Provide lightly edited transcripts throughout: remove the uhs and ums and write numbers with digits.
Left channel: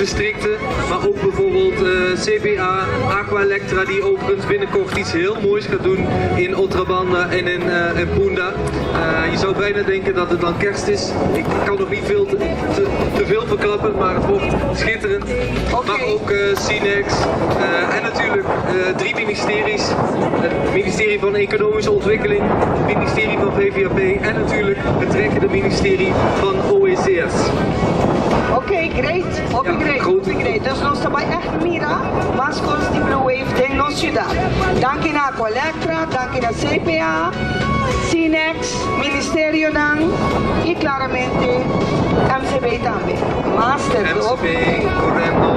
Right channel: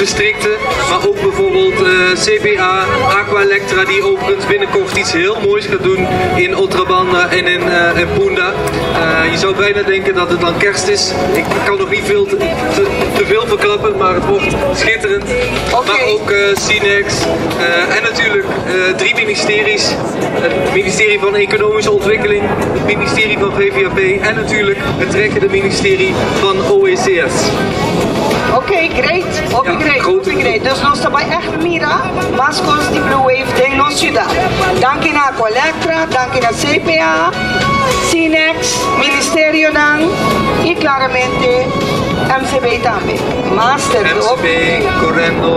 districten, maar ook bijvoorbeeld CBA, Aqua Electra, die overigens binnenkort iets heel moois gaat doen in Otrabanda en in Punda. Je zou bijna denken dat het dan kerst is. Ik kan nog niet veel te veel verklappen, maar het wordt schitterend. Okay. Maar ook Cinex en natuurlijk 3 ministeries. Het ministerie van Economische Ontwikkeling, het ministerie van VVAP en natuurlijk het trekkende ministerie van OECS. Great. Great. Dus nós estamos echt mira, mas com die Blue Wave tem nossa cidade. Dank in Aqua Electra, dank in CPA, Cinex, Ministerio dan e claramente MCB também. Master, MCB, Correndo.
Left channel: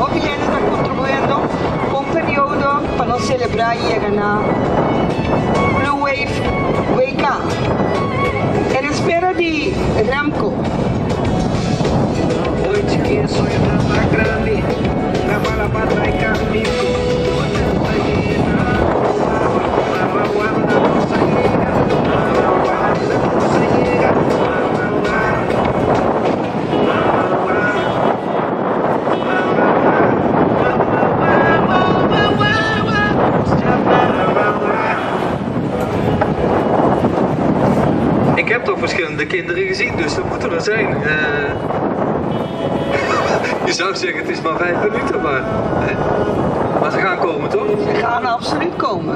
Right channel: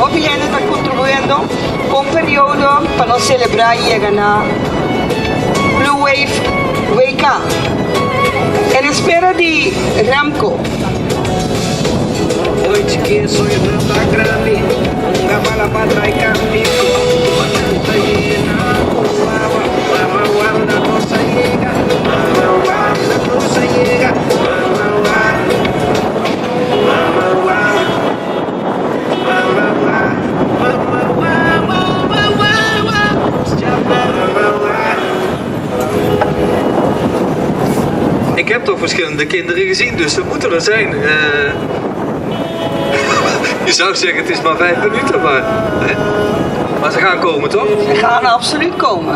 Hopi gente está contribuindo com período para nós celebrar e chegar na Blue Wave Wake Up. En espera de Ramco. Ik heb toch verschillende kinderen gezien, dus ze moeten er zijn. Je zou zeggen het is maar 5 minuten, maar ze gaan komen toch? Ze gaan absoluut komen.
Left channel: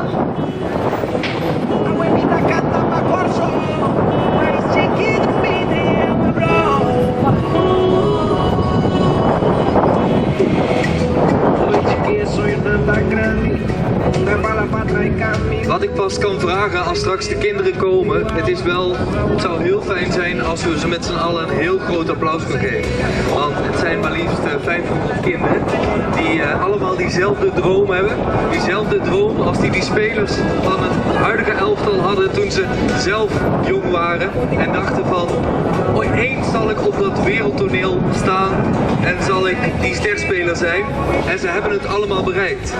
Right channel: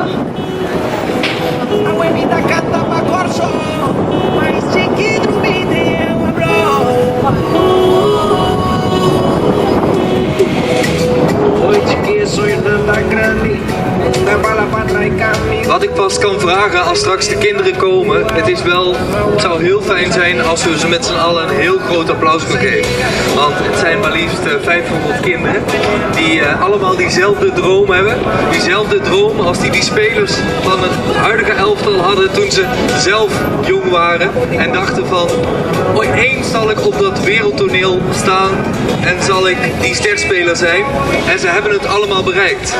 Wat ik pas kan vragen als straks de kinderen komen, het zou heel fijn zijn als we ze met z'n allen een heel groot applaus kunnen geven. Want het zijn maar liefst 500 kinderen die allemaal diezelfde droom hebben. Diezelfde droom als die spelers van het huidige elftal hadden toen ze zelf jong waren. En dachten van, ooit eens zal ik op dat wereldtoneel staan en zal ik die sterspeler zijn. En ze hebben het allemaal bereikt.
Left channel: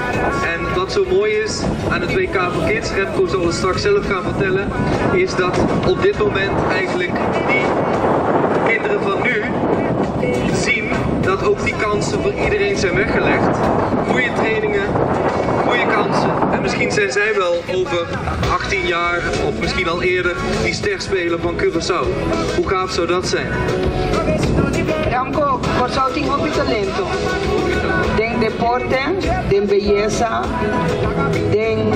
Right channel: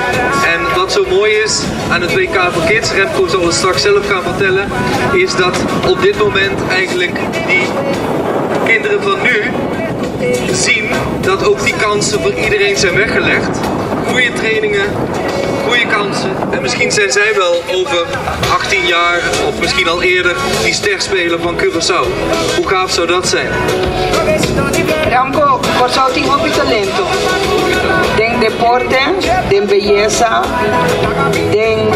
En wat zo mooi is aan het WK voor Kids, Remco zal het straks zelf gaan vertellen, is dat op dit moment eigenlijk die kinderen van nu zien dat ook die kansen voor iedereen zijn weggelegd. Goede trainingen, goede kansen. En misschien zijn zij wel over 18 jaar of misschien al eerder die sterspeler van Curaçao. Hoe gaaf zou dat zijn? Ramco, Curaçao tem muito talento. Tem deporte, tem belleza, tem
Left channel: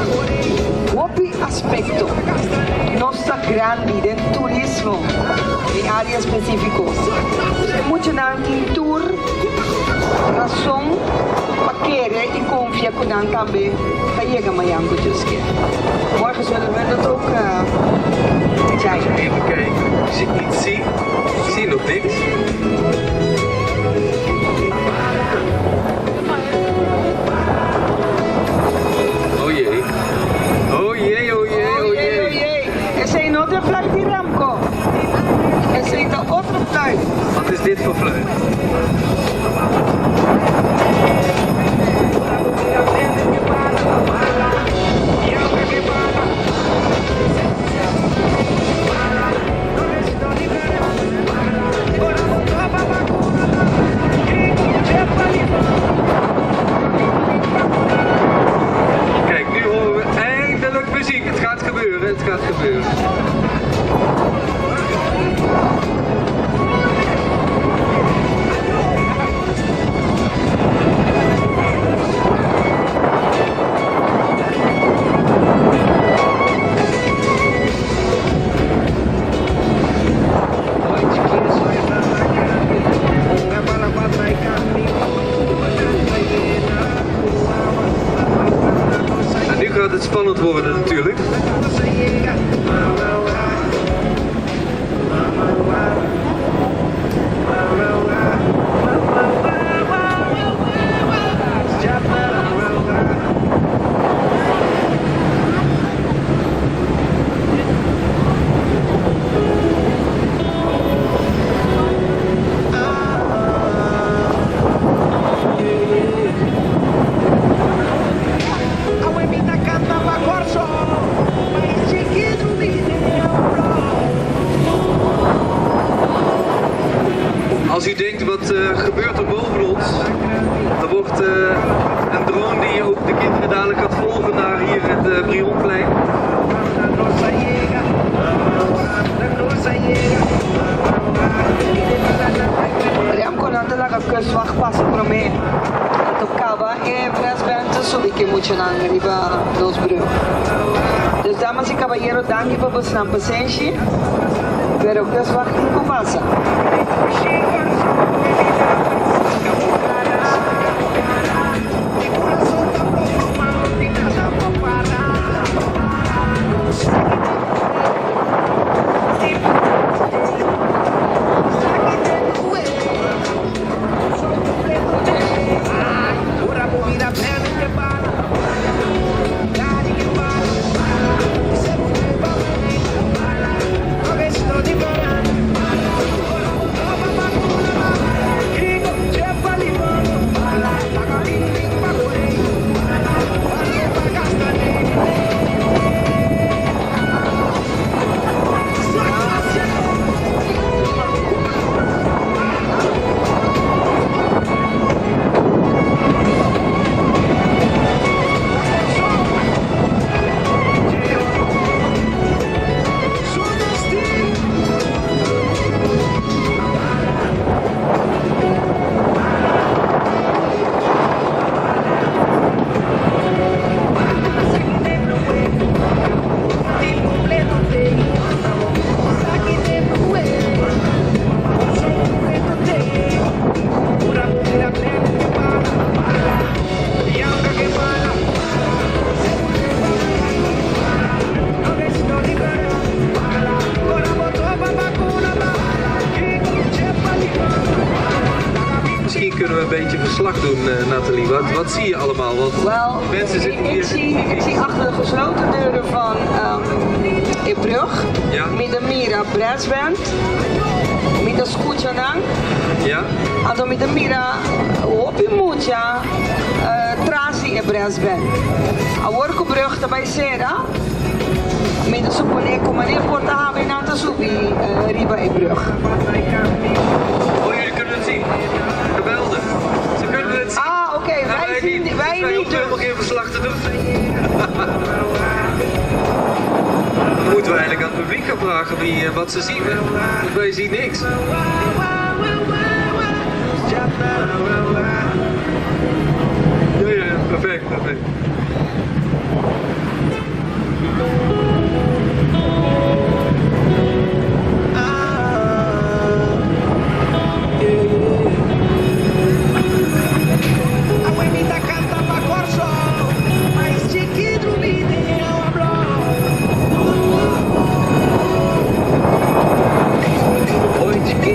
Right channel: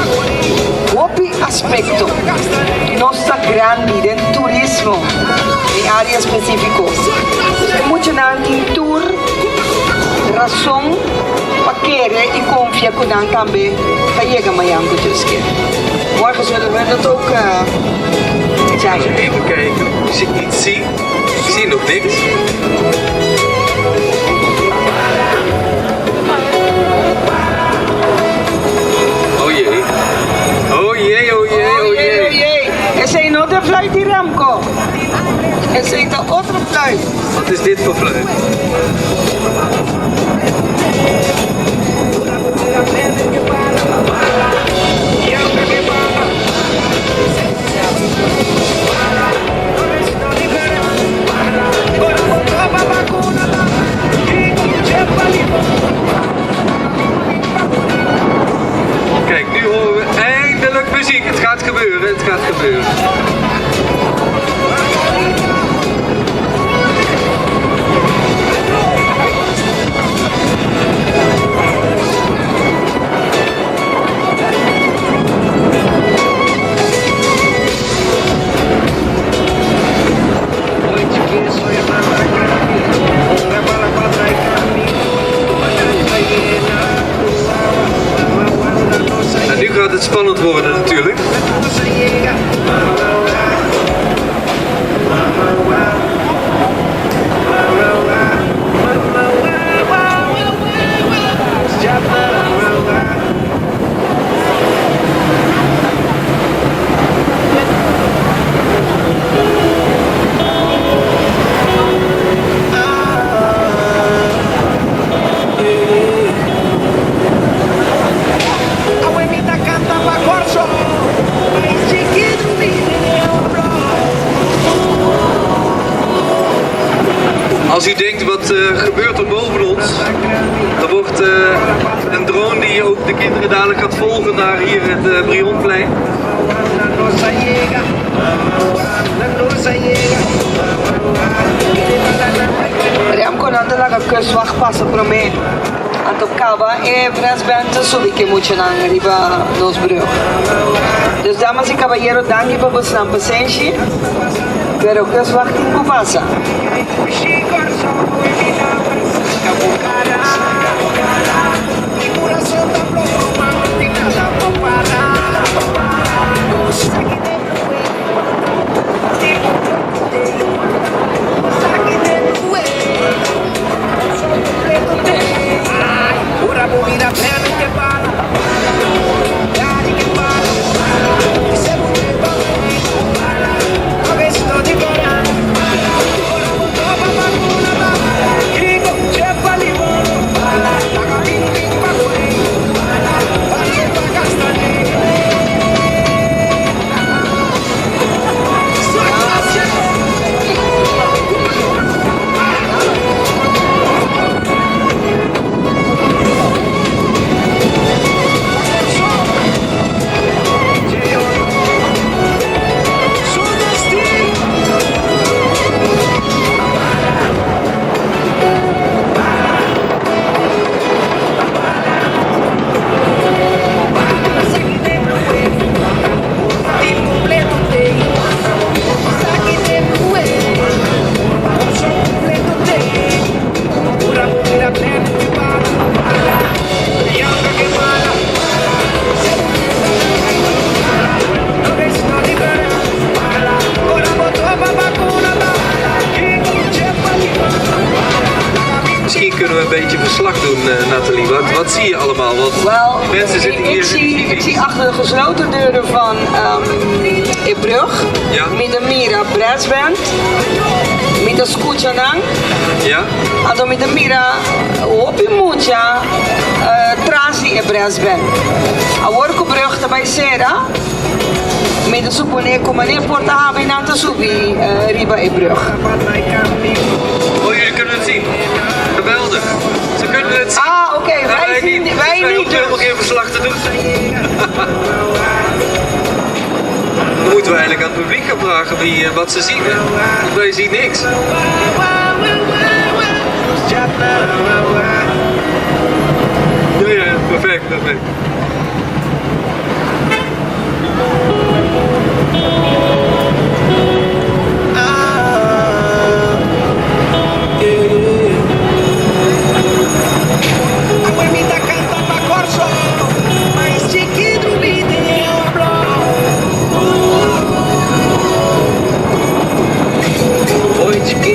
outro aspecto. Nossa grande, tem turismo em área específica. Tem muito em tour, razão para querer e confiar com nós também para chegar a Miami. Morgen zullen we dat ook Even kijken, je ziet niet zien. Ik zie nog niks. Oh jee. Oh jee, oh jee, oh jee. Er zijn nog de fluit die Ramco. Er zijn de andere fluit. Wat is dit voor fluit? wat gebeurt er boven ons? Er wordt een drone die ook de kinderen dadelijk gaat volgen naar hier het Brionplein. Remco nandela ka kustwacht passen pro me. Anto kaba Brisbane subi que mucho na riba nos breu. Dus damas y caballeros, danke por vuestra paciencia. Pero kustwacht não passa. Wat zie je allemaal? Want Wel, mensen zitten hier. ik zie achter de gesloten deuren van Brug, Ja. met de Mira Brassband, met de Scootjanang, Ja? also met de Mira Hopi Mucha, Trasi e Brassband. A worko Brug daarbij Sera, met de Supone Comane Porta Habina te Subi, Riba e Brug. Oh, jullie kunnen het zien. Geweldig. Ze kunnen het zien. Ah, oké, wij niet. Wij hoeven niet. helemaal geen verslag te doen. Dan moeten we eigenlijk aan het publiek gaan vragen wat ze zien. Hè? Want wij zien niks. Ja, perfect, perfect. Noite que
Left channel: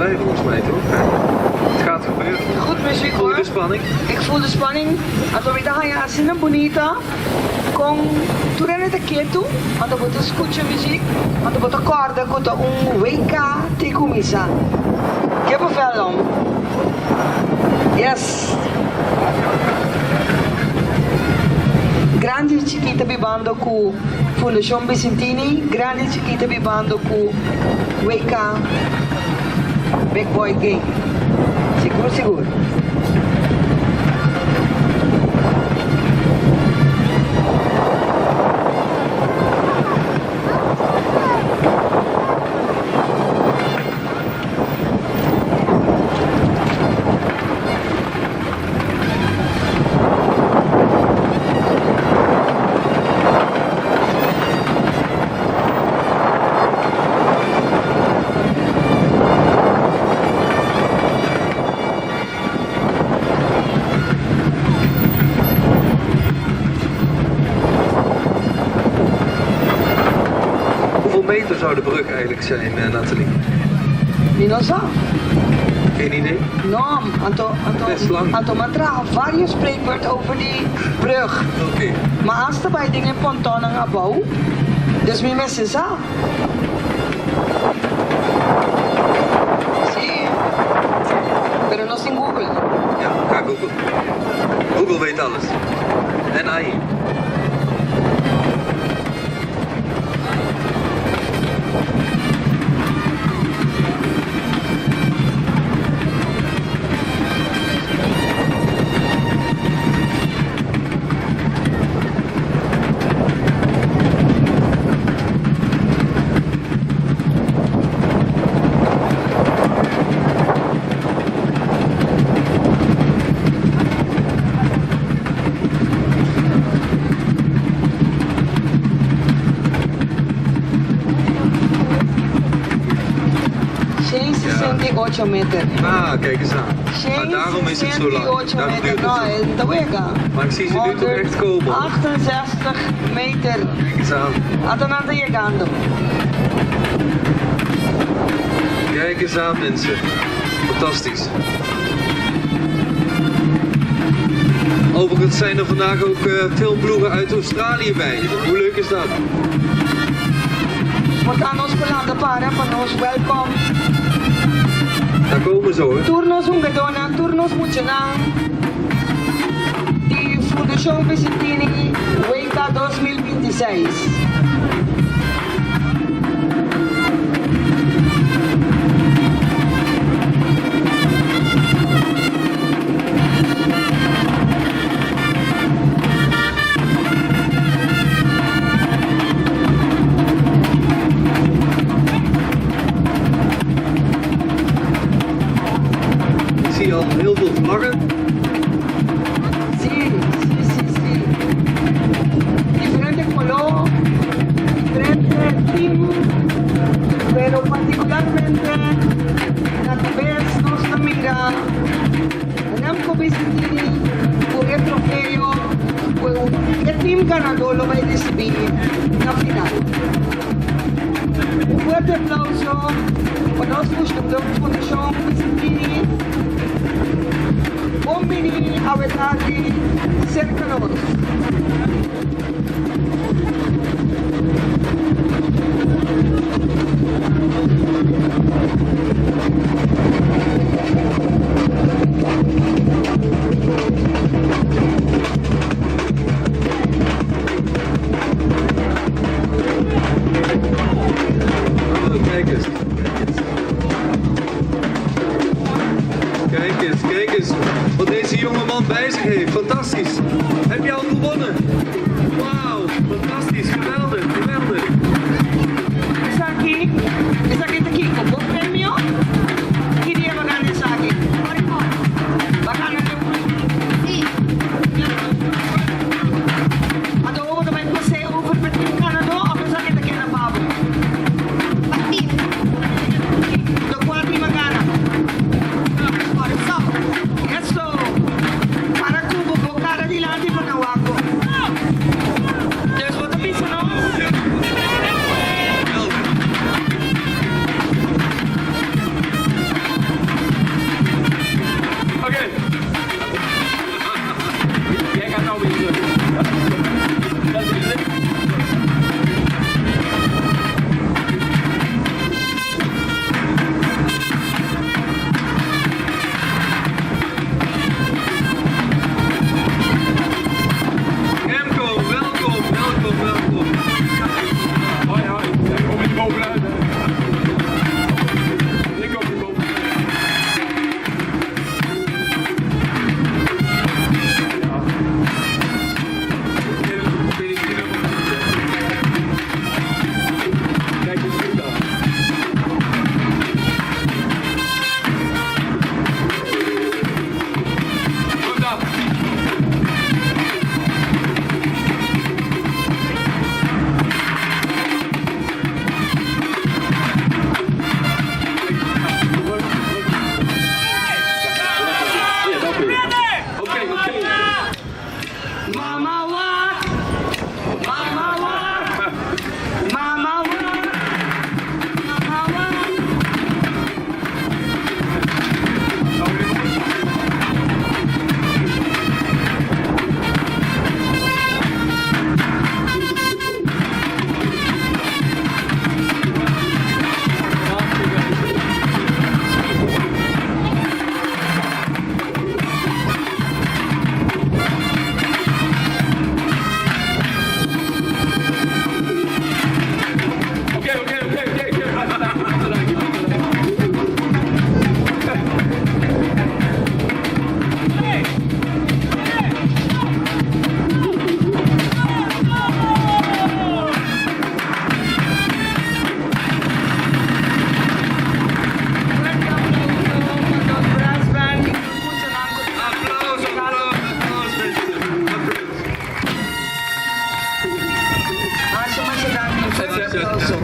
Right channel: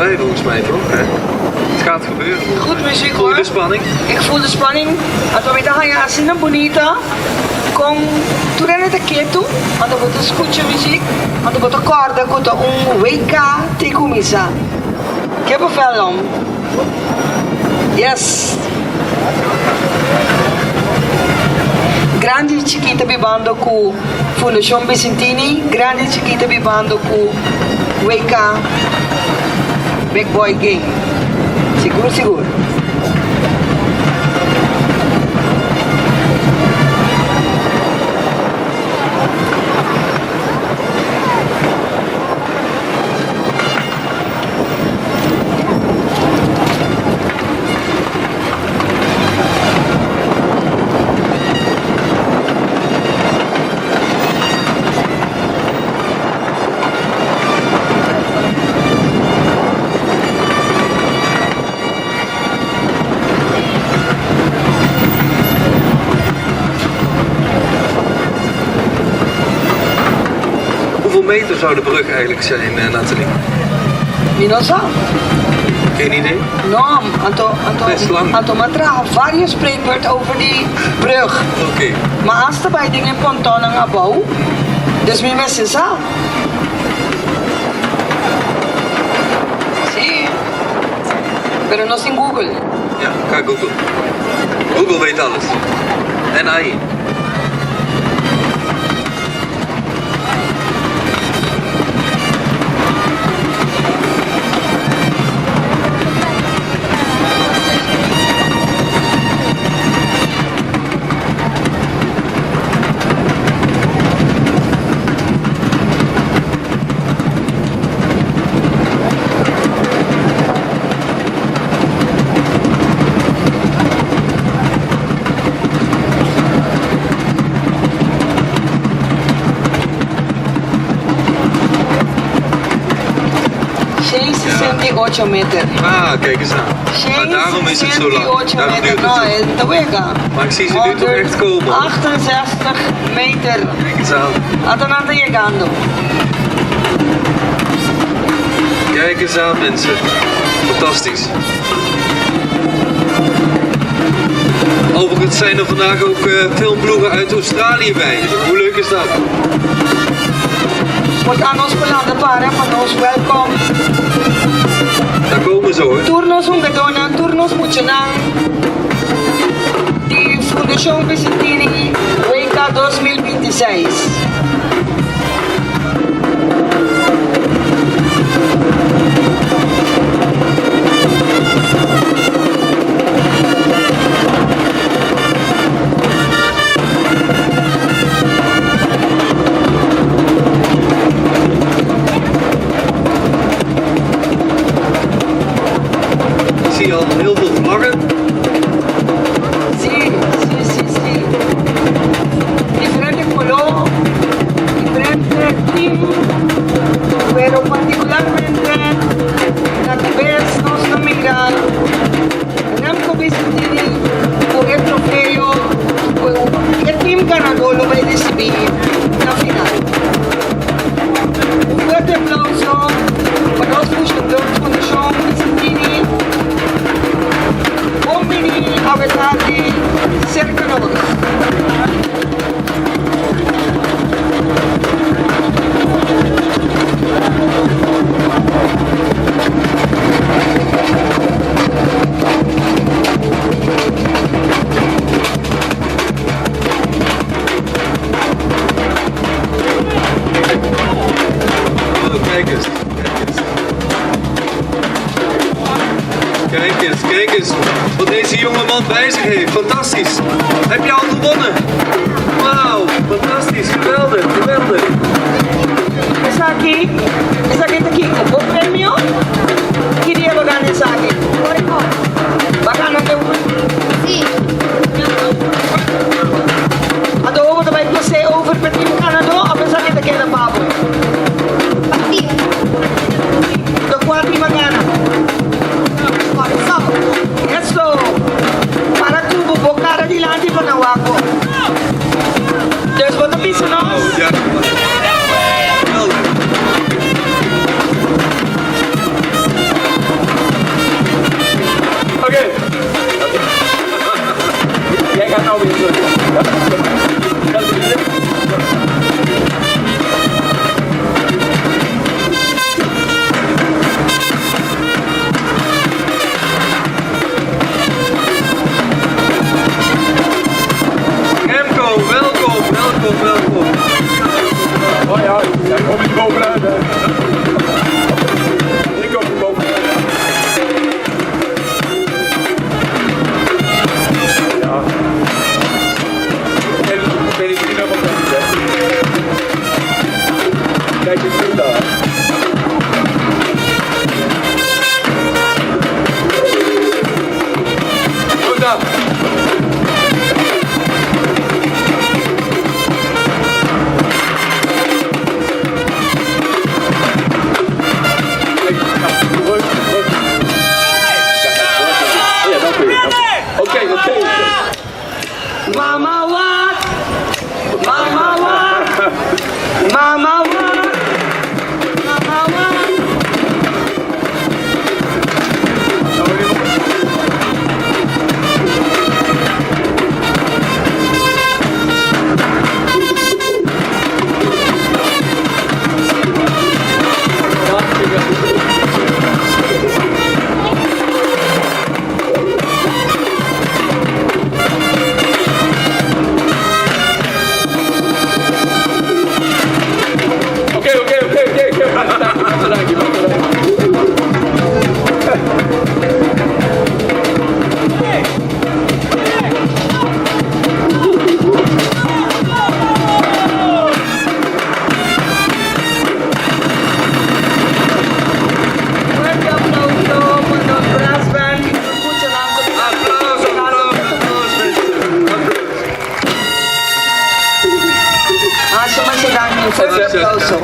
wij volgens mij toch? Het gaat gebeuren. Goed muziek Voel hoor. je de spanning? Ik voel de spanning. Als we middag gaan zingen, bonita. Kom, toen rennen de keer toe. Want er wordt een scootje muziek. Want er wordt een korda, komt een WK Tekumisa. Ik heb een vel om. Yes. Grandi Chiquita bibando ku Fundación Vicentini. Grandi Chiquita bibando ku WK Big Boy Game. Seguro, seguro. Zou de brug eigenlijk zijn, Nathalie? Wie no sa? Geen idee? No, Best lang. Antomatra varios spreekwoord over die brug. Oké. Maar als er bij dingen ponton en abouw, dus mi mensen sa. Zie. Pero no sin Google. Ja, ga Google. Google weet alles. En AI. meter. Ah, kijk eens aan. Maar daarom is het zo lang. Daarom duurt het zo. Maar ik zie ze nu toch echt komen. 68 meter. Kijk eens aan. Atalanta llegando. Kijk eens aan, mensen. Fantastisch. Overigens zijn er vandaag ook filmploegen uit Australië bij. Hoe leuk is dat? We gaan ons belanden paren van ons welkom. Daar komen ze hoor. Turnos Ungadona, turnos Puchanang. Die Fundación Vicentini, WK 2026. Kijk eens wat deze jonge man bij zich heeft. Fantastisch. Heb je al gewonnen? Wauw, fantastisch. Geweldig, geweldig. Esa aquí como premio. Quería ganar esa aquí. Bacana de Sí. Ato over de bij se over met Team Canada, of is dat niet de keer een babo? Activo. De kwart niet magana. Esto, para tubo, bocara di landi pa nawako. Dus wat een beetje nog? Oh, ja. Geweldig. Remco, welkom. Oh ja, ik kom niet bovenuit. Ik kom niet bovenuit. Ja. Ik weet niet of dat is. Kijk eens goed daar. Goed dan. Oké. Mama wat? Mama wat? Mama wat? Mama wat?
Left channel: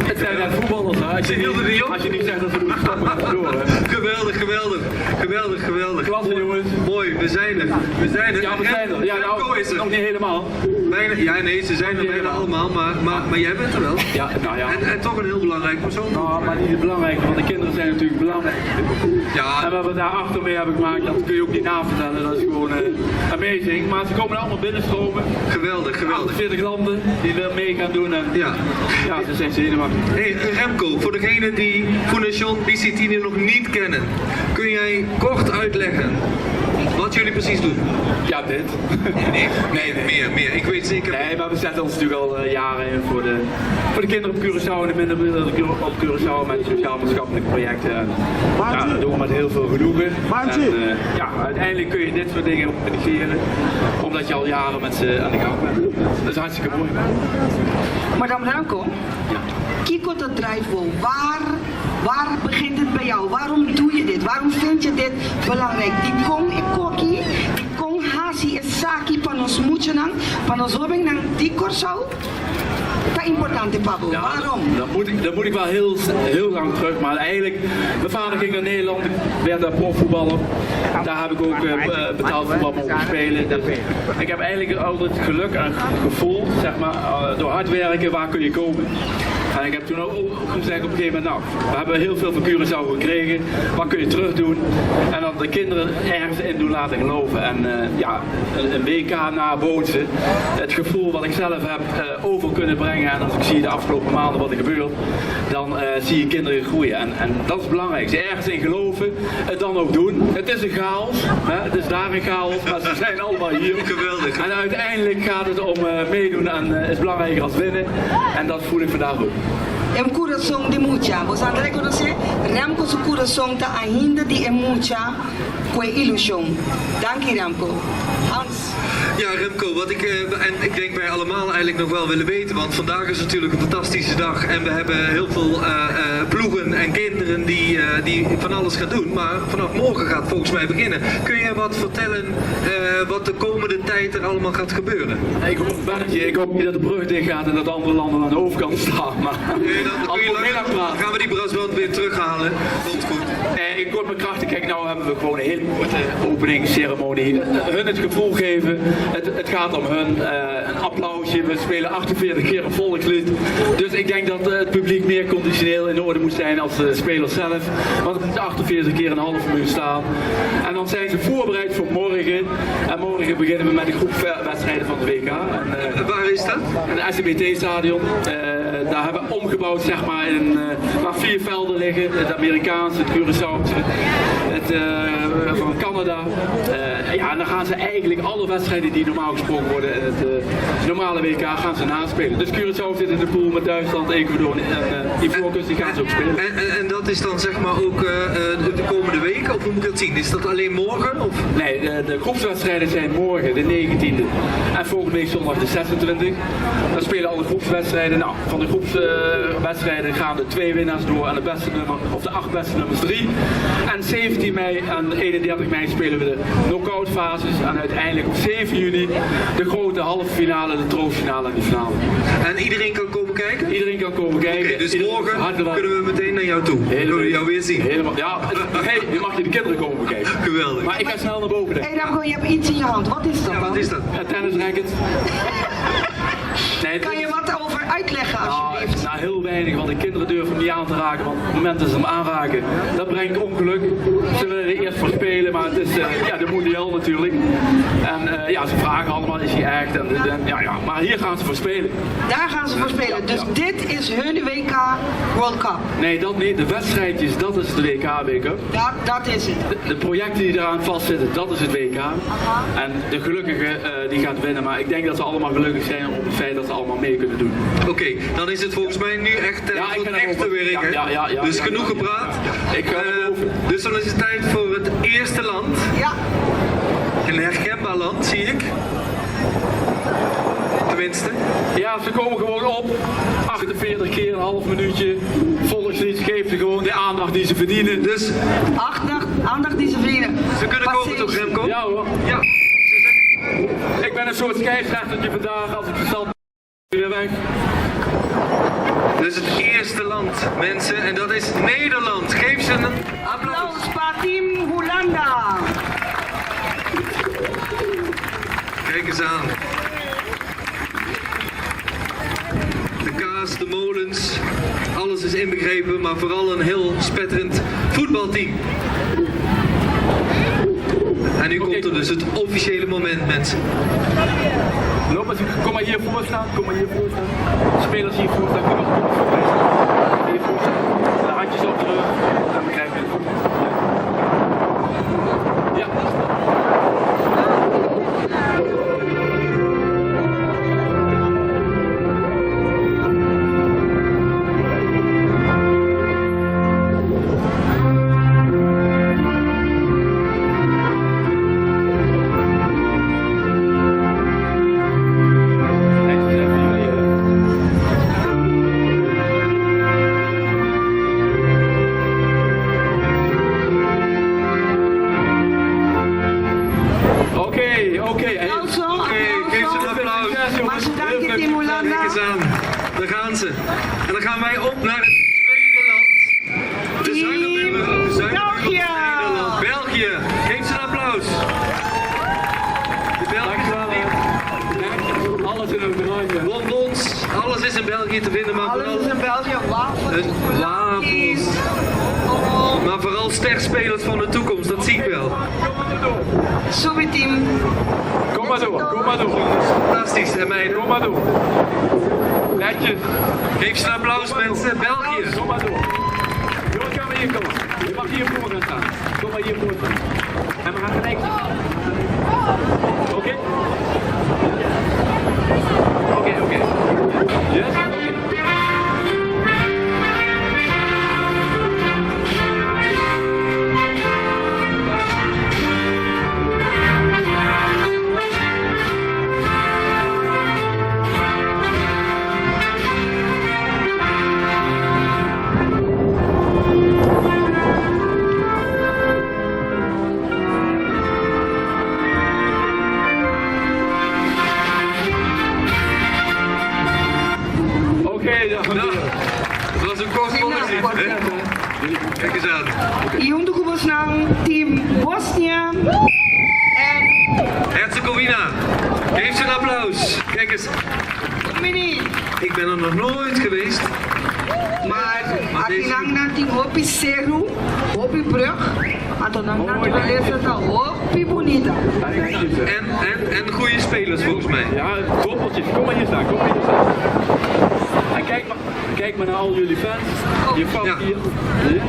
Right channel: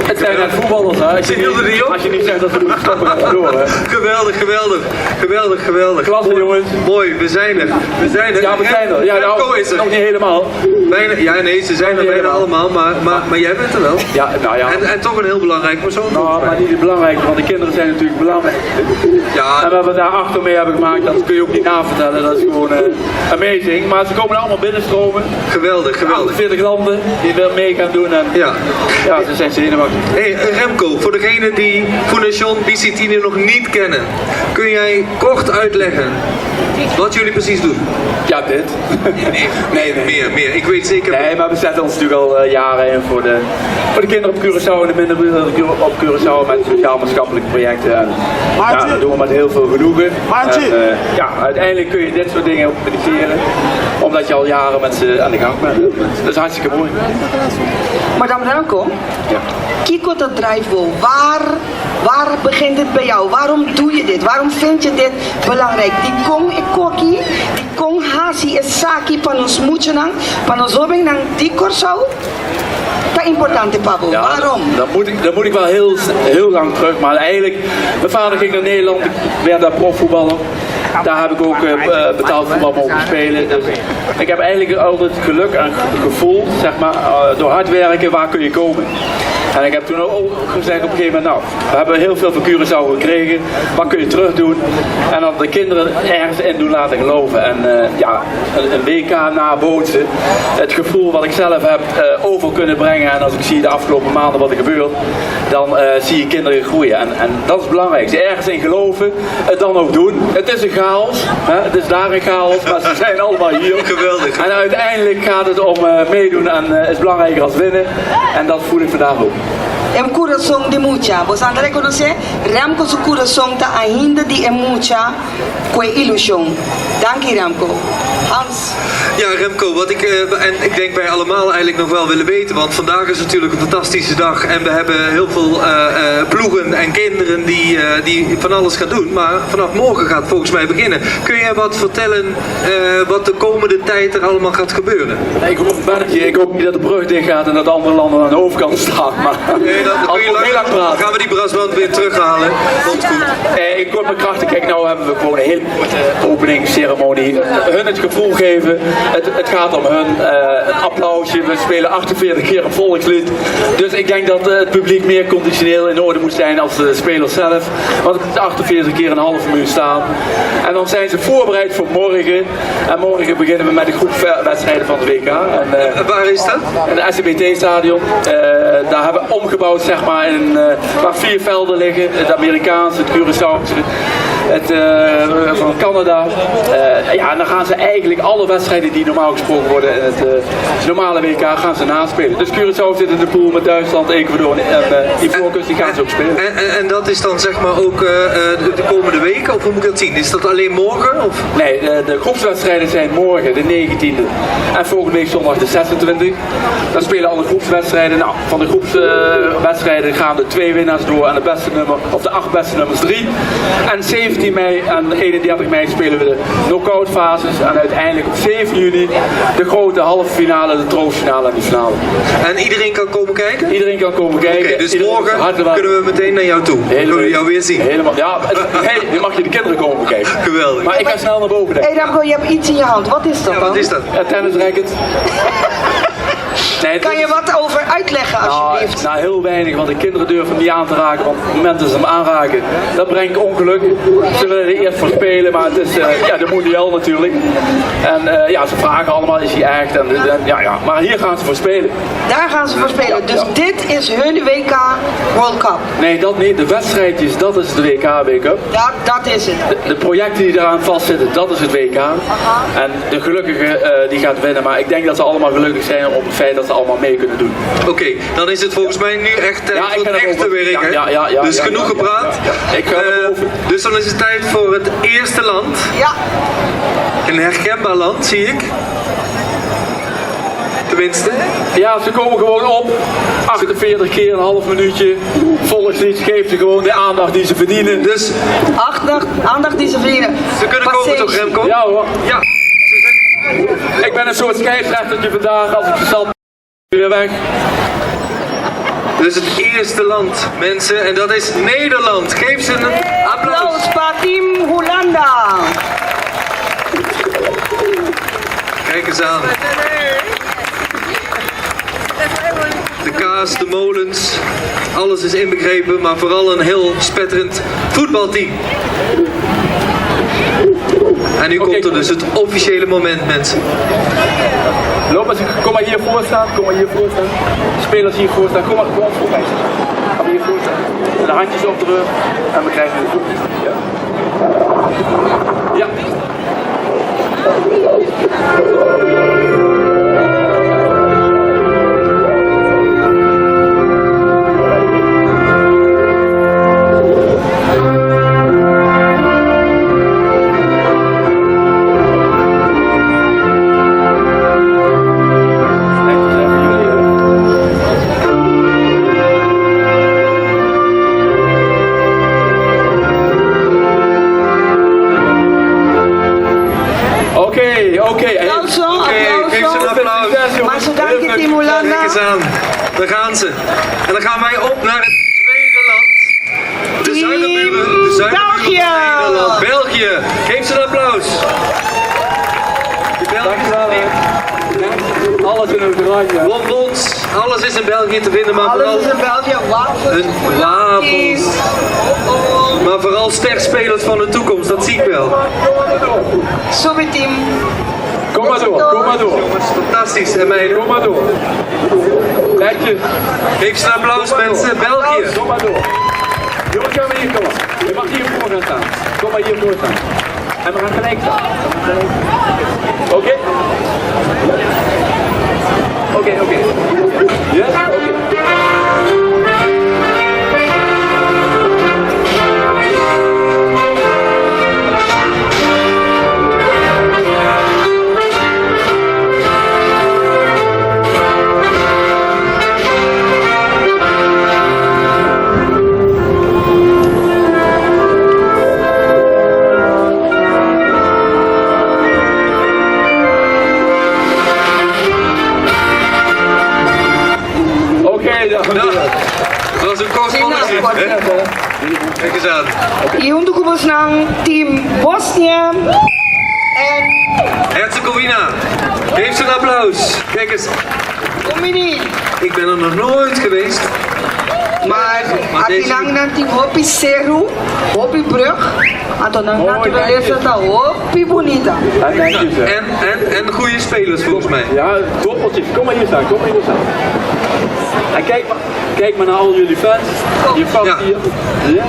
Het zijn net voetballers, hè? Als je niet zegt dat we moeten stoppen, gaan we door, hè? Geweldig. Klasse, jongens. Mooi, we zijn er. Ja, we zijn er. Ja, Remco nou, is er. nog niet helemaal. Ja, nee, ze zijn er bijna allemaal, maar jij bent er wel. Ja, nou ja. En toch een heel belangrijk persoon. Nou, maar niet het belangrijke, want de kinderen zijn natuurlijk belangrijk. Ja, En wat we daar achter mee hebben gemaakt, dat kun je ook niet navertellen. Dat is gewoon amazing. Maar ze komen allemaal binnenstromen. geweldig. 40 landen die er mee gaan doen. En Ja. ja, ze zijn zenuwachtig. Hey Remco, voor degenen die Fundación Bicitine nog niet kennen, kun jij kort uitleggen wat jullie precies doen? Ja, dit. Nee, meer. Ik weet zeker. Nee, maar we zetten ons natuurlijk al jaren in voor de kinderen op Curaçao en de minderen op Curaçao met sociaal-maatschappelijke projecten. En, ja, dat doen we met heel veel genoegen. En, ja, uiteindelijk kun je dit soort dingen ook initiëren, omdat je al jaren met ze aan de gang bent. Dat is hartstikke mooi. Madame Remco, Ja. Kiko de Drijfboom, waar begint het bij jou? Waarom doe je dit? Waarom vind je dit belangrijk? Die kong ekoki, die kong hasi esaki van ons moedjenang, van ons hobing nang die korsau? Dat is important, Pabo. Ja, Waarom? Dan moet ik wel heel lang terug, maar eigenlijk, mijn vader ging naar Nederland, ik werd daar profvoetballer. Daar heb ik ook betaald voetbal mogen spelen. Dus ik heb eigenlijk altijd geluk en gevoel, zeg maar, door hard werken, waar kun je komen. En ik heb toen ook gezegd op een gegeven moment, nou, we hebben heel veel van Curaçao gekregen, wat kun je terug doen? En dan de kinderen ergens in doen laten geloven. En ja, een WK nabootsen, het gevoel wat ik zelf heb over kunnen brengen. En als ik zie de afgelopen maanden wat er gebeurt, dan zie je kinderen groeien. En dat is het belangrijkste, ergens in geloven, het dan ook doen. Het is een chaos, hè? Het is daar een chaos, maar ze zijn allemaal hier. Geweldig. En uiteindelijk gaat het om meedoen en is belangrijker als winnen. En dat voel ik vandaag ook. Em coração de mucha. Você anda reconocer? Remco su coração ta ainda de mucha com ilusão. Dank je Remco. Hans. Ja, Remco, wat ik denk wij allemaal eigenlijk nog wel willen weten, want vandaag is natuurlijk een fantastische dag en we hebben heel veel ploegen en kinderen die van alles gaan doen, maar vanaf morgen gaat het volgens mij beginnen. Kun je wat vertellen wat de komende tijd er allemaal gaat gebeuren? Nee, ik hoop niet dat de brug dicht gaat en dat andere landen aan de overkant staan, maar Nee, dan kun je dan gaan we die brasband weer terughalen. Komt goed. ik kort mijn krachten, kijk, nou hebben we gewoon een hele korte openingsceremonie. Hun het gevoel gevoel geven. Het gaat om hun, een applausje. We spelen 48 keer een volkslied. Dus ik denk dat het publiek meer conditioneel in orde moet zijn als de spelers zelf. Want het moet 48 keer een half minuut staan. En dan zijn ze voorbereid voor morgen. En morgen beginnen we met de groepswedstrijden van de WK. En, Waar is dat? in het SCBT-stadion. Daar hebben we omgebouwd, zeg maar, waar 4 velden liggen. Het Amerikaanse, het Curaçaose, het van Canada. Ja, en dan gaan ze eigenlijk alle wedstrijden die normaal gesproken worden in het normale WK gaan ze naspelen. Dus Curaçao zit in de pool met Duitsland, Ecuador en Ivoorkust, die gaan ze ook spelen. En dat is dan zeg maar ook de komende weken, of hoe moet ik dat zien? Is dat alleen morgen? Of? Nee, de groepswedstrijden zijn morgen, de 19e. En volgende week zondag de 26e. Dan spelen alle groepswedstrijden. Nou, van de groepswedstrijden gaan de 2 winnaars door en de beste nummer, of de 8 beste nummers 3. En 17 mei en 31 mei spelen we de knock-out fases. En uiteindelijk op 7 juni de grote halve finale, de troostfinale en de finale. En iedereen kan komen kijken? Iedereen kan komen kijken. Oké, dus Iedereen morgen hartelijk kunnen we meteen naar jou toe. Kunnen we jou weer zien? Helemaal. Ja, nu mag je de kinderen komen bekijken. Geweldig. Maar ik ga snel naar boven, denk ik. Hey Ramco, je hebt iets in je hand. Wat is dat Ja, dan? wat is dat? Tennisracket. Nee, Kan je wat over uitleggen alsjeblieft? Nou, heel weinig, want de kinderen durven hem niet aan te raken, want op het moment dat ze hem aanraken, dat brengt ongeluk. Ze willen er eerst voor spelen, maar het is de mondial natuurlijk. En ja, ze vragen allemaal, is hij echt? Ja, maar hier gaan ze voor spelen. Daar gaan ze voor spelen. Dus dit is hun WK World Cup. Nee, dat niet. De wedstrijdjes, dat is de WK World Cup. Dat is het. De projecten die eraan vastzitten, dat is het WK. En de gelukkige die gaat winnen, maar ik denk dat ze allemaal gelukkig zijn op het feit dat ze allemaal mee kunnen doen. Oké, dan is het volgens mij nu echt tijd voor het echte werk, hè? Ja, dus genoeg gepraat. Ik ga naar boven. Dus dan is het tijd voor het eerste land. Ja. Een herkenbaar land, zie ik. Tenminste. Ja, ze komen gewoon op. 48 keer een half minuutje. Volkslied geeft ze gewoon de aandacht die ze verdienen. Dus Aandacht die ze verdienen. ze kunnen komen toch, Remco? Ja hoor. Ja. Ik ben een soort scheidsrechtertje vandaag. Als ik verstand weer weg. Dus het eerste land, mensen, en dat is Nederland. Geef ze een applaus. Applaus voor Team Hollanda. Kijk eens aan. De kaas, de molens, alles is inbegrepen, maar vooral een heel spetterend voetbalteam. En nu komt er dus het officiële moment, mensen. Loop eens, kom maar hier voor staan. Kom maar hier voor staan. De spelers hier voor staan. Kom maar gewoon voor mij staan. Kom hier voor staan. En de handjes op de rug. En we krijgen de voet. Ja. Ja. Oké. Geef ze een applaus. Maar ze danken Team Kijk Hollanda. eens aan. Daar gaan ze. En dan gaan wij op naar het tweede land. De zuiderburen. De zuiderburen België. van Nederland. België. Geef ze een applaus. De Dankjewel. Alles in het oranje. bonbons. Alles is in België te vinden, maar vooral Alles is in België. Wafels. een wafels. Maar vooral sterspelers van de toekomst, dat zie ik wel. Super team. Kom maar door. Kom maar door. Jongens, fantastisch. En meiden, Kom maar door. Netjes. geef ze een applaus, mensen. België. Kom maar door. Jongens, gaan we hier komen. Je mag hier voor gaan staan. Kom maar hier voor staan. En we gaan gelijk staan. Oké? Oké. Yes? Oké. Nou, dat was een kort volkslied, hè? Kijk eens aan. Y junto con Team Bosnia en Herzegovina. Geef ze een applaus. Kijk eens, Omini. ik ben er nog nooit geweest. Maar deze- atilang nanti hopi seru, hopi brug. Atau nanti Mooi, dank je. beleza hopi bonita. Dank je, zeg. En goede spelers volgens mij. Ja, koppeltjes. Kom maar hier staan, kom maar hier staan. En kijk maar naar al jullie fans. Je fans Ja. hier. Ja.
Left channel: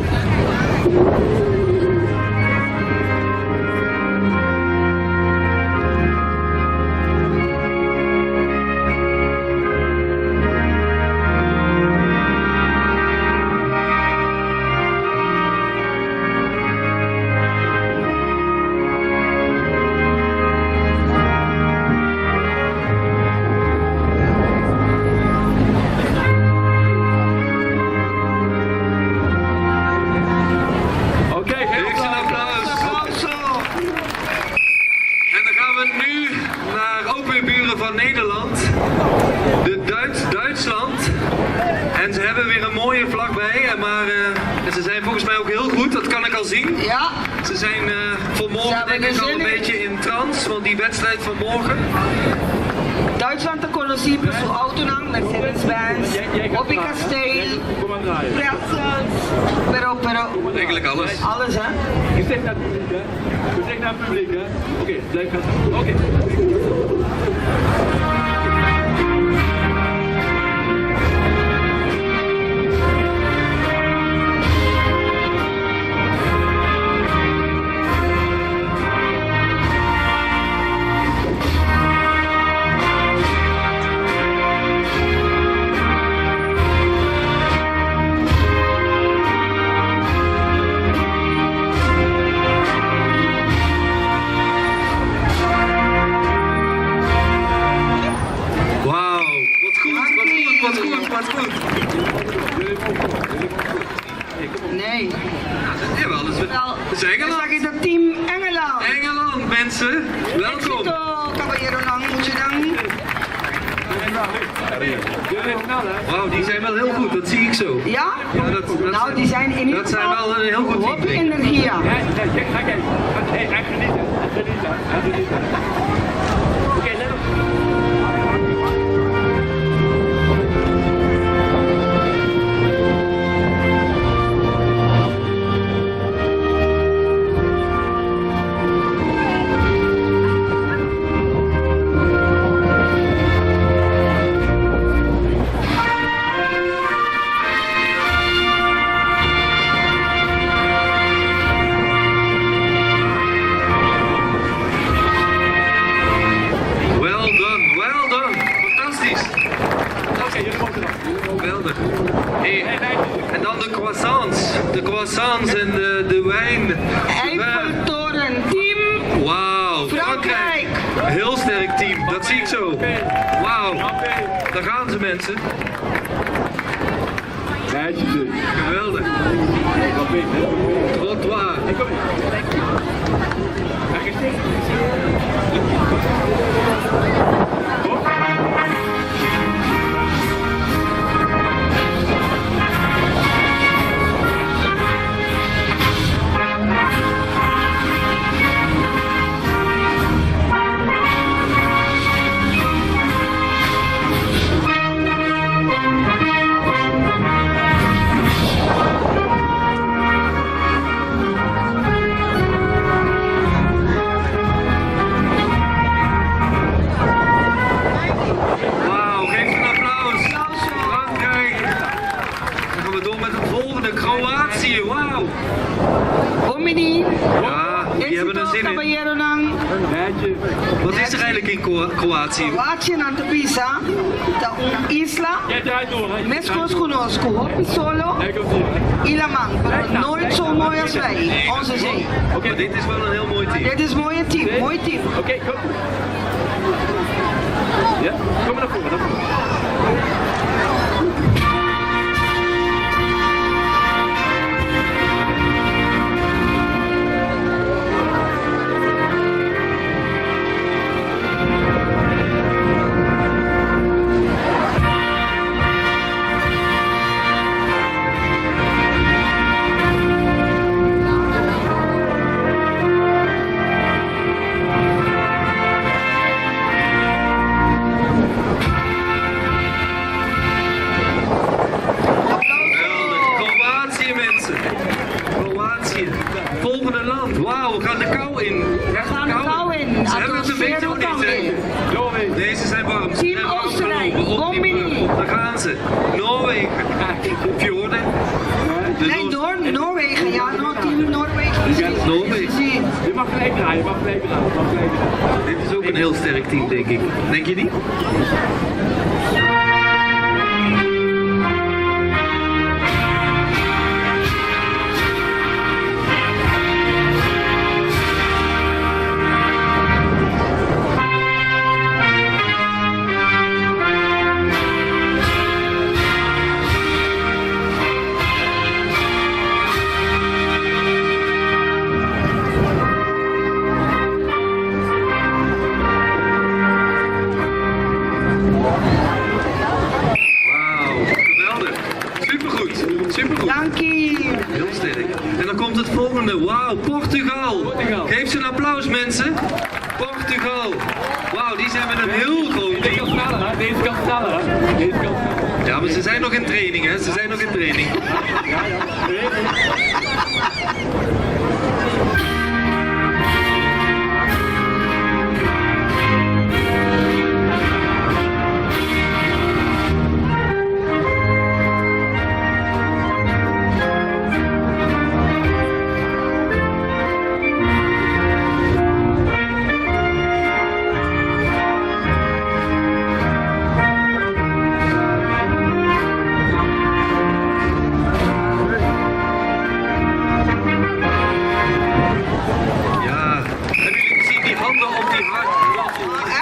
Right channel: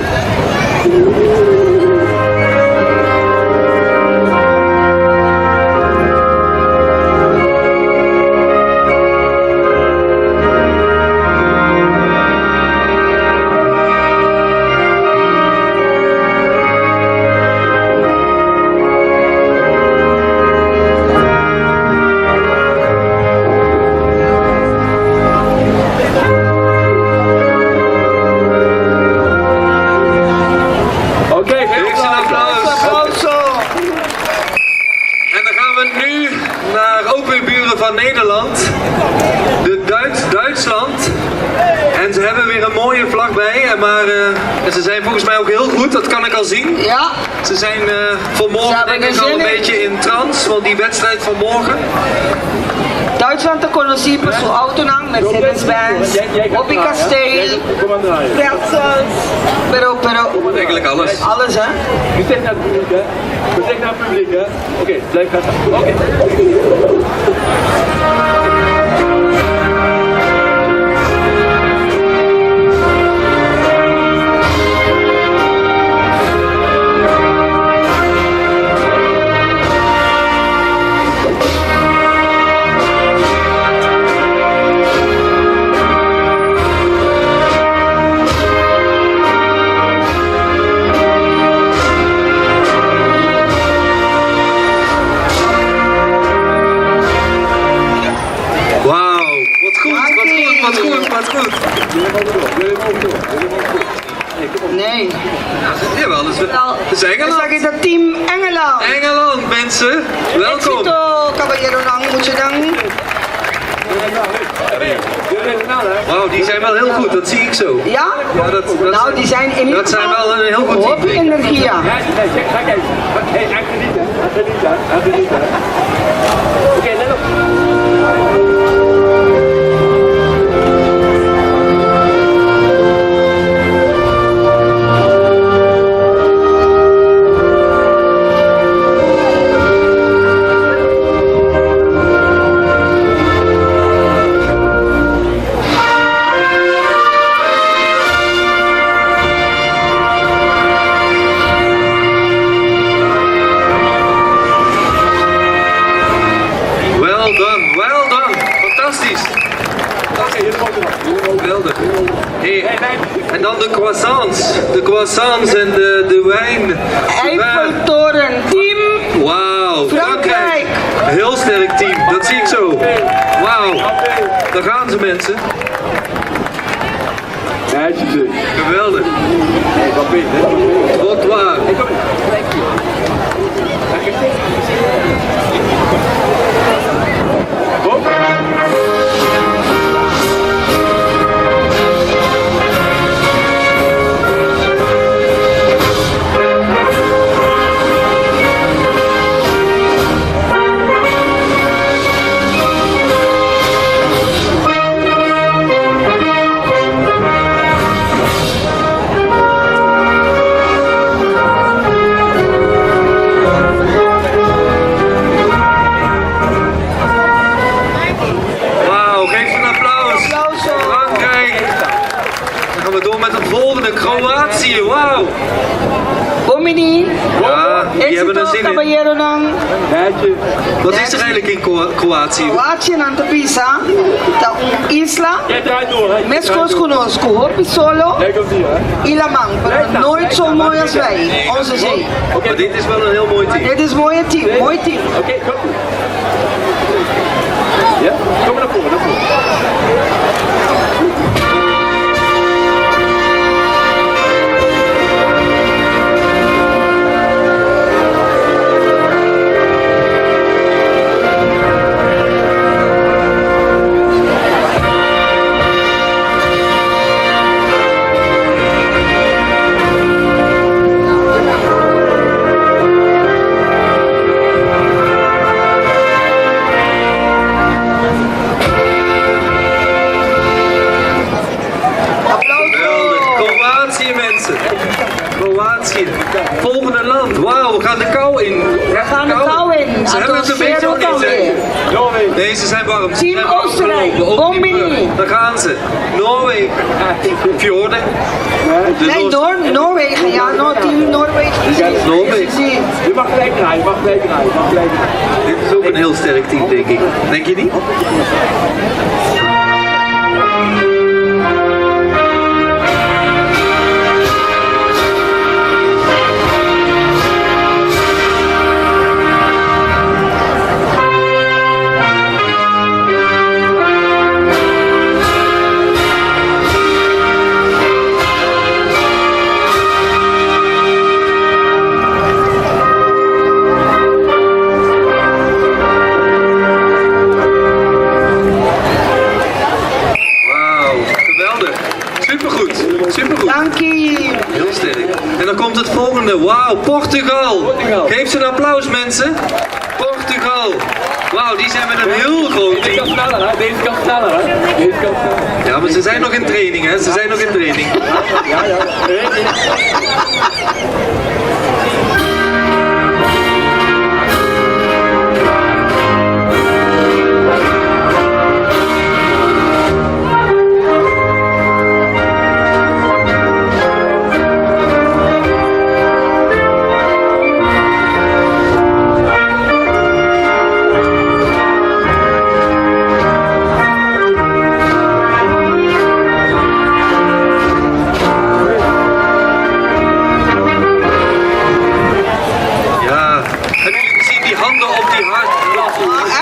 Oké, Geef ze een applaus. Applauso. En dan gaan we nu naar openburen van Nederland. Duitsland. En ze hebben weer een mooie vlag bij. En ze zijn volgens mij ook heel goed, dat kan ik al zien. Ja, Ze zijn Ze vanmorgen hebben denk ik er al zin een in. beetje in trance, want die wedstrijd van morgen. Duitsland te conocido su autonang, Mercedes-Benz, hopi kasteel, Kom maar draaien. pretzels. Pero, Eigenlijk alles. alles hè. Gezicht naar het publiek, hè. Gezicht naar het publiek, hè. Oké, blijf gaan staan. Oké. Wauw, wat goed, wat goed, wat goed, wat goed. Jullie mogen door. Nee, kom op. Nee. Jawel, dat is Dan Engeland. zeg ik dat team Engeland. Engeland, mensen. Welkom. Éxito, caballero lang, moet je dan. Jullie snel, hè. Wauw, die zijn wel heel goed, dat zie ik zo. Ja? Ja, dat Nou, die zijn in ieder dat zijn geval wel een heel goed hopi team. energia. Ja, nee, kijk, ga kijken. Hé, echt genieten, hè. Genieten, hè. Genieten, hè. Oké, let op. Well done. Fantastisch. Oké, jullie mogen nog. Geweldig. Hey, en dan de croissants. De croissants en de wijn. Eiffeltoren, team Wauw, Frankrijk. Heel sterk team, dat zie ik zo. Wauw, daar gaan ze mensen. Meisjes, Geweldig. wat weet je? Trottoir. Kom in. Kom. Wauw, geef een applaus. Applauso. Frankrijk. Dan gaan we door met het volgende, Kroatië. Wauw. Omini, Ja, die hebben er éxito, zin in. caballero lang. Meisjes. Wat is er eigenlijk in Kroatië? Kroatië aan de pisa, ta un isla, Jij draait door, hè. mescos conosco, hopi solo, Jij komt hier, hè. ilamang, pero nooit zo mooi als wij, onze zee. Maar dit is wel een heel mooi team. Dit is een mooie team, mooi team. Oké, kom. Ja, kom maar naar voren, naar voren. ze zijn warm. Ze Team zijn warm Oostenrijk, gelopen. Op die Bombini. brug. Daar gaan ze. Noorwegen. Fjorden. De Nee, Noorwegen, ja, team Noorwegen. precies. Noorwegen. Zie. Je mag gelijk rijden, je mag gelijk rijden, je mag gelijk rijden. Dit is ook een heel sterk team, denk ik. Denk je niet? Supergoed. Dankie. Heel sterk. En dan komt het volgende. Wauw, Portugal. Geef ze een applaus, mensen. Portugal. Wauw, die zijn met een heel groot Deze kan team. sneller, hè? Deze kan sneller, hè? Deze kan sneller. Ja, maar ze zijn nog in training, hè? Ze zijn nog in training. Ja, ja.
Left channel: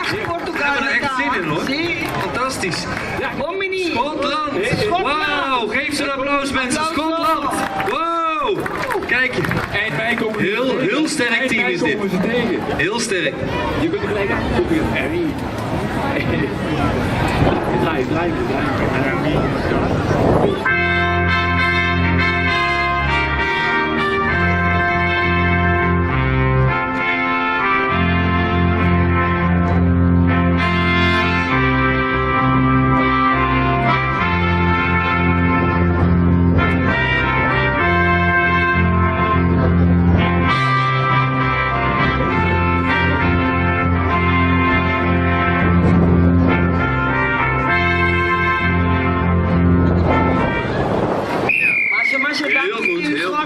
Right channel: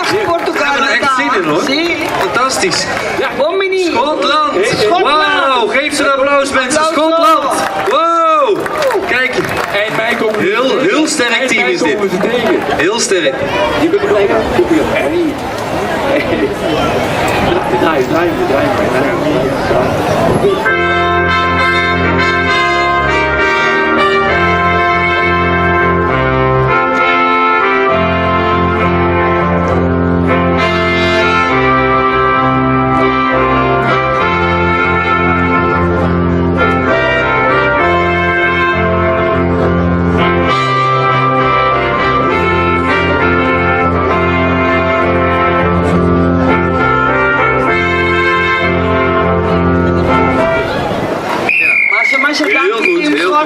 Echt Portugal. We hebben er echt zin in, hoor. Zie. Fantastisch. Bombini. Schotland. Schotland. Wauw, geef ze een applaus, mensen. Applaus. Schotland. Wow. Kijk, Eind mei komen ze heel sterk team is dit. komen ze tegen. Heel sterk. Je kunt er gelijk aan.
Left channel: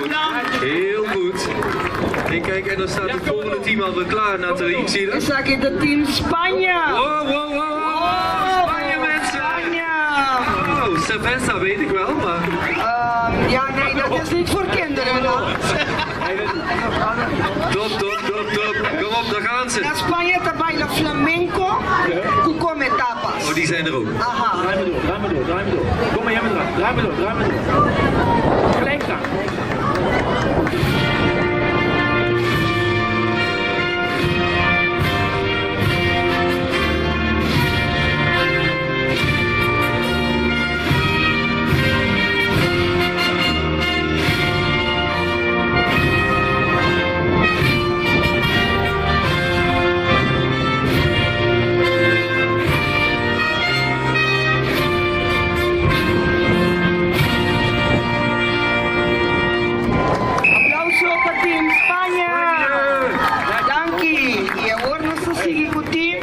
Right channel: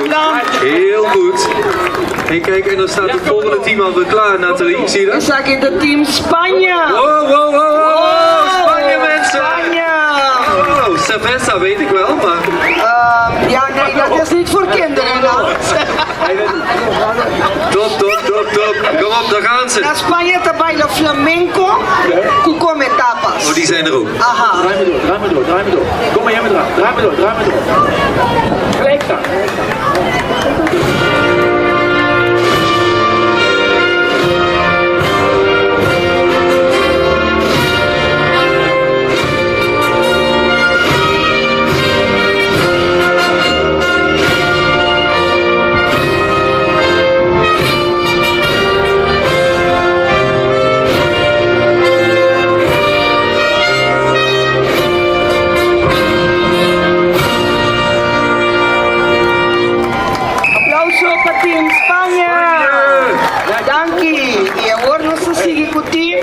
Draai. Heel goed. Hey, kijk, en dan staat het volgende team alweer klaar, Nathalie. Zie je Dan dat? zag je het team Spanje. Wow, Spanje, mensen! Spanje. Wow, cerveza weet ik wel, maar... Ja, nee, dat is niet voor kinderen. Nou. Top. Kom op, daar gaan ze. Na Spanje te bailen flamenco, cuco met tapas. Oh, die zijn er ook. Aha. Draai me door. Kom maar, jij me eraan. Draai me door. Gelijk staan. Team Spanje. Dankie. Je hoort ons te zeggen, goed team.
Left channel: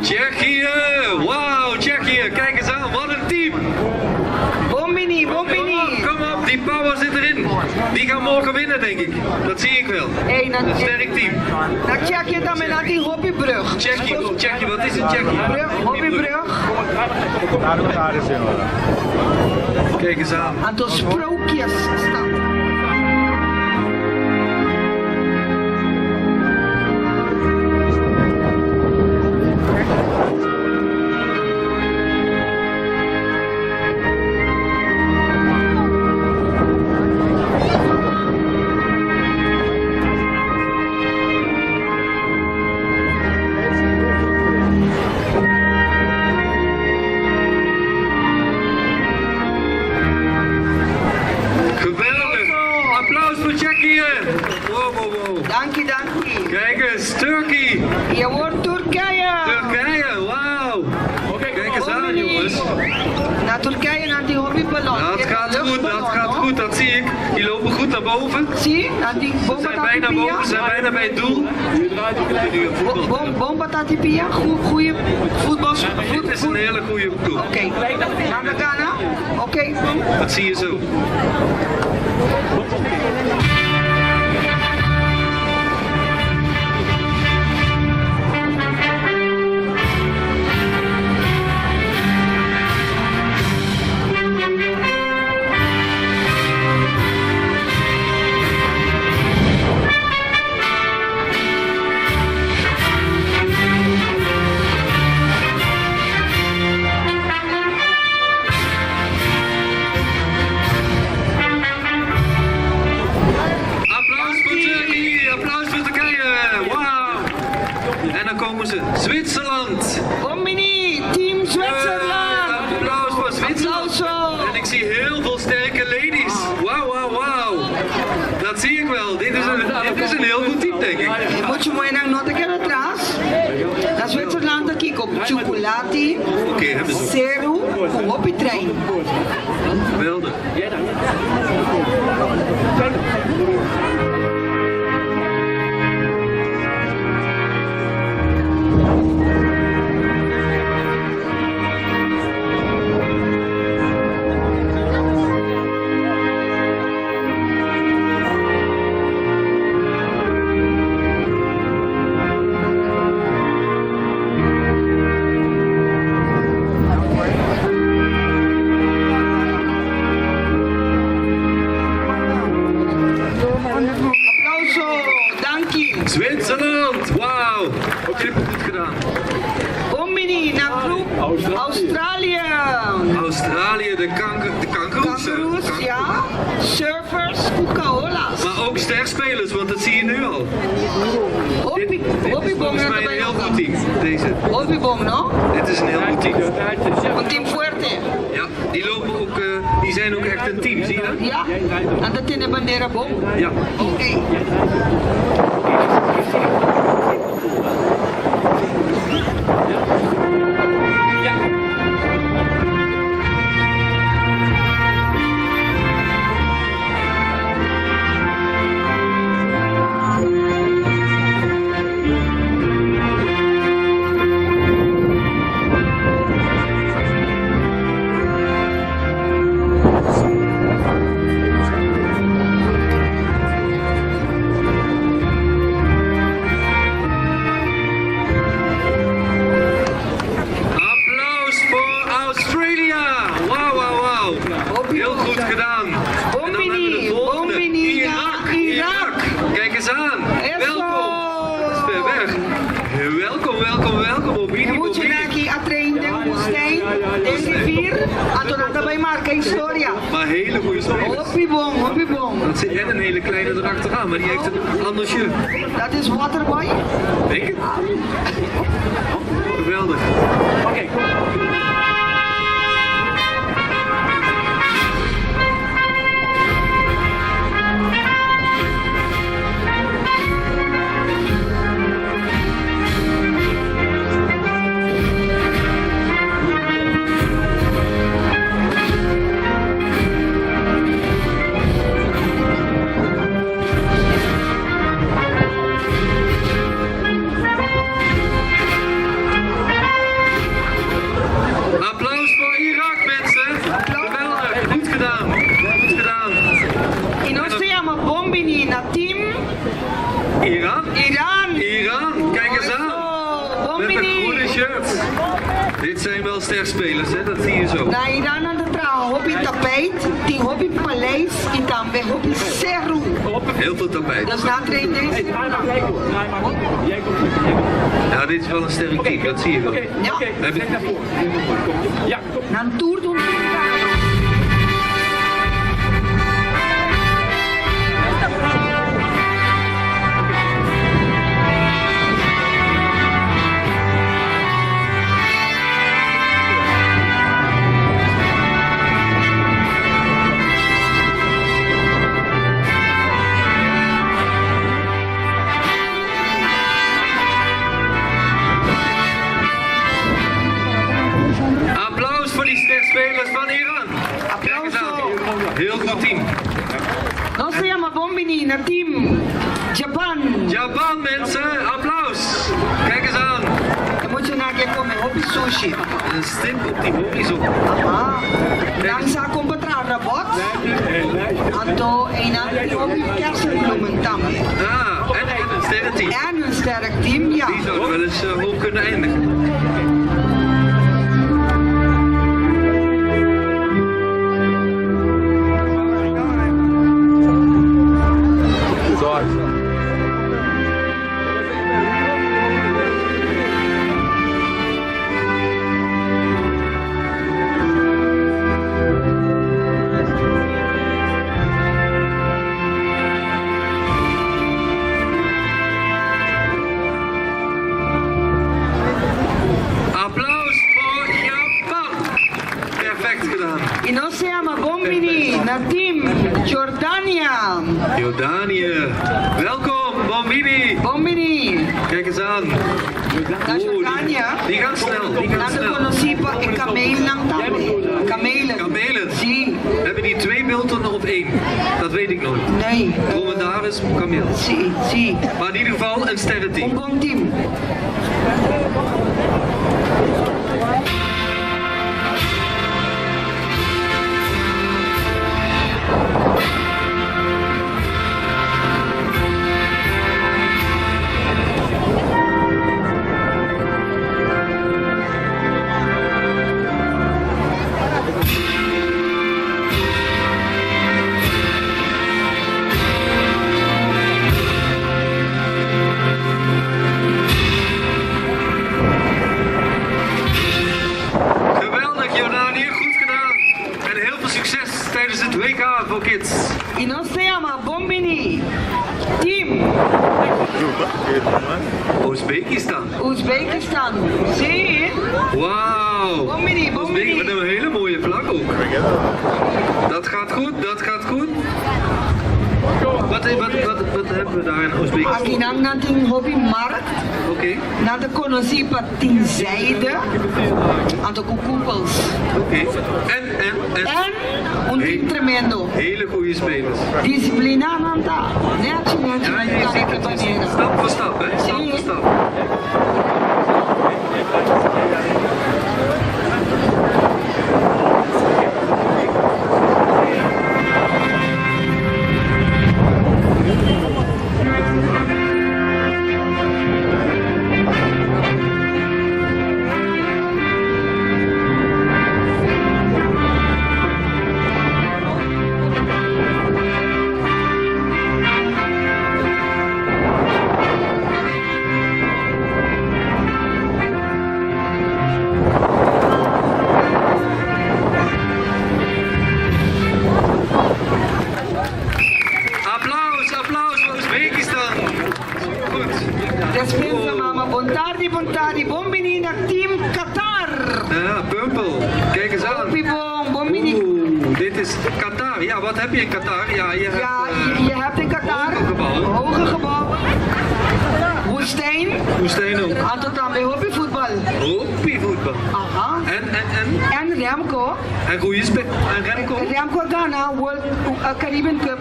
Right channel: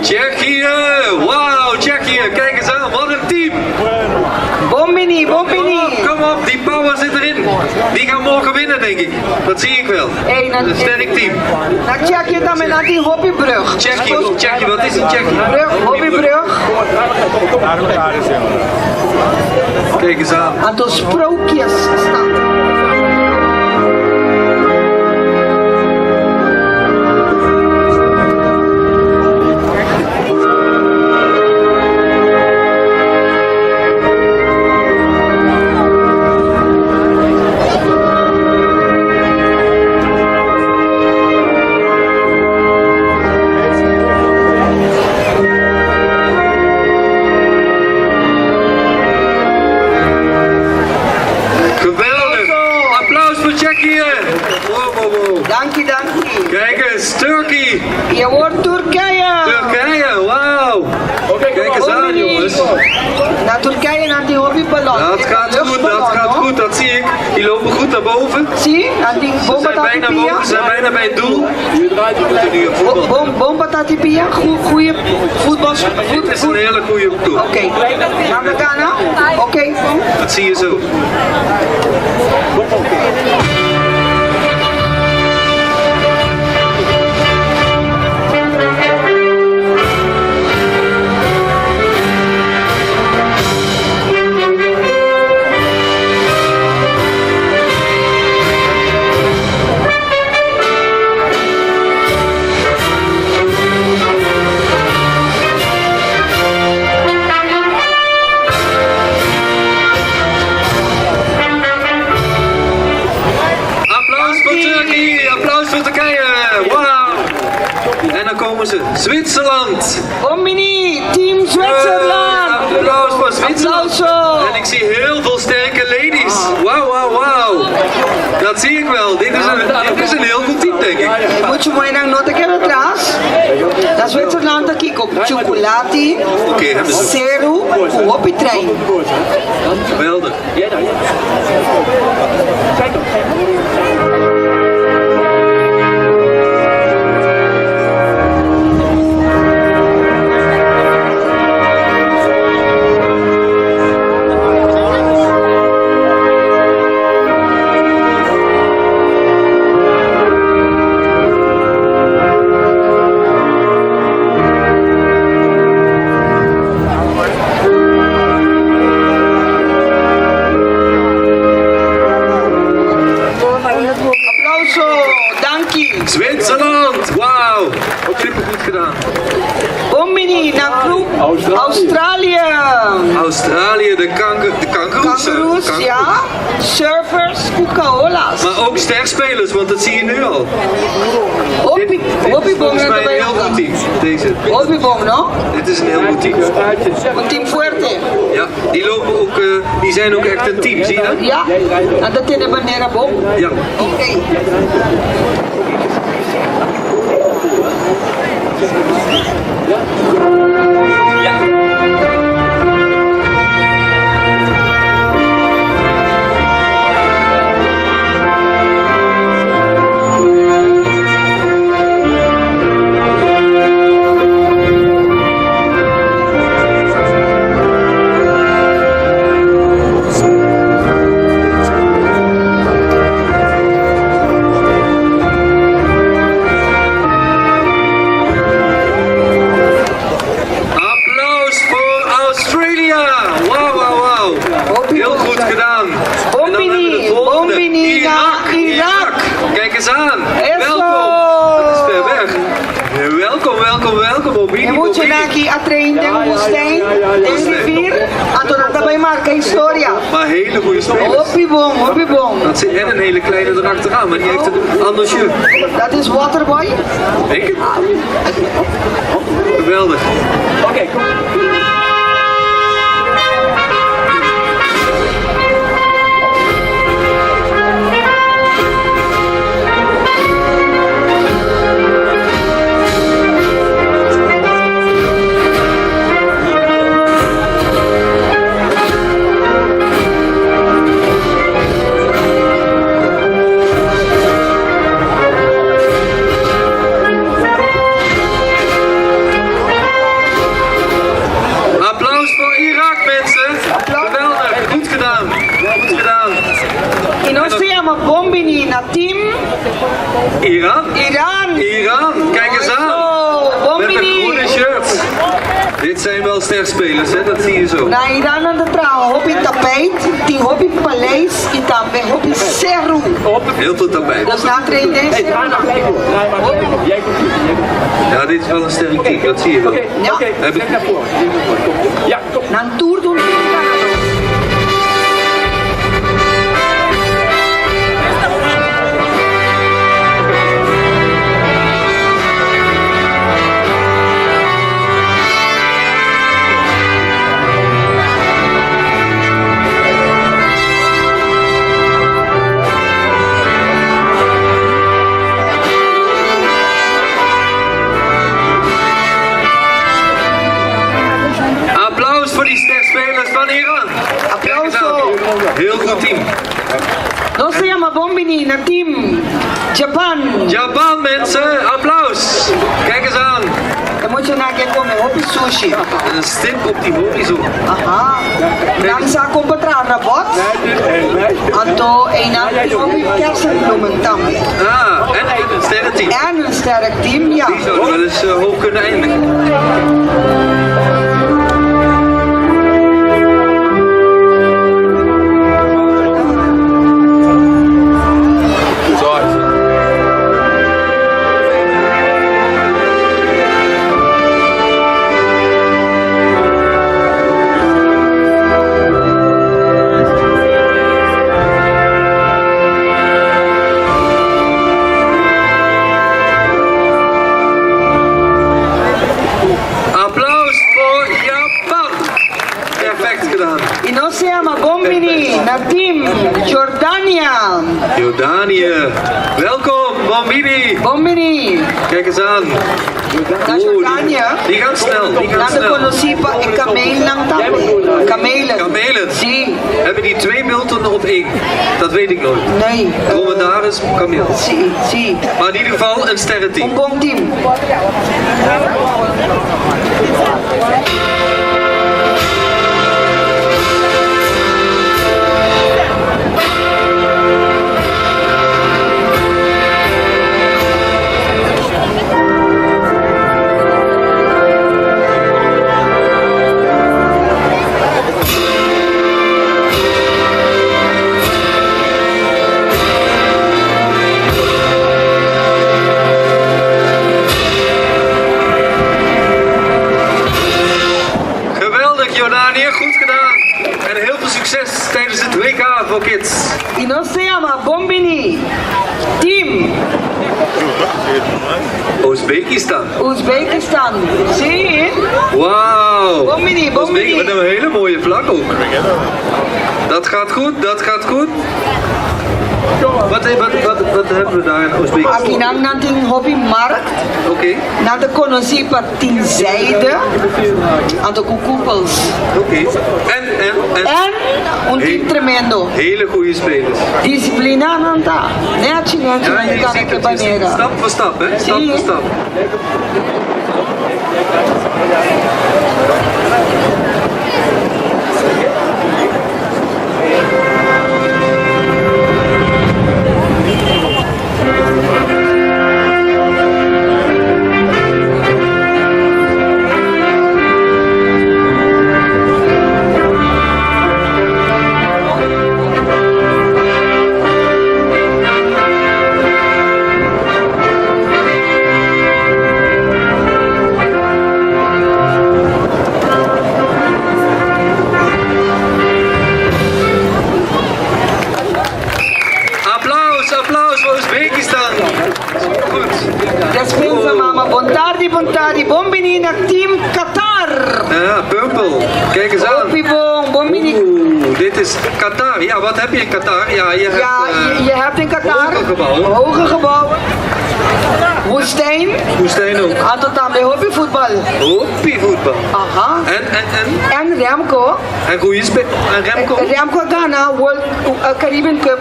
Tsjechië. Wauw, Tsjechië. Kijk eens aan. Wat een team. Bombini. Kom op, die power zit erin. Die gaan morgen winnen, denk ik. Dat zie ik wel. Een sterk team. Na Tsjechië dan met naar die hobbybrug. Tsjechië, wat is een Tsjechië? Hobbybrug. Kijk eens aan. Aantal sprookjes staan. Dankie. Kijk eens, Turkije. Je hoort Turkije. Wauw. Oké, Kijk eens eens aan, jongens. Naar Turkije, naar die hobbyballon. Dat gaat goed, dat gaat goed, dat zie ik. Die lopen goed naar boven. Zie je? Naar die Ze zijn bijna boven, ze zijn bijna bij het doel. Je draait je We moeten nu een voetbal. Bomba Tatipia, goede voetbal. Dit is een hele goede ploeg. Oké, gaan we Ghana? Oké, bom. Dat zie je zo. Komen ze. Zwitserland! Bombini, team Zwitserland! Applaus voor Zwitserland! Applauso. En ik zie heel veel sterke ladies. Wauw, wauw, wauw. Dat zie ik wel. Dit is een heel goed team, denk ik. Moet je mooi naar nota que atrás. Na Zwitserland aqui com chocolate, Oké, hebben ze. ceru, op je trein. Geweldig. Zwitserland, wauw. Supergoed gedaan. Bombini, naar groep Australië. Australië, de kangoeroes. Kangaroes, ja. Surfers, koekaola's. Maar ook sterspelers, want dat zie je nu al. Dit is volgens mij een heel goed team, deze. Hobbybom, no? Dit is een heel goed team. Een team fuerte. Ja, die lopen ook, die zijn ook echt een team, zie je dat? Ja, en dat in de bandera bom. Ja. Oké. Heel goed gedaan. En dan hebben we de volgende. Irak. Kijk eens aan. Welkom. Dat is ver weg. Welkom. Bobini. Je moet je naar hier trainen, de woestijn, de rivier. En toen had bij marca historia. Maar hele goede spelers. Hobbybom. En een hele kleine erachteraan, maar die heeft een ander shirt. Dat is Waterboy. Denk het. Geweldig. Oké, Bombini naar team Iran. Kijk eens aan. Met een groene shirt. Dit zijn wel sterspelers, hè? Dat zie je zo. Na Iran aan de trouw, hobby tapijt, die hobby paleis, en dan hobby seru. Heel veel tapijt. Dus na trainen deze. Jij komt hier. Ja, dit is wel een sterk team, dat zie je wel. Ja. Kijk naar voren. Ja, kom. Na een tour doen. hieraan. Kijk eens aan. Heel goed team. Nos se llama Bombini na team Japan. Japan mensen, applaus. Kijk eens aan. Dan moet je naar kijken met hopi sushi. Een stip op die horizon. Aha. Dan sa kompetra na bot. Anto een hopi kersenbloemen tambe. Ah, en een sterrenteam. En een sterk team, ja. Die zouden wel eens hoog kunnen eindigen. Y no se llama Bombini, na team Jordania. Jordanië. Welkom, Bombini. Bombini. Kijk eens aan. Na Jordania. Die gaan snel, die gaan Na de snel. conocipa en kameel lang tabi. Kamelen. Kamelen. Si. Hebben die 2 bulten op 1? Dat weet ik nooit. Nee. Dromedaris, kameel. Si. Maar in ieder geval een sterrenteam. Un bom team. Tijdens het WK voor kids. Y no se llama Bombini. Team Oezbekistan. Oezbekistan. Zie? Wauw. Bombini. Met een hele mooie vlag ook. Dat gaat goed, dat gaat goed. Wat hebben we daar in Oezbekistan? Akinang nanting hobby markt. Oké. Na de conocipa tin zijde. Aan de koekoepels. Oké. En? En un team tremendo. Hele goede spelers. Disciplina nanta. Netje, Ja, je kan ziet ik het. baneren. Stap voor stap, hè? Stap voor stap. Bontari, Bombini naar team Qatar. Ja, Purple. Kijk eens aan. Bombini. Oeh, dit is Qatar. Ja, wat heb je in Qatar? Ja, je hebt in Qatar hoge gebouwen. Hoge gebouwen. Woestijn. Woestijn ook. En tot aan bij hobbyvoetbal. Hobbyvoetbal. Aha. En Remco. En goede en Remco. Remco Ghana World Caribbean Cup.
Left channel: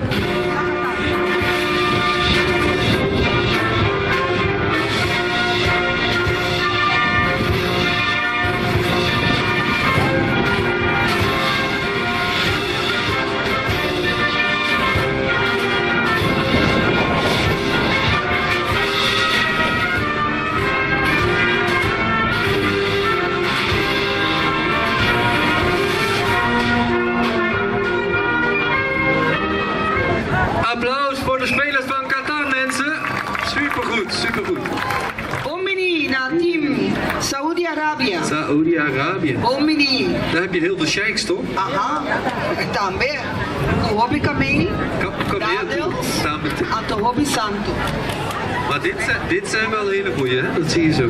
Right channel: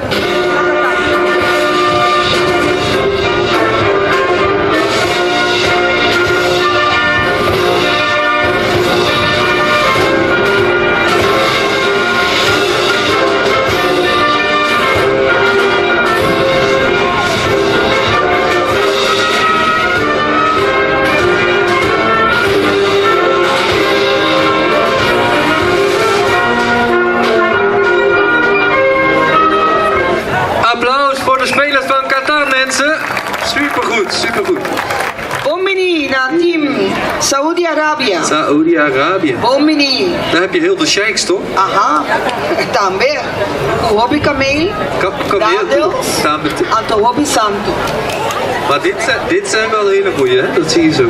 Supergoed. Bombini naar team Saudi-Arabië. Saudi-Arabië. Bombini. Daar heb je heel de sheiks, toch? Aha. Tambe. Hobby kameel. Kameel. Anto hobby santo. Maar dit zijn wel hele goeie, hè? Dat zie je zo.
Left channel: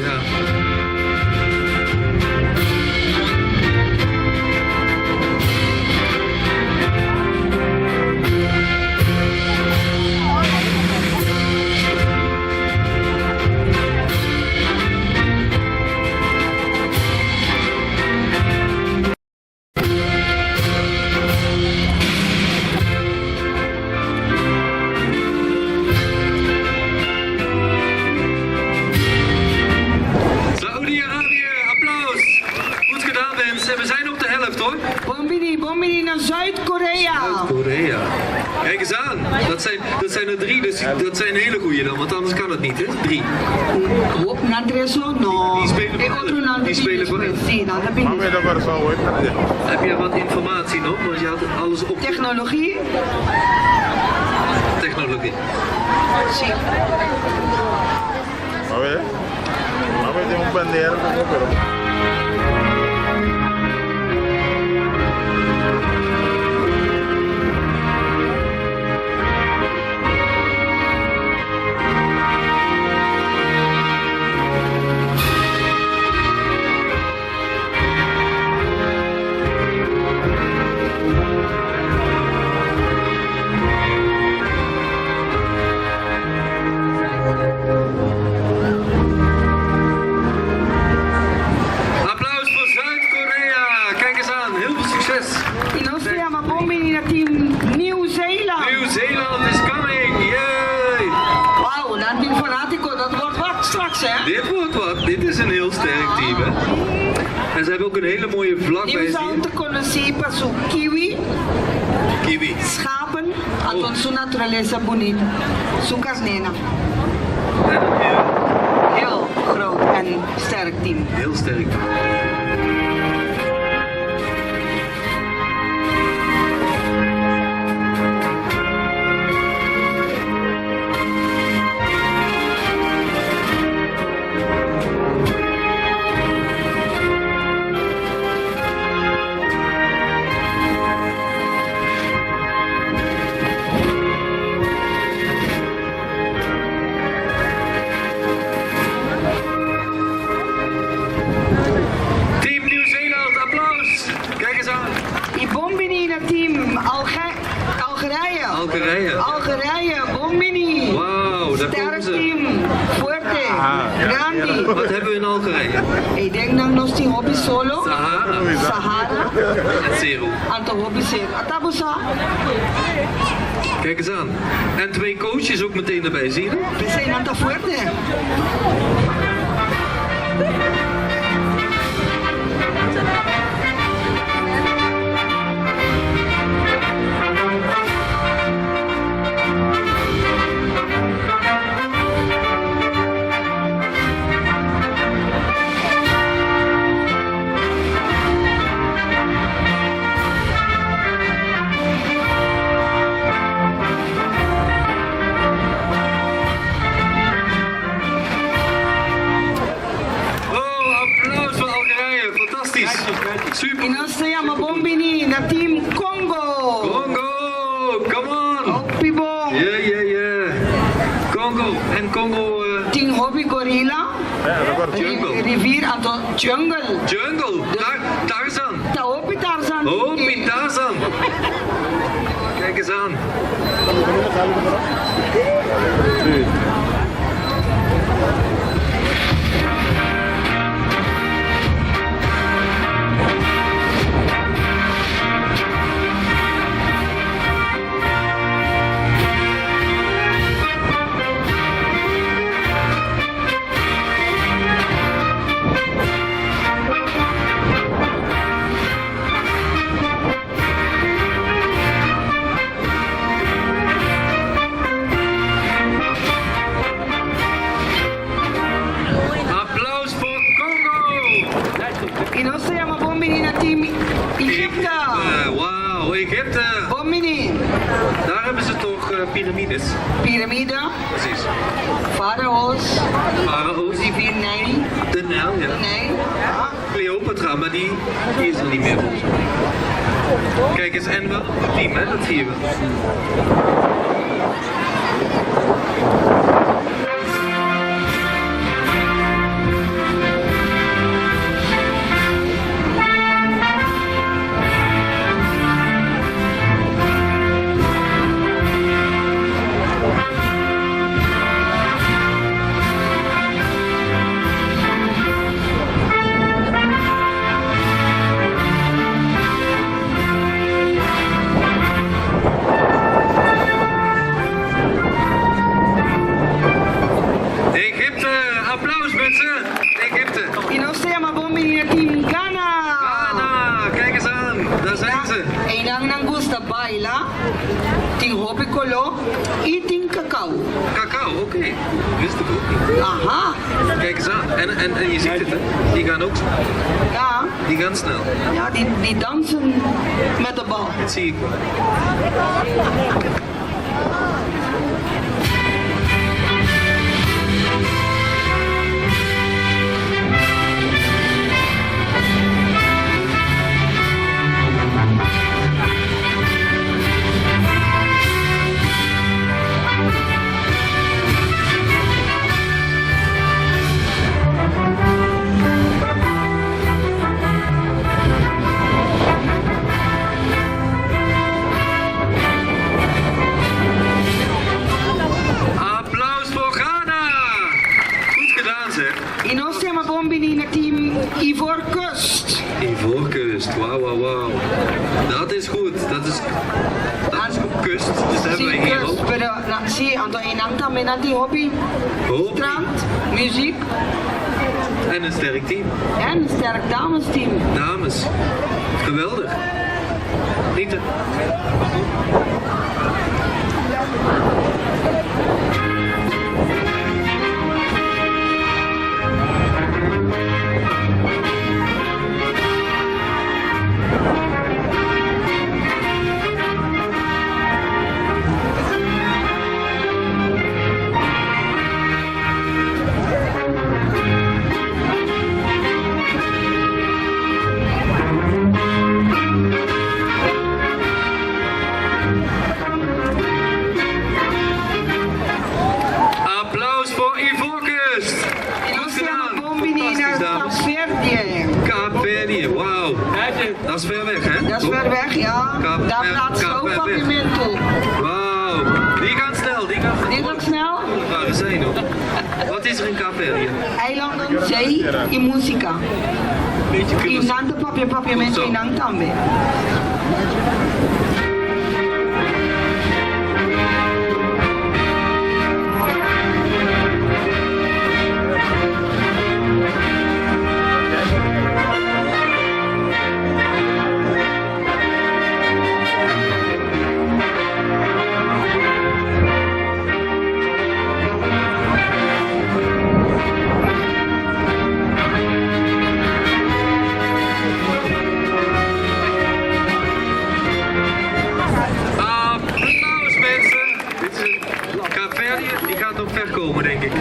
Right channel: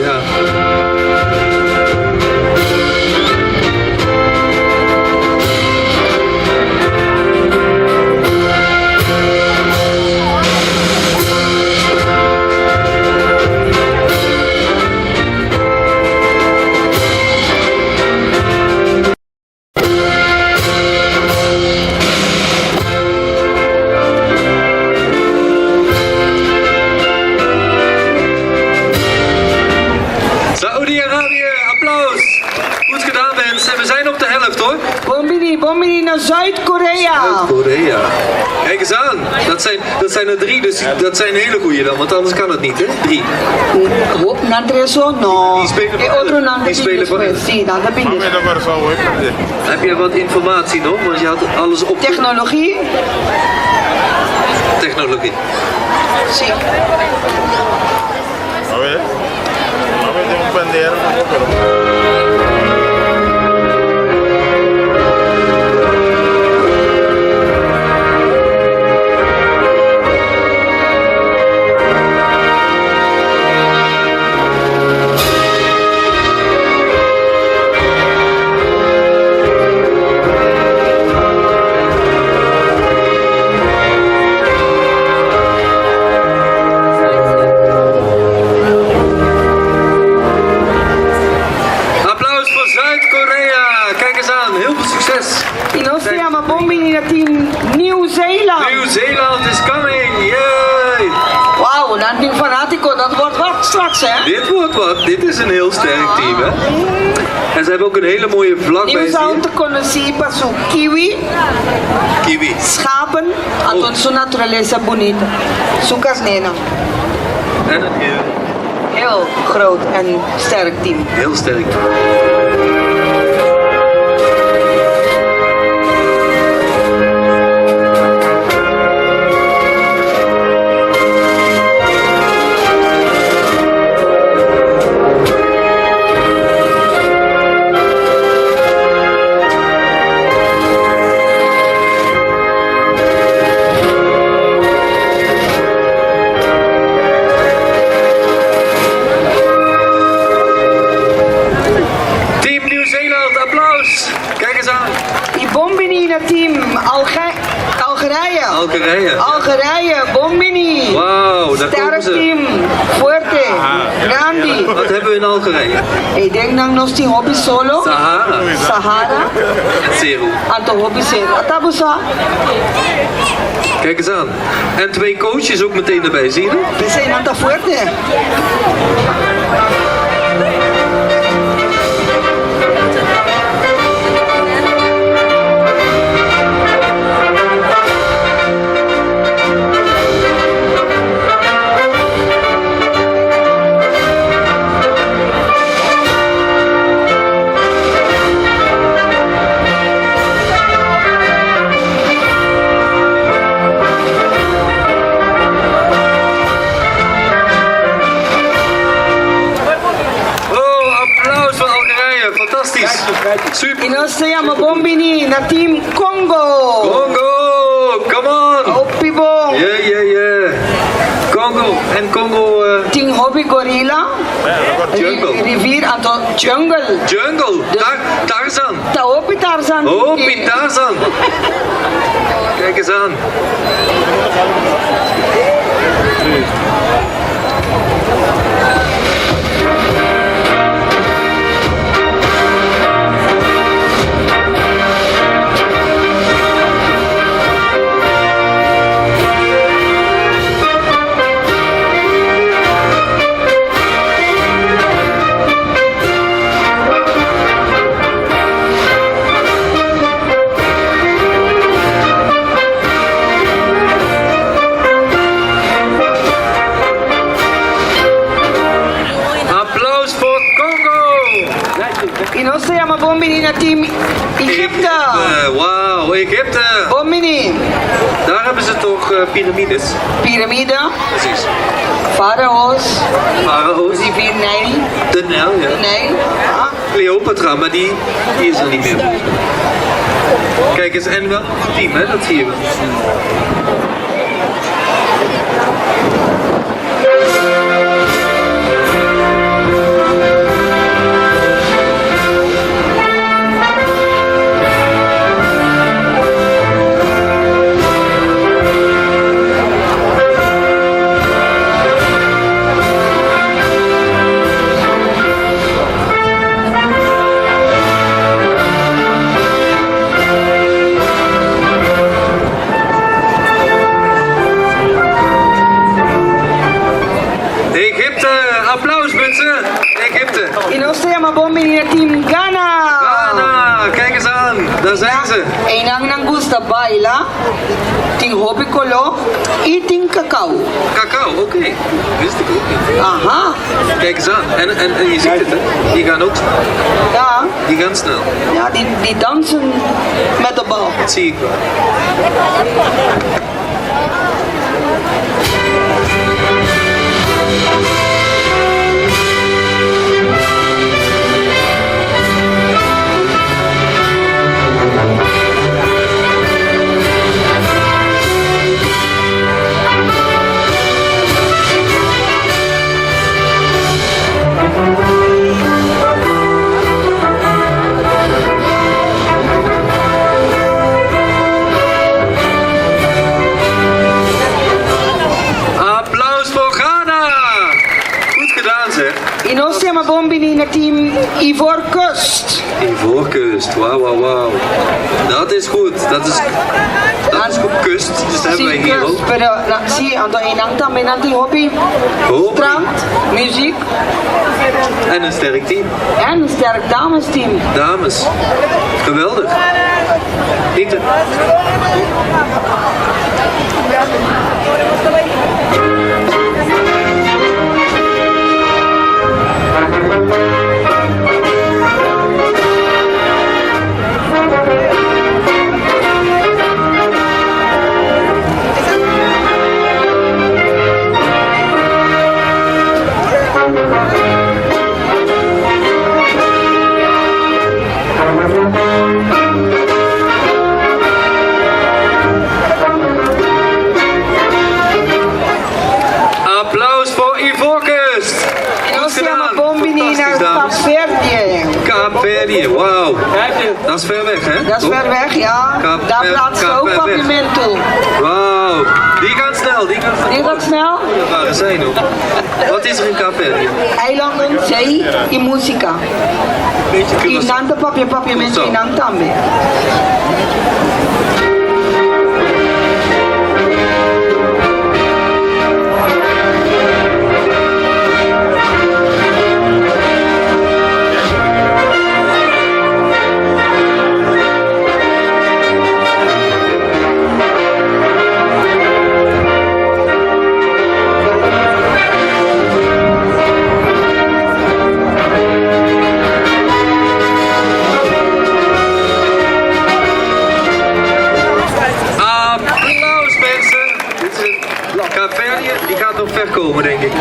Ja. België, applaus. Goed gedaan mensen. We zijn op de helft hoor. Bombini naar Zuid-Korea. Korea. Kijk eens aan. Dat zijn er 3, dus dat zijn hele goeie dan, want anders kan het niet hè. 3. Nandreso, no. Die spelen voor Otro Ellen. Die spelen voor Ellen. Sí, nada bindes. Heb je wat informatie nog? Want je had alles op Technologie? technologie. Sí. Applaus voor Zuid-Korea. Kijk eens aan. Heel veel succes. Y no se llama Bombini naar team Nieuw-Zeeland. Nieuw-Zeeland is coming. Yay. Wauw, naar team Fanatico, dat wordt wat straks hè. Dit wordt wat. Dit is een heel sterk team hè. En ze hebben ook een hele mooie vlag bij zich. Nieuw-Zeeland conheci para su kiwi, Kiwi. schapen, aton su naturaleza bonita. Su casnena. En een Heel groot en sterk team. heel sterk. Team Nieuw-Zeeland, applaus. Kijk eens aan. Y Bombini naar team Algerije. Algerije, Bombini. Wauw, daar komen Sterk ze. team, fuerte, grandi. Wat hebben we in Algerije? Ik denk dat nog die hobby solo. Sahara. Sahara, En Zeru. anto hobby zero. Atabusa, Kijk eens aan. En 2 coaches ook meteen erbij, zie je dat? we zijn anta fuerte. Oh, applaus voor Algerije. Fantastisch. Super. Y no se llama Bombini naar team Congo. Congo, come on. Opibong. Yeah. Congo. En Congo, Team hobby gorilla. Jungle. Rivier, anto jungle. jungle. Tarzan. Taopi Tarzan. Oh, Piet Tarzan. Kijk eens aan. Applaus voor Congo. Y no se llama Bombini naar team Egypte. Wauw, Egypte. Bombini. Daar hebben ze toch piramides. Piramide. Precies. Farao's. Farao's. Rivier Nijl. De Nijl, ja. Nijl. Ah. Cleopatra, maar die is er niet meer. Kijk eens, en wel een team, hè? Dat zie je wel. bombini na team Ghana. Ghana, kijk eens aan. Daar zijn ze. Enang nang gusta baila, ting hobi kolo, eating cacao. Cacao, oké. Wist ik ook niet. Aha, Kijk eens aan. En je ziet het, hè. Die gaan ook snel. ja, Die gaan snel. ja die dansen met de bal. Dat zie ik wel. Applaus voor Ghana! Goed gedaan, zeg. E nós temos bombini na team Ivoorkust. Ivoorkust, wauw. Dat is goed. Dat is goed kust. Dus dat hebben wij hier ook. Pero zie, ando enang también nanti hobby. Hobby. Strand, muziek En een sterk team. en een sterk damesteam. Dames. Geweldig. Niet Applaus voor Ivoorkust. E nós Goed temos gedaan. bombini na Fantastisch, dames. Kaapverdië. Kaapverdië, wauw. Dat is ver weg, hè? Dat is ver weg, ja. Kaap- Daar praat ze ook Kaapverweg. pavimento. Wauw. Die gaan snel, die gaan snel. Die gaat snel. Dat waren zij nog. Wat is er in Kaapverdië? Eilanden, zee en muzika. Beetje E Curaçao. nanta pavimento e nang também. Applaus mensen. Dit is een Kaapverdië, die gaat nog ver komen denk ik.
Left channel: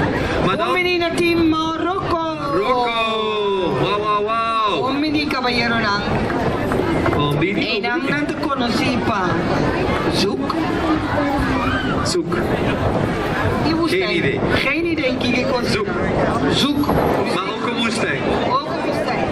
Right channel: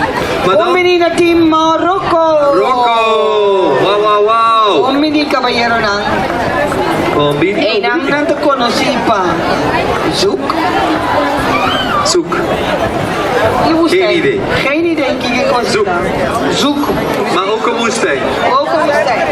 Maar dan Bombini na team Morocco. Rocco. Wauw. Bombini caballero nang. Bombini. E nang nanta conocipa. Zoek. Zoek. Die woestijn. Geen idee. Geen idee, kijk ik Zoek. Zoek. Maar ook een woestijn. Ook een woestijn.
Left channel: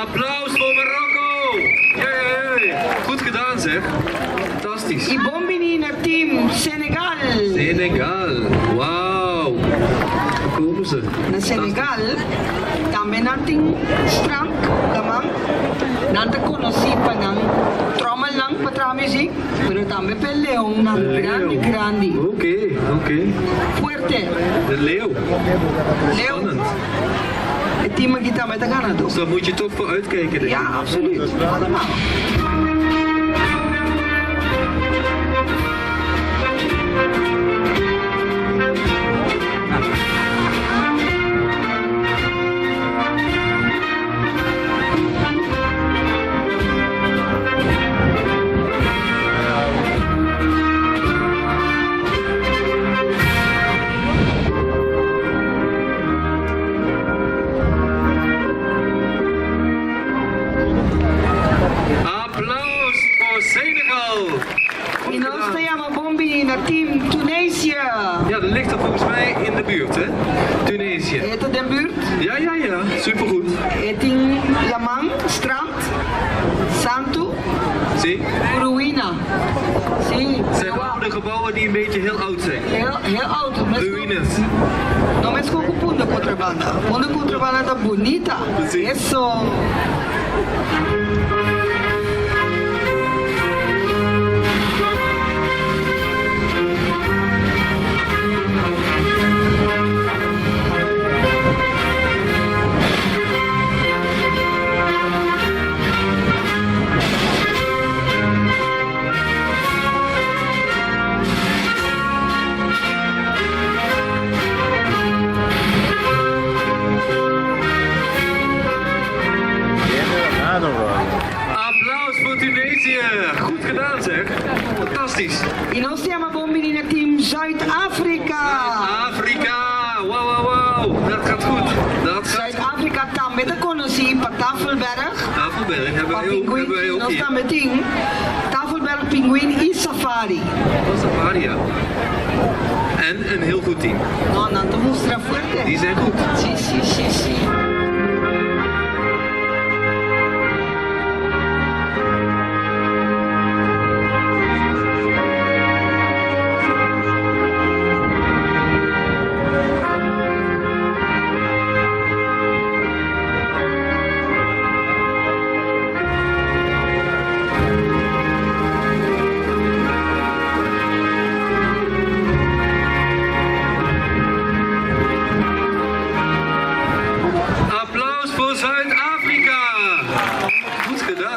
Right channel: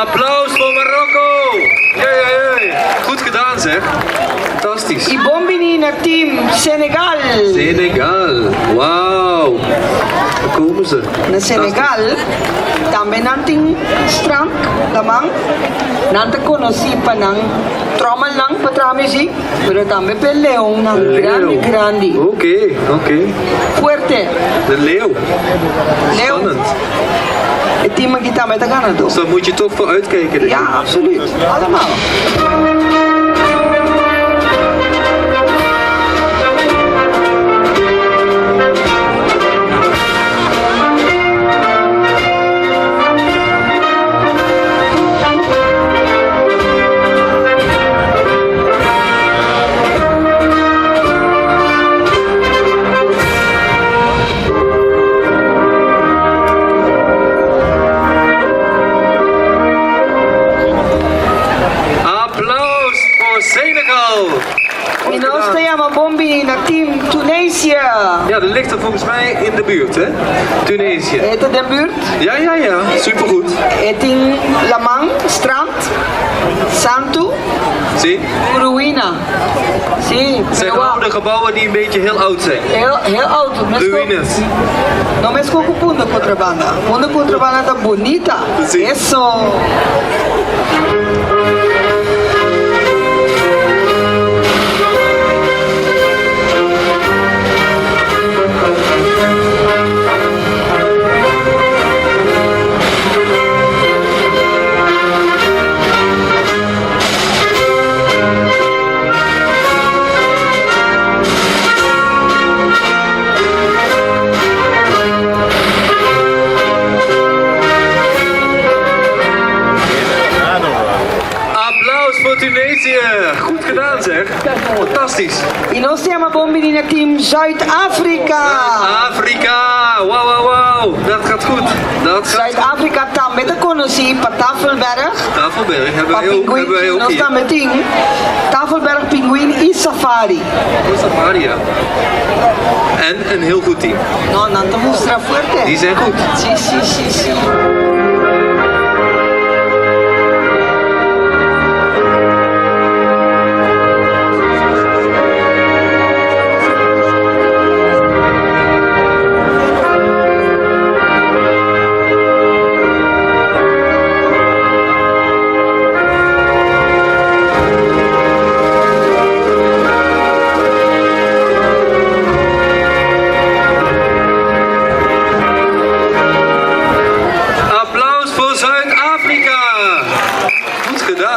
Applaus voor Marokko. Jee. Goed gedaan zeg. Fantastisch. E bombini na team Senegal. Senegal. Wauw. Daar komen ze. Na Senegal, também nanting strand, lamang, nanta conocipa ng tromal lang patra music, pero também pe leong ng grande. Oké. Fuerte. De leeuw. Leeuw. Spannend. Het team mag kita met de Canada. Dus daar moet je toch voor uitkijken. denk ik. Ja, absoluut. Allemaal. ligt er volgens mij in de buurt, hè? Tunesië. Het in de buurt. Ja, supergoed. Het in Lamang, strand. Santo, Zie? ruïna. Zie, Het zijn oude gebouwen die een beetje heel oud zijn. heel oud. Ruïnes. No me escoco punta contrabanda. Punta contrabanda tá bonita. Sí. Eso. Goed gedaan zeg. Fantastisch. E nós temos een bombinina team Zuid-Afrika. Zuid-Afrika. Wauw. Dat gaat goed. Zuid-Afrika tam met de connoissie op Tafelberg. Tafelberg hebben wij ook Nós hier. tam met team Tafelberg Pinguïn e Safari. Safari, ja. En een heel goed team. No, não te mostra fuerte. Die zijn goed. Sí.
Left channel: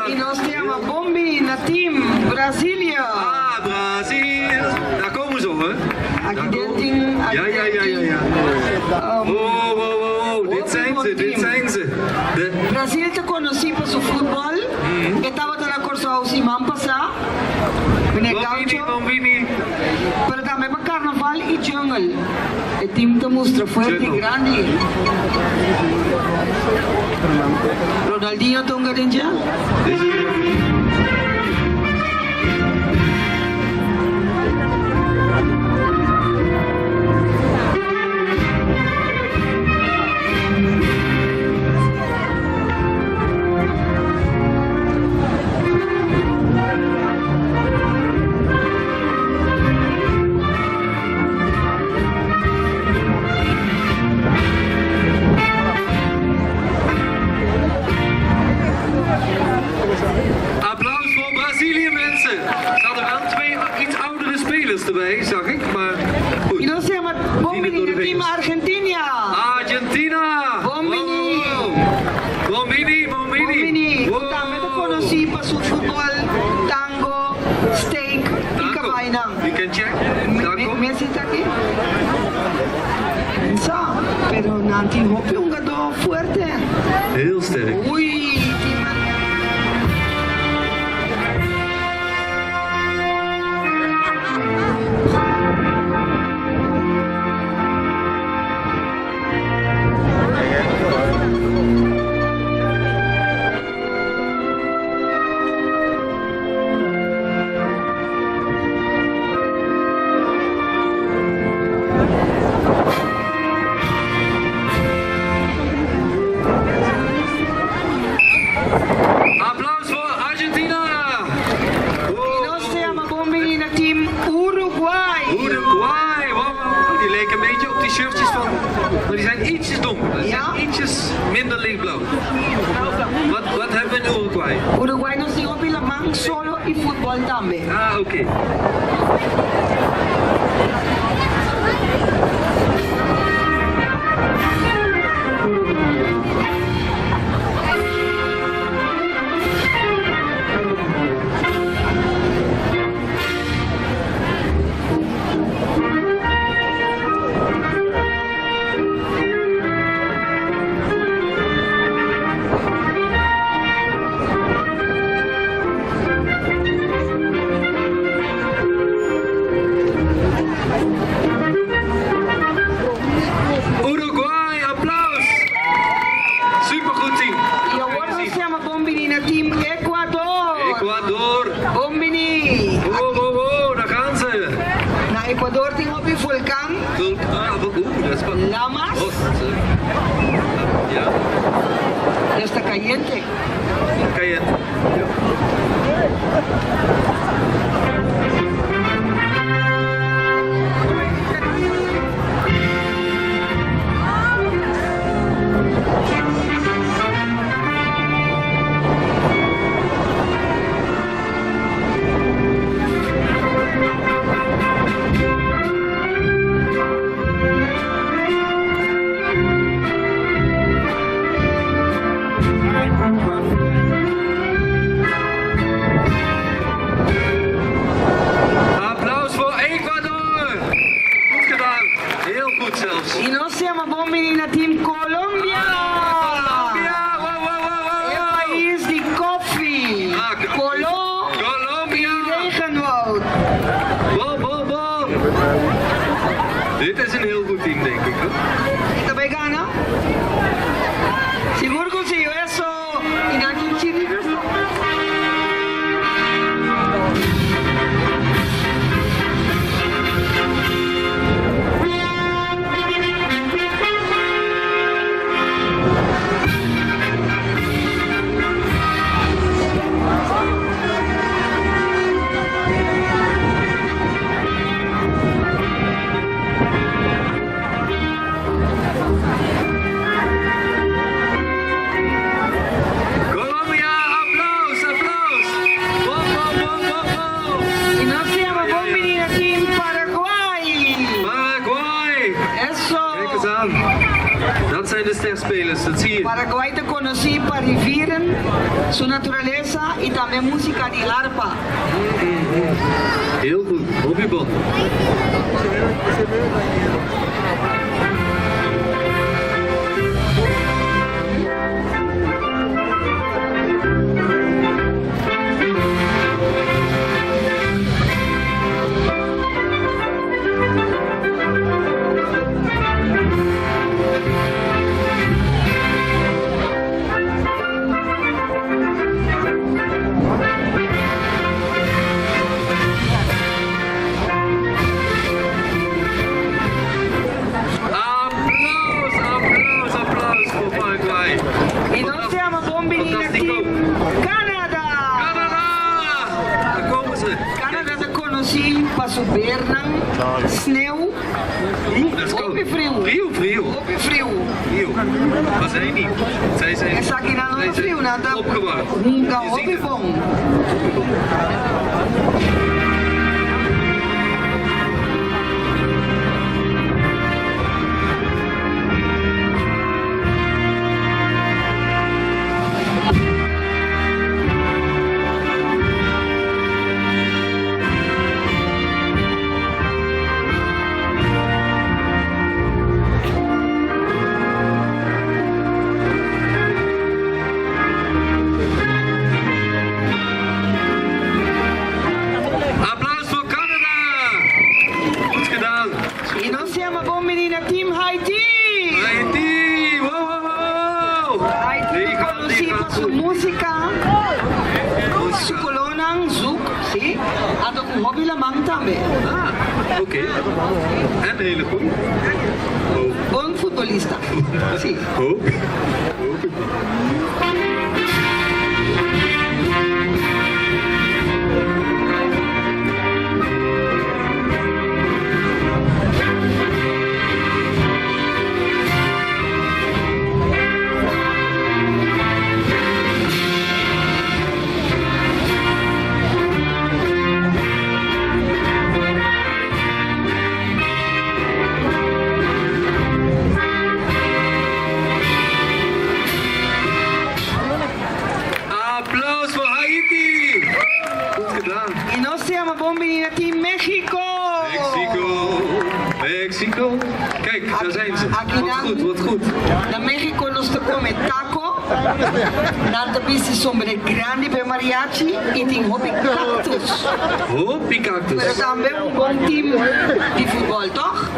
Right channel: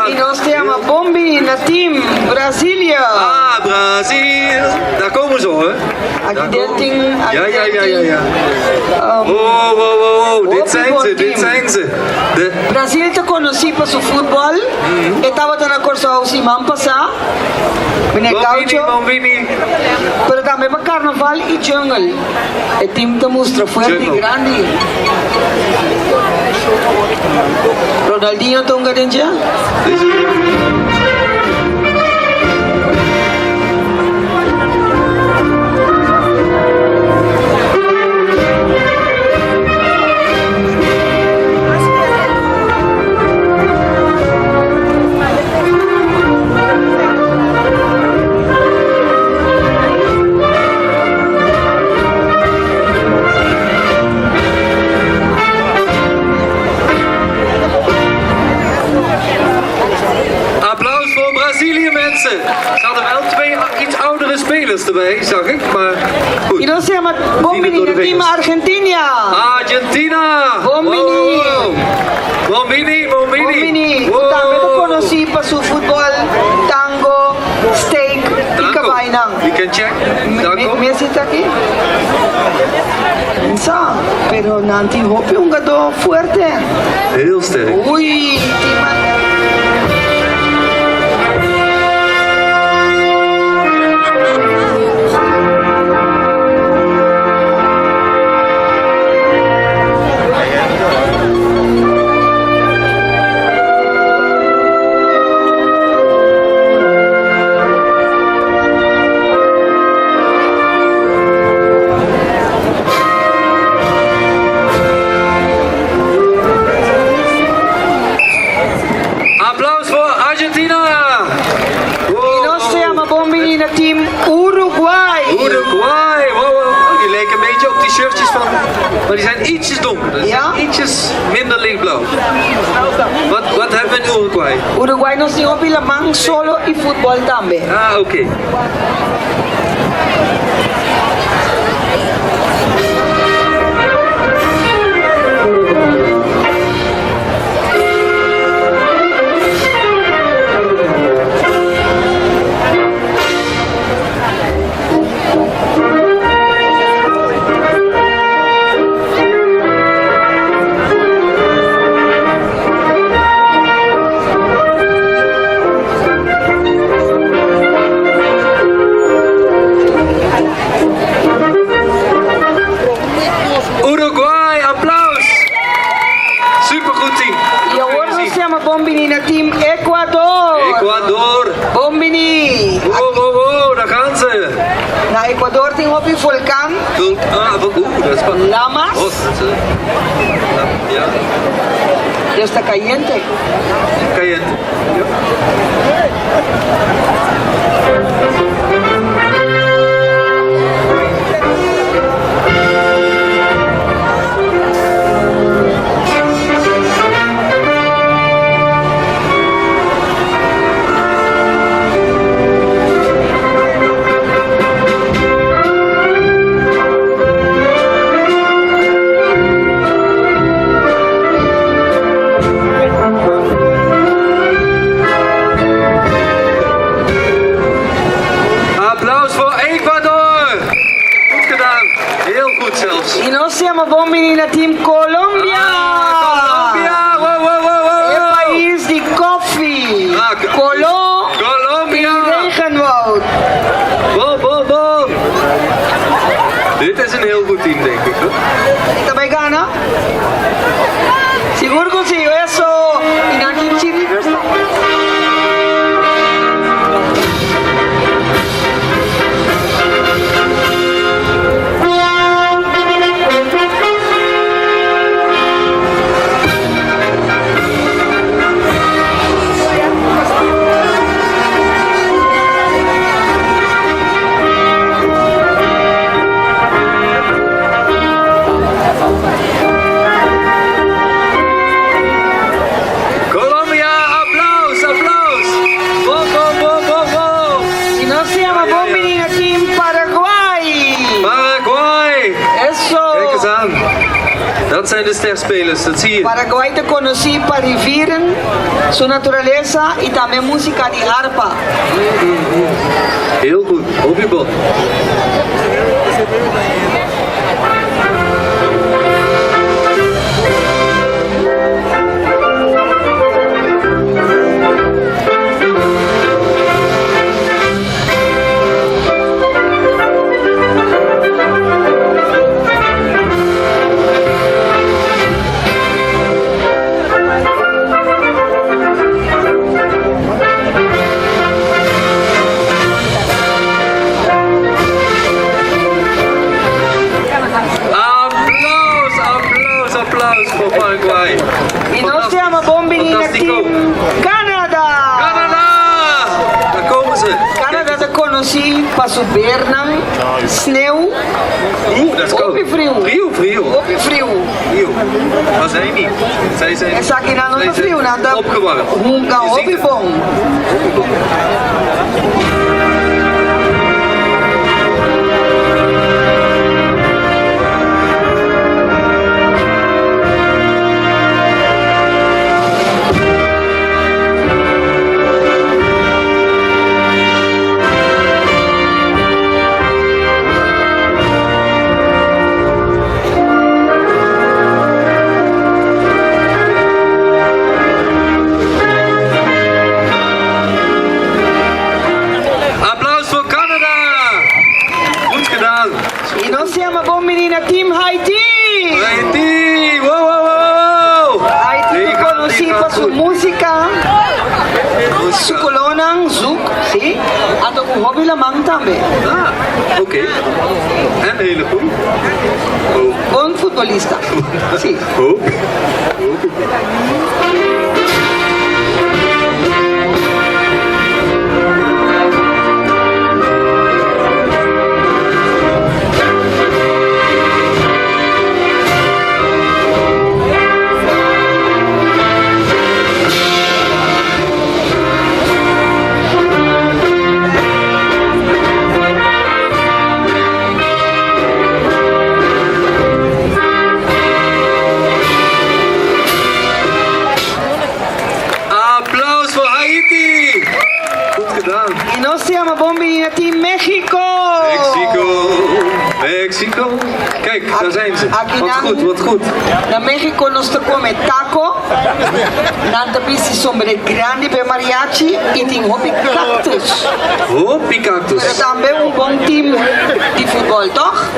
E nós temos een bombinina team Brazilië. Ah, Brazil. Daar komen ze hoor. Accidenting. Ja. Wow. Dit zijn ze. Brasil te conheci para su fútbol. Estaba tan acordado semana passada. Meneer Gaucho. Bombini. Pero também para carnaval e jungle. O time te mostra fuerte e grande. Ronaldinho tonga dentro. Ze hadden wel twee iets oudere spelers erbij, zag ik, maar goed. Y no se llama Bombini, el team Argentina. Argentina! Bombini. Bombini. Bombini. También lo conocí para su fútbol, tango, steak y cabainang. We can check. Tango. ¿Me sienta aquí? Sa, pero nanti hopi un gado fuerte. Heel sterk. Uy, team Uruguay. Uruguay, wow. Die lijken een beetje op die shirtjes van, maar die zijn ietsjes donkerder. Die zijn ietsjes minder lichtblauw. Wat hebben we in Uruguay? Uruguay nos dio Vilamang solo y fútbol también. Ah, oké. Lamas. Ja, Ya está caliente. caliente. Applaus voor Ecuador! Goed gedaan, heel goed zelfs. Y no se llama Bombinina Team Colombia. Colombia! Wow, wow, wow, El wow! país de koffie. Colombia! Y regenwoud. Bom, bom, bom! Dit is een heel goed team, denk ik. Hoor. ¿Esta me gana? Seguro consigo eso. Inaki Chile versus. Colombia, applaus, applaus! Bom, bom, bom, bom, bom! Y no se llama Bombinina Team Paraguay. Paraguay! Eso. Kijk eens aan. Dat zijn de sterspelers, dat zie je. Paraguay te conocí para viviren su naturaleza y también música de arpa. Heel goed, op je bot. Applaus, applaus, applaus voor Paraguay. Y no se llama Bombinina Fantastico. Team Canada. Canada! Daar komen ze. Canada te conocí para su bernan, sneeuw, Oeh, dat is koud. Op je frio. Frio. op je frio. Frio. Maar zij niet. Zij zijn Essa aqui na nossa frio, nada. opgewarmd. Hunga Je op ziet je het. bom. Applaus voor Canada. Goed gedaan. Y no se llama Bombinina Team Haití. Haiti. Wow, wow, wow, wow. Haití Die te gaat conocí para su goed. música, su Muzika. colonang, zoek, zie. En ook een hobby lamang tambe. Ah, oké. En hele goed. Oh, Bon futbolista. Sí. oh. Applaus voor Haiti. Goed gedaan. Y no se llama Bombinina Team México. Mexico. Kijk, daar zijn ze. Aquí Wat goed, wat goed. Na México nos te come taco, nanta pisi sombre grande per mariachi y tin hobby cactus. Hoppie Pero cactus. también un bon team de fútbol, toch?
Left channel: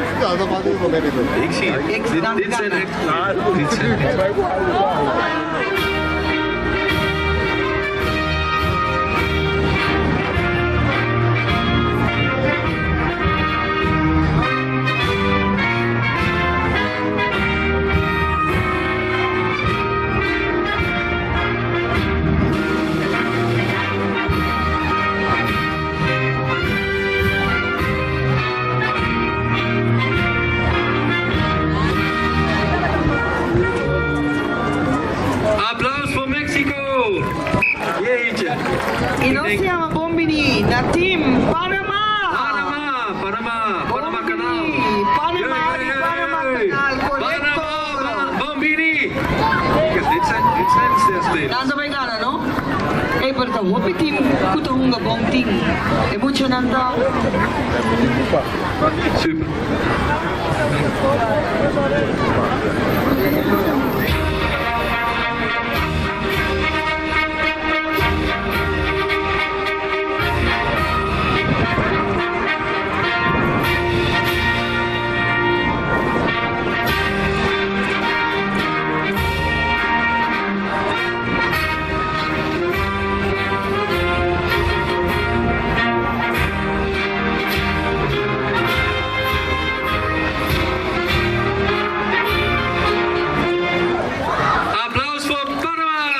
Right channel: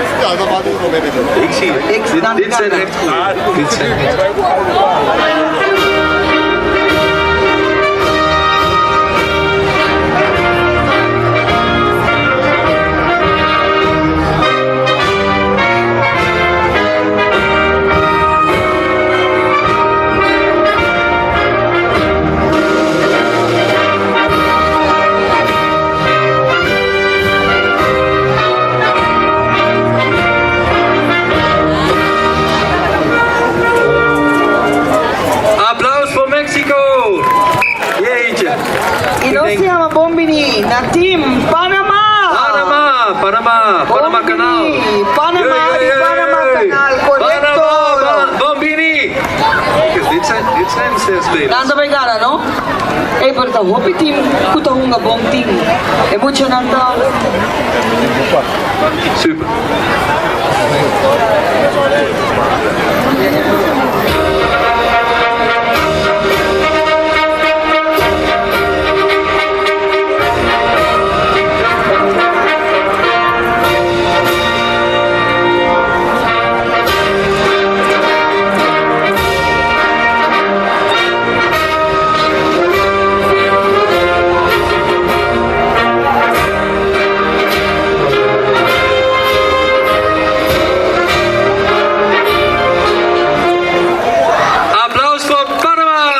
Ik zie het. Dit zijn echt goeie. Dit zijn echt goeie. na team Panama. Panama kanaal. Panama, Jee, jee, Panama jee. kanaal, correcto. Panama, Bambini. Kijk eens, dit zijn de sterspelers. Nasa may gana, no? Eh, pero ta hopi team, kuta hunga bong team. Emotional ta. Super. Applaus voor Panama.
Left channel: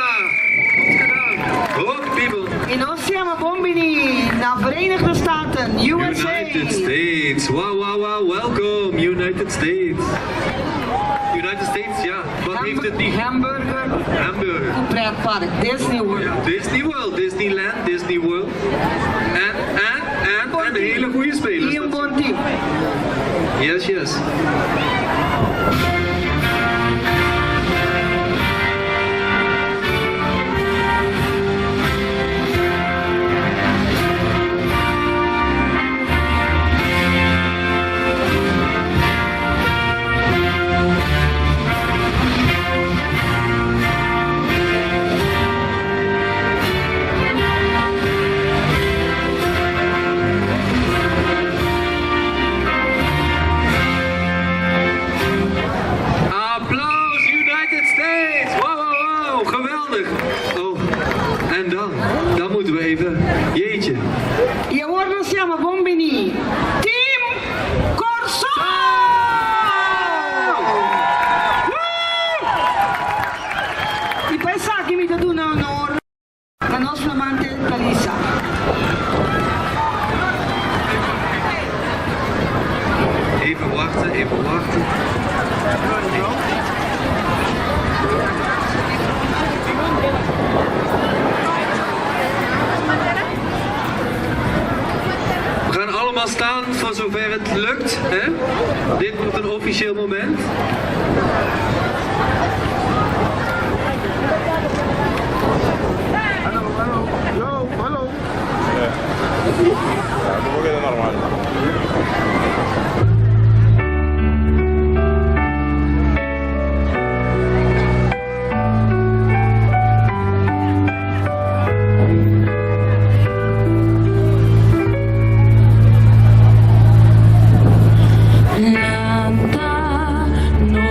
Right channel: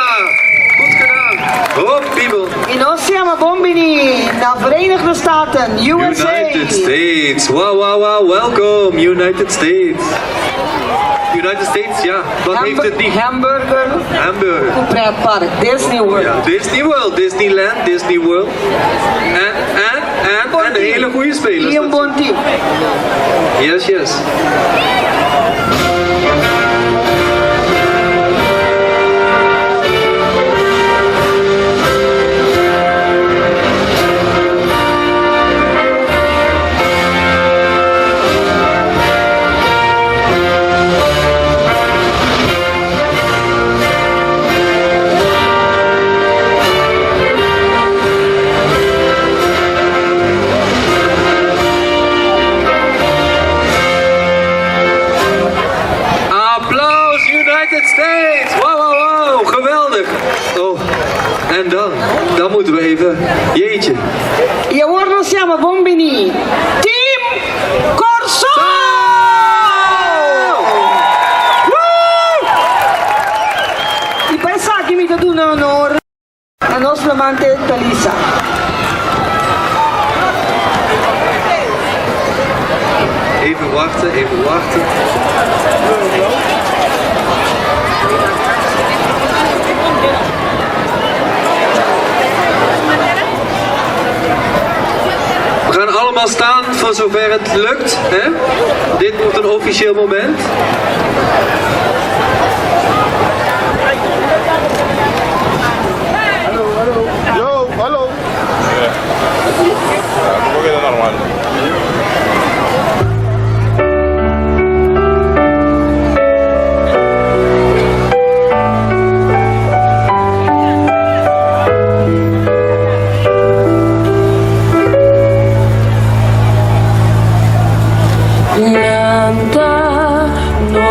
Goed gedaan. Hop, people. E nós siamo Bombini, na Verenigde Staten, USA. United States. Wow, wow, wow. Welcome, United States. United States, ja. Wat heeft het niet? Hamburger, Hamburger. een pretpark, Disney World. Ja, Disney World, Disneyland, Disney World. En een hele goede spelers. E um bom team. Yes, yes. Applaus United States! Wow, wow, wow, geweldig! Oh, en dan moeten we even, jeetje. E ora noi siamo Bombini, Team Corso! I paesaggi mi danno onore la nostra amante Talisa. Even wachten, even wachten. We gaan allemaal staan voor zover het lukt. Hè? Dit wordt een officieel moment. Yo, hallo. Nanta no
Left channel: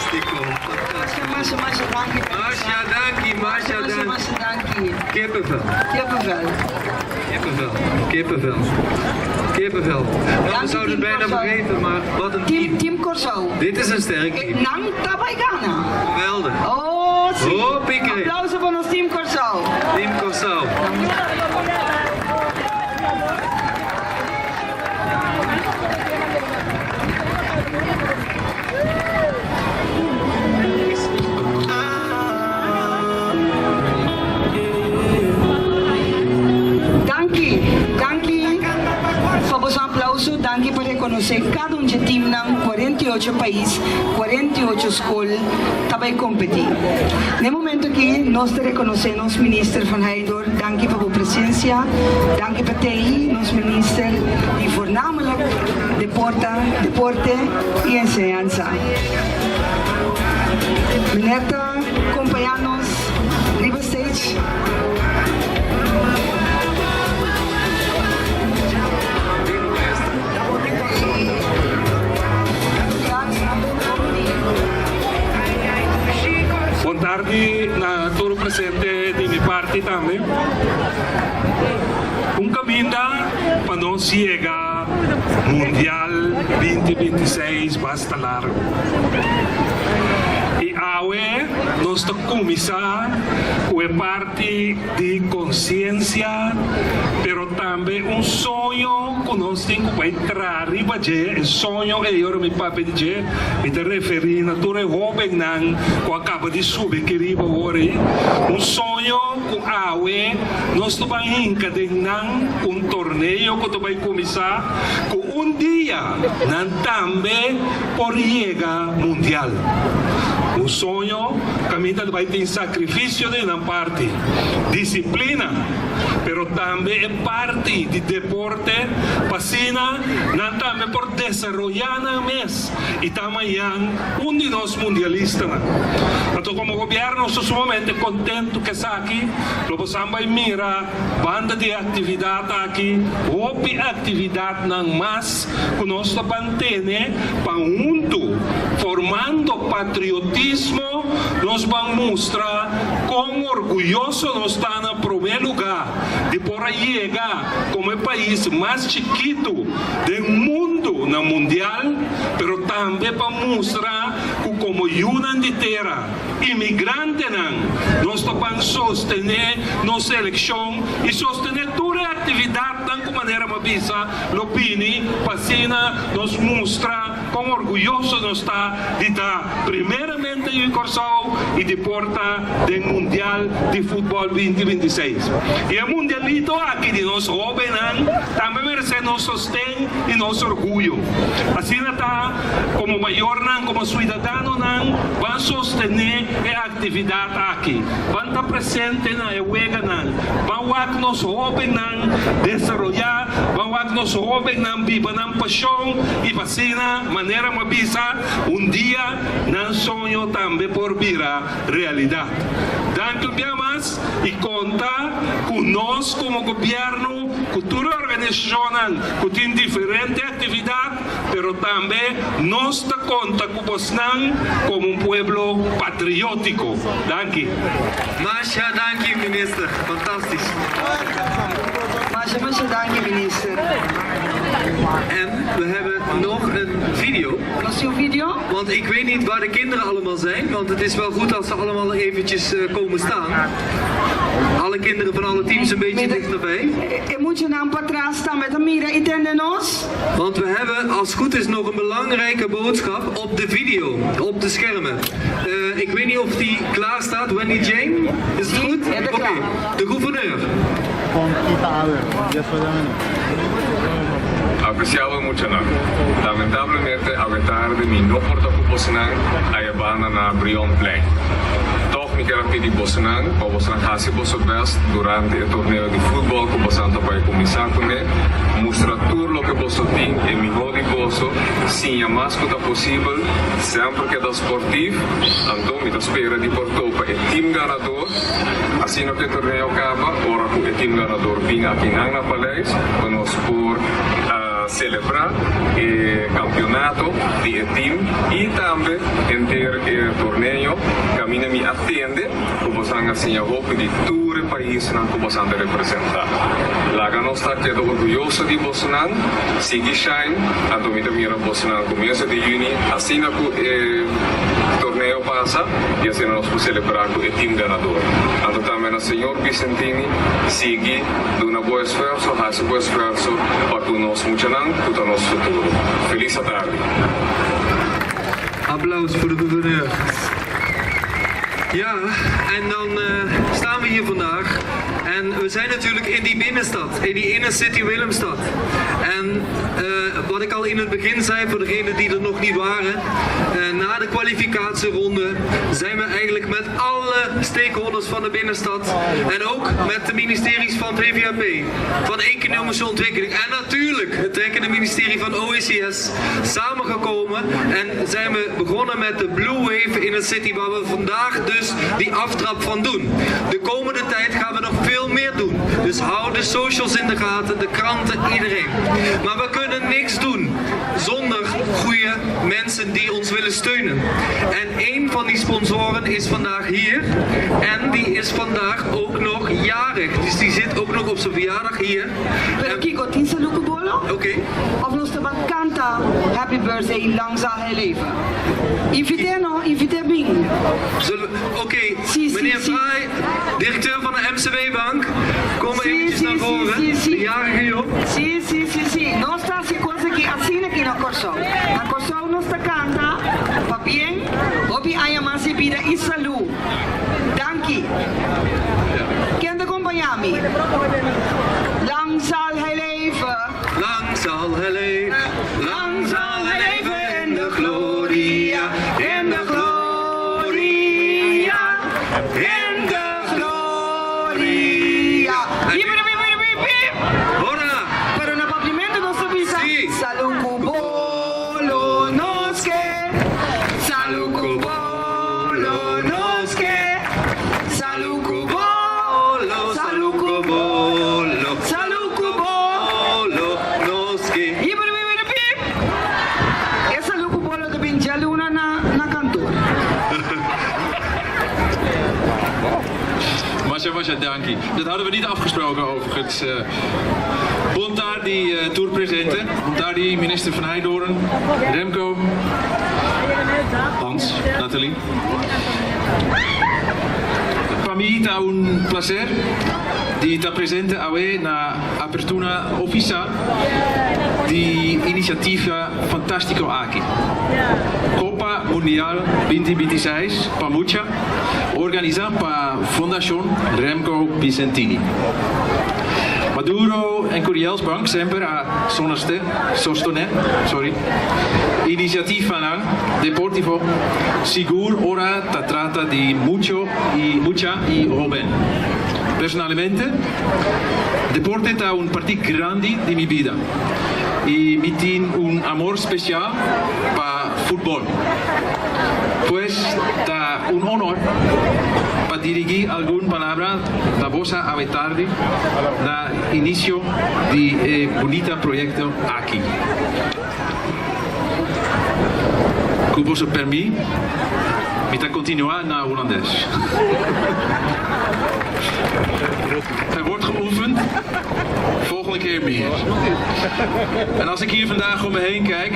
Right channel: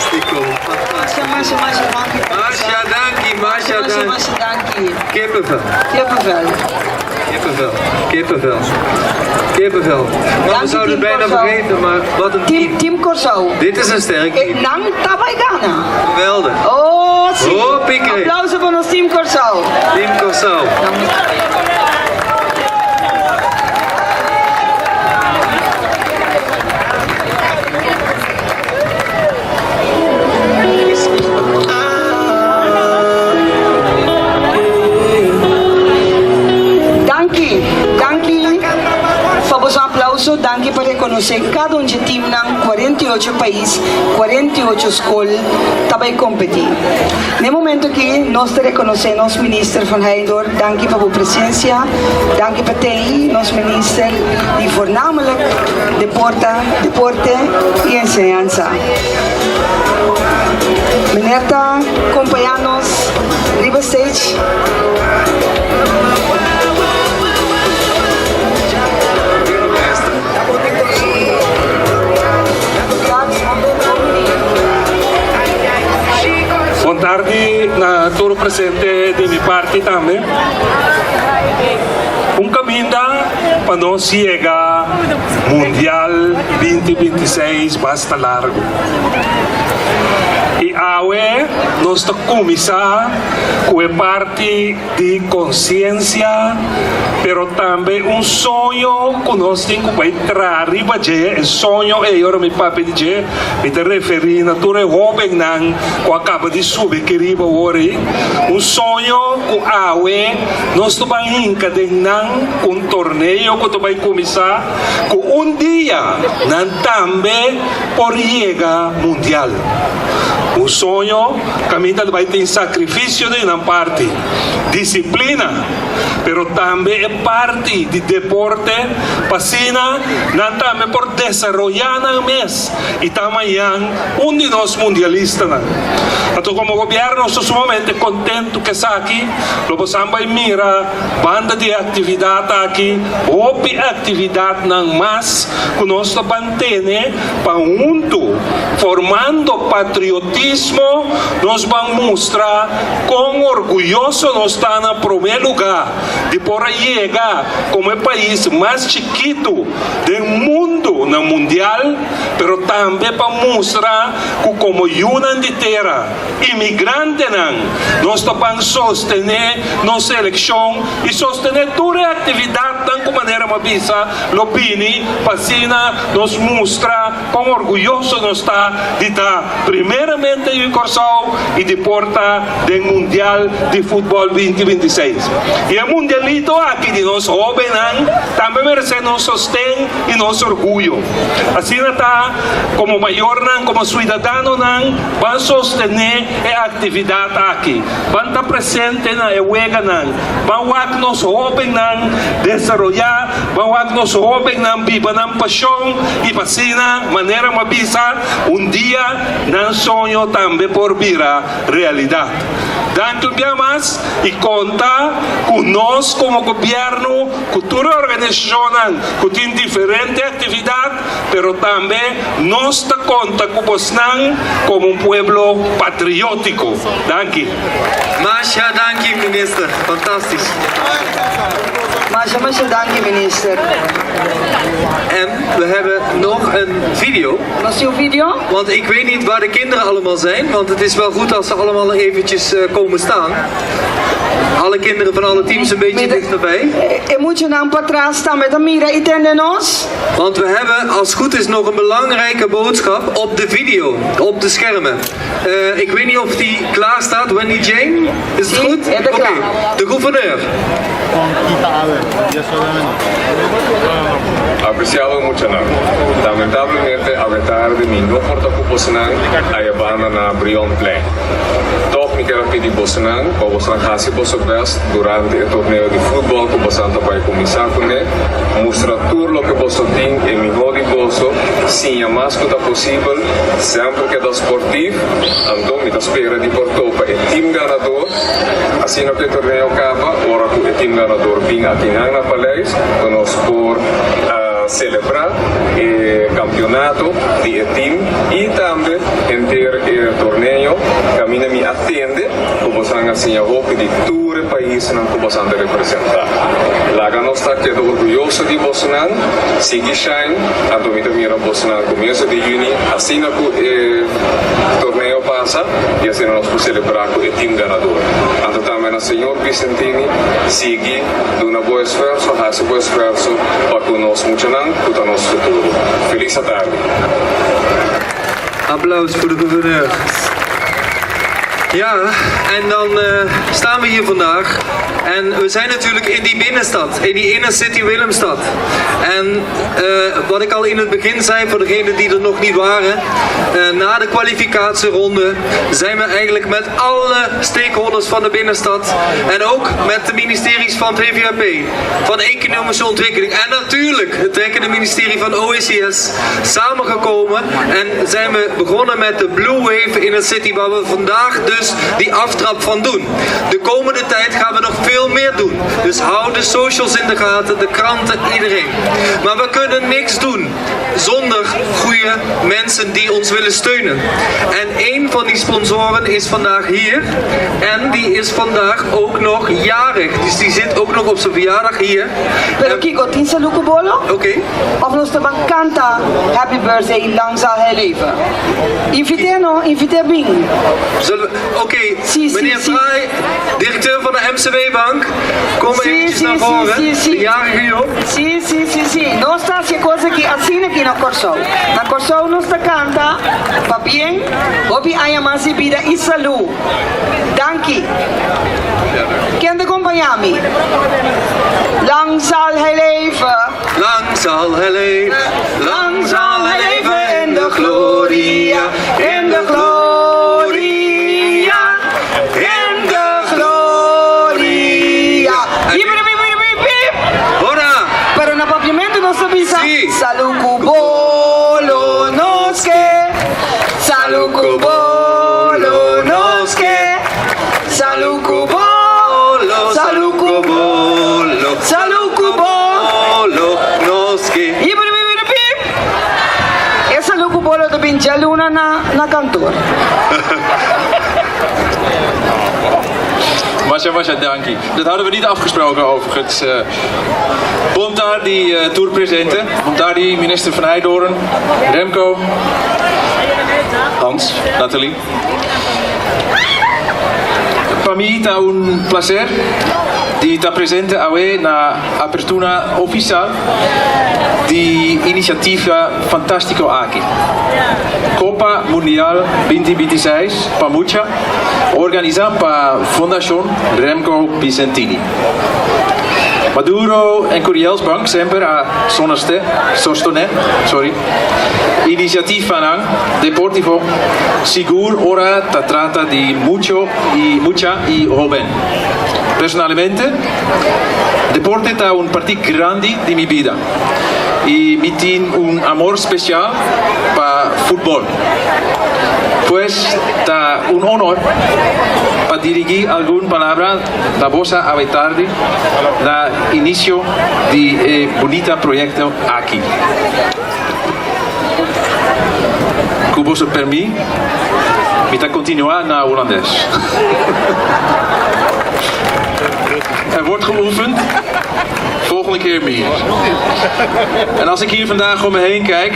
Fantastico. Masha, dankie. Masha, dankie, Masha, dankie. Masha, dankie. Kippenvel. Kippenvel. Kippenvel. Kippenvel. Kippenvel. Nou, we Dankie, zouden het Team bijna Corso. vergeten, maar wat een team. Team Corso. Dit is een sterk team. Nang tabay Ghana. Geweldig. Oh, sim. Oh, pique. Applauso voor ons Team Corso. Team Corso. Dankie. Vamos um aplauso. Dankie por reconocer cada um de time ng 48 país, 48 escolas tabay competir. No momento que nós te reconhecemos, minister van Heidor, dankie voor uw presentie. Dankie voor TI, ons minister, die voornamelijk deporte y enseñanza. Meneer, compañeros, River Stage. Boa tarde na todo presente de minha parte também. Caminho para nós chegar Mundial 2026 basta largo. E agora nós estamos começar com a parte de consciência, pero também sonho que nós temos que entrar arriba de sonho é eu me papi de me te referir na tua jovem nan que acaba de subir que riba ori sonho que agora nós estamos encadenando com torneio que vai começar que dia nan também por chegar mundial. Sonho, caminha vai ter sacrifício de uma parte, disciplina, pero também é parte de deporte, pasina, não também por desenvolver na mês e também de nós mundialistas. Então, como governo, estou sumamente contente que está aqui, logo samba mira, banda de atividade aqui, houve atividade não mais, que nós estamos mantendo para junto, formando patriotismo. Nós vamos mostrar quão orgulhoso nós estamos no primeiro lugar de por chegar como o país mais chiquito do mundo no mundial, pero também para mostrar que como uma inteira imigrante nós vamos sostener nossa eleição e sostener toda a atividade de maneira mabisa, lopini, pasina, nos mostra quão orgulhoso nós está de estar primeiramente em Corso e de porta do Mundial de Futebol 2026. E o Mundialito aqui de nós jovens também merece nosso sustento e nosso orgulho. Assim está, como maior, como cidadão, vamos sostener a atividade aqui. Vamos estar presente na EUEGA, vamos nos jovens desenvolver, vamos nos jovens viver na paixão e vacina, maneira mabisa, dia, não sonho também por virar realidade. Danke mais e conta com nós como governo, com toda a organização que tem diferente atividade, pero também nós conta com você como pueblo patriótico. Danke. Masha, dankie minister. Fantastisch. Masha, dankie minister. En we hebben nog een video. Nog uw video? Want ik weet niet waar de kinderen allemaal zijn. Want het is wel goed als ze allemaal eventjes komen staan. Alle kinderen van alle teams een beetje dichterbij. Moet je nou para trás staan met een mira y tendenos? Want we hebben als het goed is nog een belangrijke boodschap op de video. Op de schermen. Ik weet niet of die klaar staat. Wendy Jane? Is het goed? Oké. De gouverneur. Apreciado mucho nada. Lamentablemente, a tarde mi no porta cuposinang ay bana na Brion Plain. Toch me quero pedir Bosenang, para você fazer o best durante o torneio de futebol que você vai começar com ele. Mostrar tudo o que você tem e melhor de você, sim, o mais que possível, sempre que é esportivo. Então, me espera de Porto para o time ganador. Assim que o torneio acaba, ora que o time ganador vem aqui na Palais, nós por celebrar el campeonato de team y también el torneo camina mi atiende como se han enseñado de todo el país como se han representado. La gana está quedó orgulloso de Bosnan, sigue shine, antomita mira Bosnan comienzo de junio, así na torneo pasa y así nos podemos celebrar con el team ganador. Anto también el señor Vicentini sigue de un buen esfuerzo, hace buen esfuerzo para que nos muchanan para nuestro futuro. Feliz tarde. Applaus voor de gouverneur. Ja, en dan staan we hier vandaag. En we zijn natuurlijk in die binnenstad, in die inner city Willemstad. En wat ik al in het begin zei, voor degenen die er nog niet waren, na de kwalificatieronde zijn we eigenlijk met alle stakeholders van de binnenstad en ook met de ministeries van het VVAP, van Economische Ontwikkeling en natuurlijk het trekkende ministerie van OECS samengekomen en zijn we begonnen met de Blue Wave Inner City, waar we vandaag dus die aftrap van doen. De komende tijd gaan we nog veel meer doen. Dus hou de socials in de gaten, de kranten, iedereen. Maar we kunnen niks doen zonder goede mensen die ons willen steunen. En een van die sponsoren is vandaag hier. En die is vandaag ook nog jarig. Dus die zit ook nog op zijn verjaardag hier. Pero Kiko, tinsa luku bolo? Oké. Of nos te canta Happy Birthday, lang zal hij leven. Inviteer Bing. Oké, Si, meneer si. Fraai, directeur van de MCW-bank, kom eventjes naar voren. De jarige Job. Sí. No está haciendo cosas que así aquí no Corsou. Na Corsou nos te canta, pa bien, obi ayamasi vida y salud. Dankie. Ken de compagnie? Lang zal hij leven. Lang zal hij leven, lang zal hij leven in de gloria, in de gloria, in de gloria. Hola! Pero na papiamento no se pisa. Sí. Saluku bolo noske. Saluku bolo noske. Saluku bolo. Saluku bolo, Saluku bolo. noski. Essa Saluku bolo de Binjaluna na kantoor. Masha, dankie. Dat hadden we niet afgesproken overigens. Bontar, die tourpresenten. Bontar, die minister van Heidoorn. Remco. Hans, Nathalie. Para mí está un placer de estar presente hoy en la apertura oficial de iniciativa fantástico aquí. Copa Mundial 2026 Pamucha, organizada por Fundación Remco Vicentini. Maduro en Curielsbank sempre a sostener, iniciativa deportivo seguro ora ta trata di mucha y joven. Personalmente, deporte está un partido grande de mi vida y me tiene un amor especial para fútbol. Pues está un honor para dirigir alguna palabra la vosa a tarde na inicio de bonito proyecto aquí. Com você permite, me está continuar na holandês. Wordt geoefend, volgende keer meer. En als ik hier vandaag om me heen kijk,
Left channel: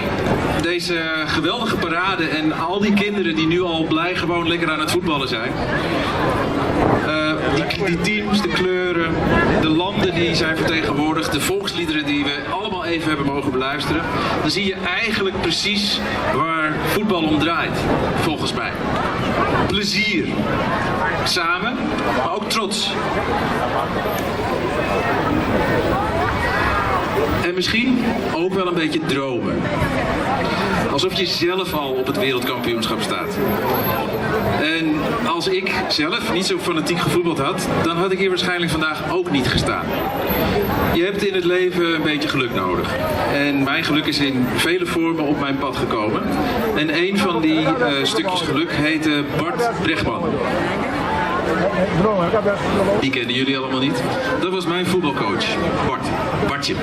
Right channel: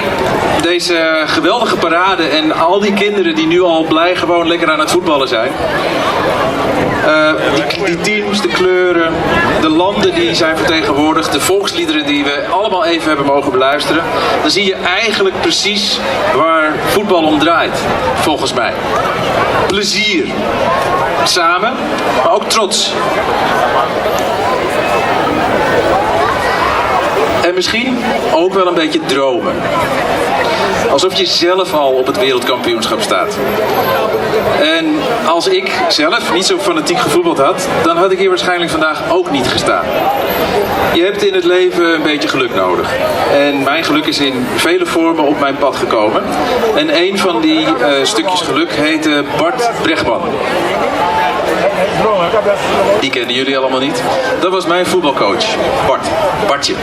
deze geweldige parade en al die kinderen die nu al blij gewoon lekker aan het voetballen zijn. Die teams, de kleuren, de landen die zijn vertegenwoordigd, de volksliederen die we allemaal even hebben mogen beluisteren. Dan zie je eigenlijk precies waar voetbal om draait, volgens mij. Plezier. Samen, maar ook trots. En misschien ook wel een beetje dromen. Alsof je zelf al op het wereldkampioenschap staat. En als ik zelf niet zo fanatiek gevoetbald had, dan had ik hier waarschijnlijk vandaag ook niet gestaan. Je hebt in het leven een beetje geluk nodig. En mijn geluk is in vele vormen op mijn pad gekomen. En een van die stukjes geluk heette Bart Bregman. Die kenden jullie allemaal niet. Dat was mijn voetbalcoach, Bartje.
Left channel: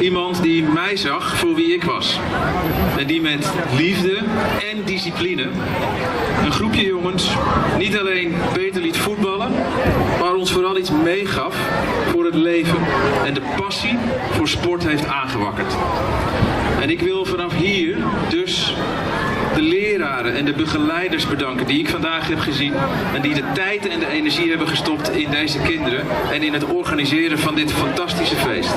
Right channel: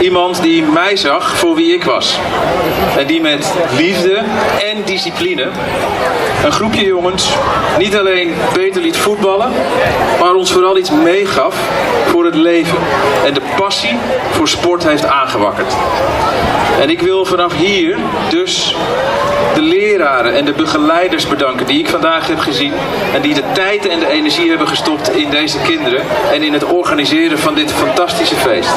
Iemand die mij zag voor wie ik was. En die met liefde en discipline een groepje jongens niet alleen beter liet voetballen, maar ons vooral iets meegaf voor het leven. En de passie voor sport heeft aangewakkerd. En ik wil vanaf hier dus de leraren en de begeleiders bedanken die ik vandaag heb gezien en die de tijd en de energie hebben gestopt in deze kinderen en in het organiseren van dit fantastische feest.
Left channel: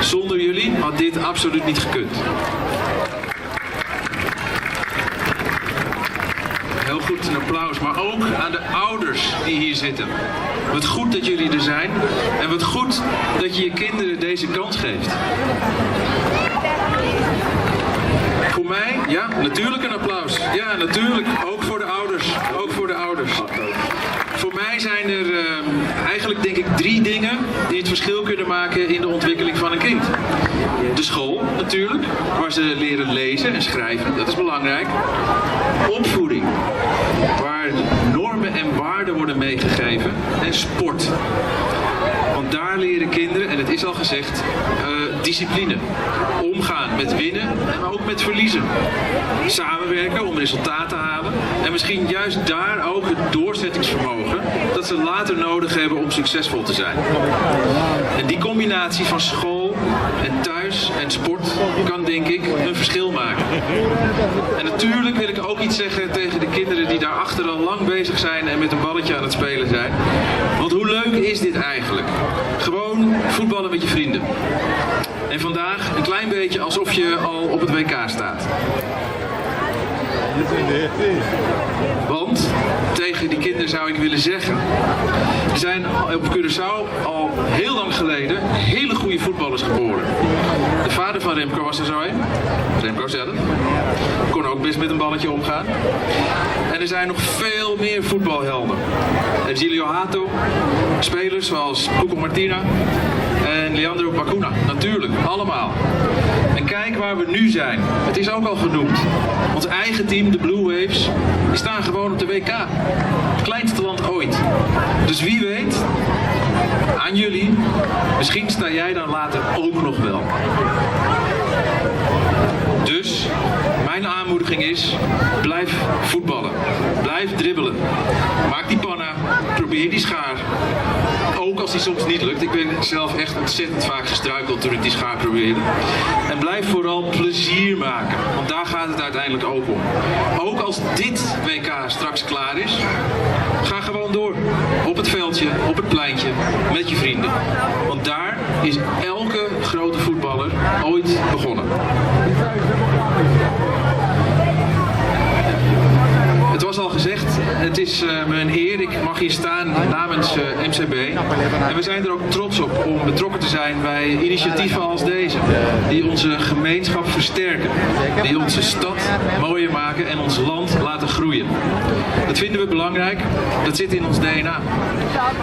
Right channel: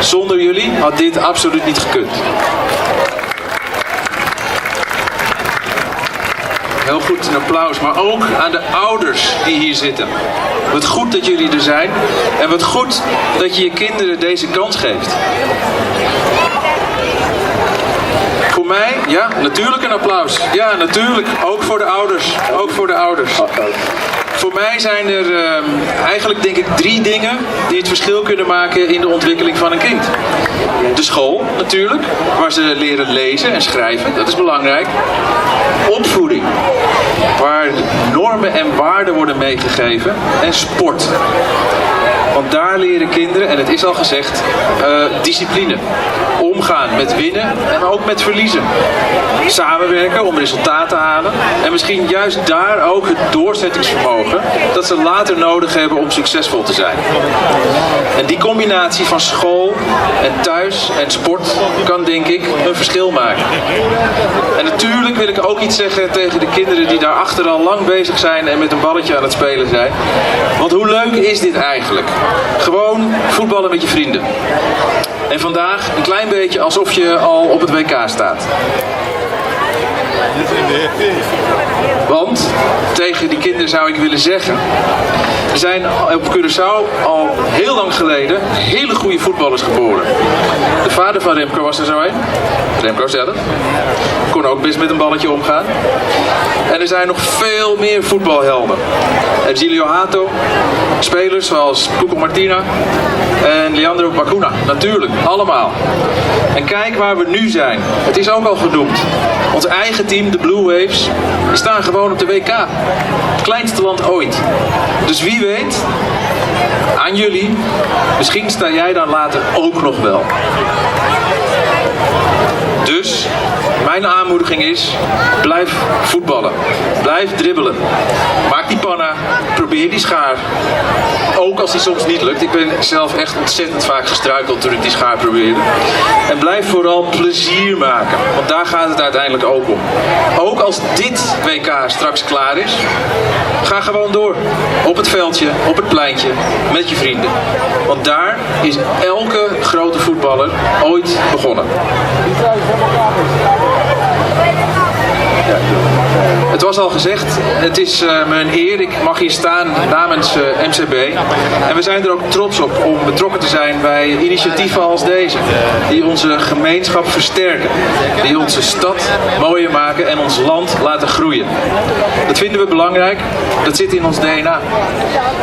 Zonder jullie had dit absoluut niet gekund. Heel goed, een applaus, maar ook aan de ouders die hier zitten. Wat goed dat jullie er zijn en wat goed dat je je kinderen deze kans geeft. Voor mij, ja, natuurlijk een applaus. Ja, natuurlijk, ook voor de ouders. Ook voor de ouders. Voor mij zijn er eigenlijk denk ik 3 dingen die het verschil kunnen maken in de ontwikkeling van een kind. De school natuurlijk, waar ze leren lezen en schrijven, dat is belangrijk. Opvoeding, waar normen en waarden worden meegegeven. En sport. Want daar leren kinderen, en het is al gezegd, discipline. Omgaan met winnen en ook met verliezen. Samenwerken om resultaten te halen. En misschien juist daar ook het doorzettingsvermogen dat ze later nodig hebben om succesvol te zijn. En die combinatie van school en thuis en sport kan denk ik een verschil maken. En natuurlijk wil ik ook iets zeggen tegen de kinderen die daarachter al lang bezig zijn en met een balletje aan het spelen zijn. Want hoe leuk is dit eigenlijk? Gewoon voetballen met je vrienden. En vandaag een klein beetje alsof je al op het WK staat. Want tegen die kinderen zou ik willen zeggen, er zijn op Curaçao al heel lang geleden hele goede voetballers geboren. De vader van Remco was er zo een. Remco zelf. Kon ook best met een balletje omgaan. En er zijn nog veel meer voetbalhelden. Gilio Hato, spelers zoals Cuco Martina en Leandro Bacuna. Natuurlijk, allemaal. En kijk waar we nu zijn. Het is ook al genoemd. Ons eigen team, de Blue Waves, die staan gewoon op de WK. Het kleinste land ooit. Dus wie weet, aan jullie, misschien sta jij dan later ook nog wel. Dus mijn aanmoediging is, blijf voetballen. Blijf dribbelen. Maak die panna. Probeer die schaar. Ook als die soms niet lukt. Ik ben zelf echt ontzettend vaak gestruikeld toen ik die schaar probeerde. En blijf vooral plezier maken. Want daar gaat het uiteindelijk ook om. Ook als dit WK straks klaar is, ga gewoon door. Op het veldje, op het pleintje, met je vrienden. Want daar is elke grote voetballer ooit begonnen. Ja. Het was al gezegd, het is me een eer. Ik mag hier staan namens MCB. En we zijn er ook trots op om betrokken te zijn bij initiatieven als deze. Die onze gemeenschap versterken. Die onze stad mooier maken en ons land laten groeien. Dat vinden we belangrijk. Dat zit in ons DNA.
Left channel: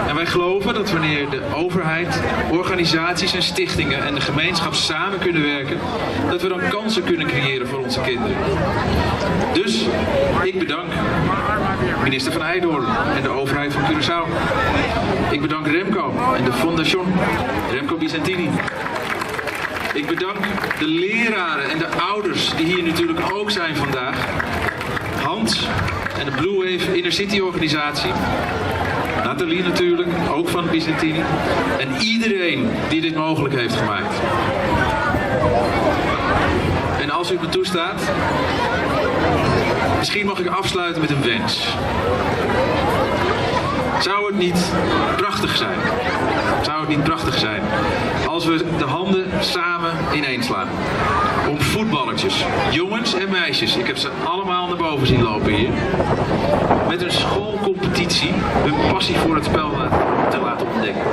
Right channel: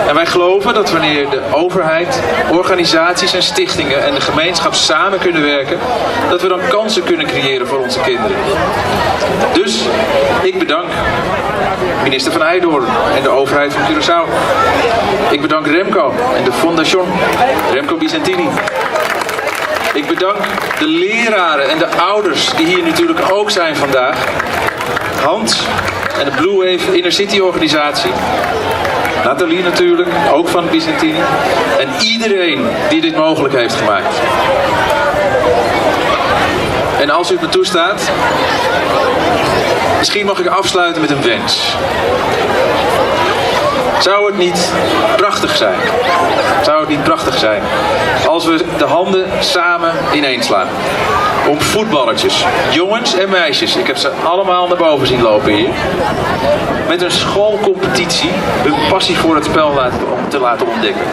En wij geloven dat wanneer de overheid, organisaties en stichtingen en de gemeenschap samen kunnen werken, dat we dan kansen kunnen creëren voor onze kinderen. Dus ik bedank minister Van Heydoorn en de overheid van Curaçao. Ik bedank Remco en de Fondation Remco Bizantini. Ik bedank de leraren en de ouders die hier natuurlijk ook zijn vandaag. Hans en de Blue Wave Inner City organisatie. Nathalie natuurlijk, ook van Bizantini. En iedereen die dit mogelijk heeft gemaakt. En als u het me toestaat, misschien mag ik afsluiten met een wens. Zou het niet prachtig zijn? Zou het niet prachtig zijn als we de handen samen ineenslaan? Om voetballertjes, jongens en meisjes, ik heb ze allemaal naar boven zien lopen hier, met een schoolcompetitie hun passie voor het spel te laten ontdekken.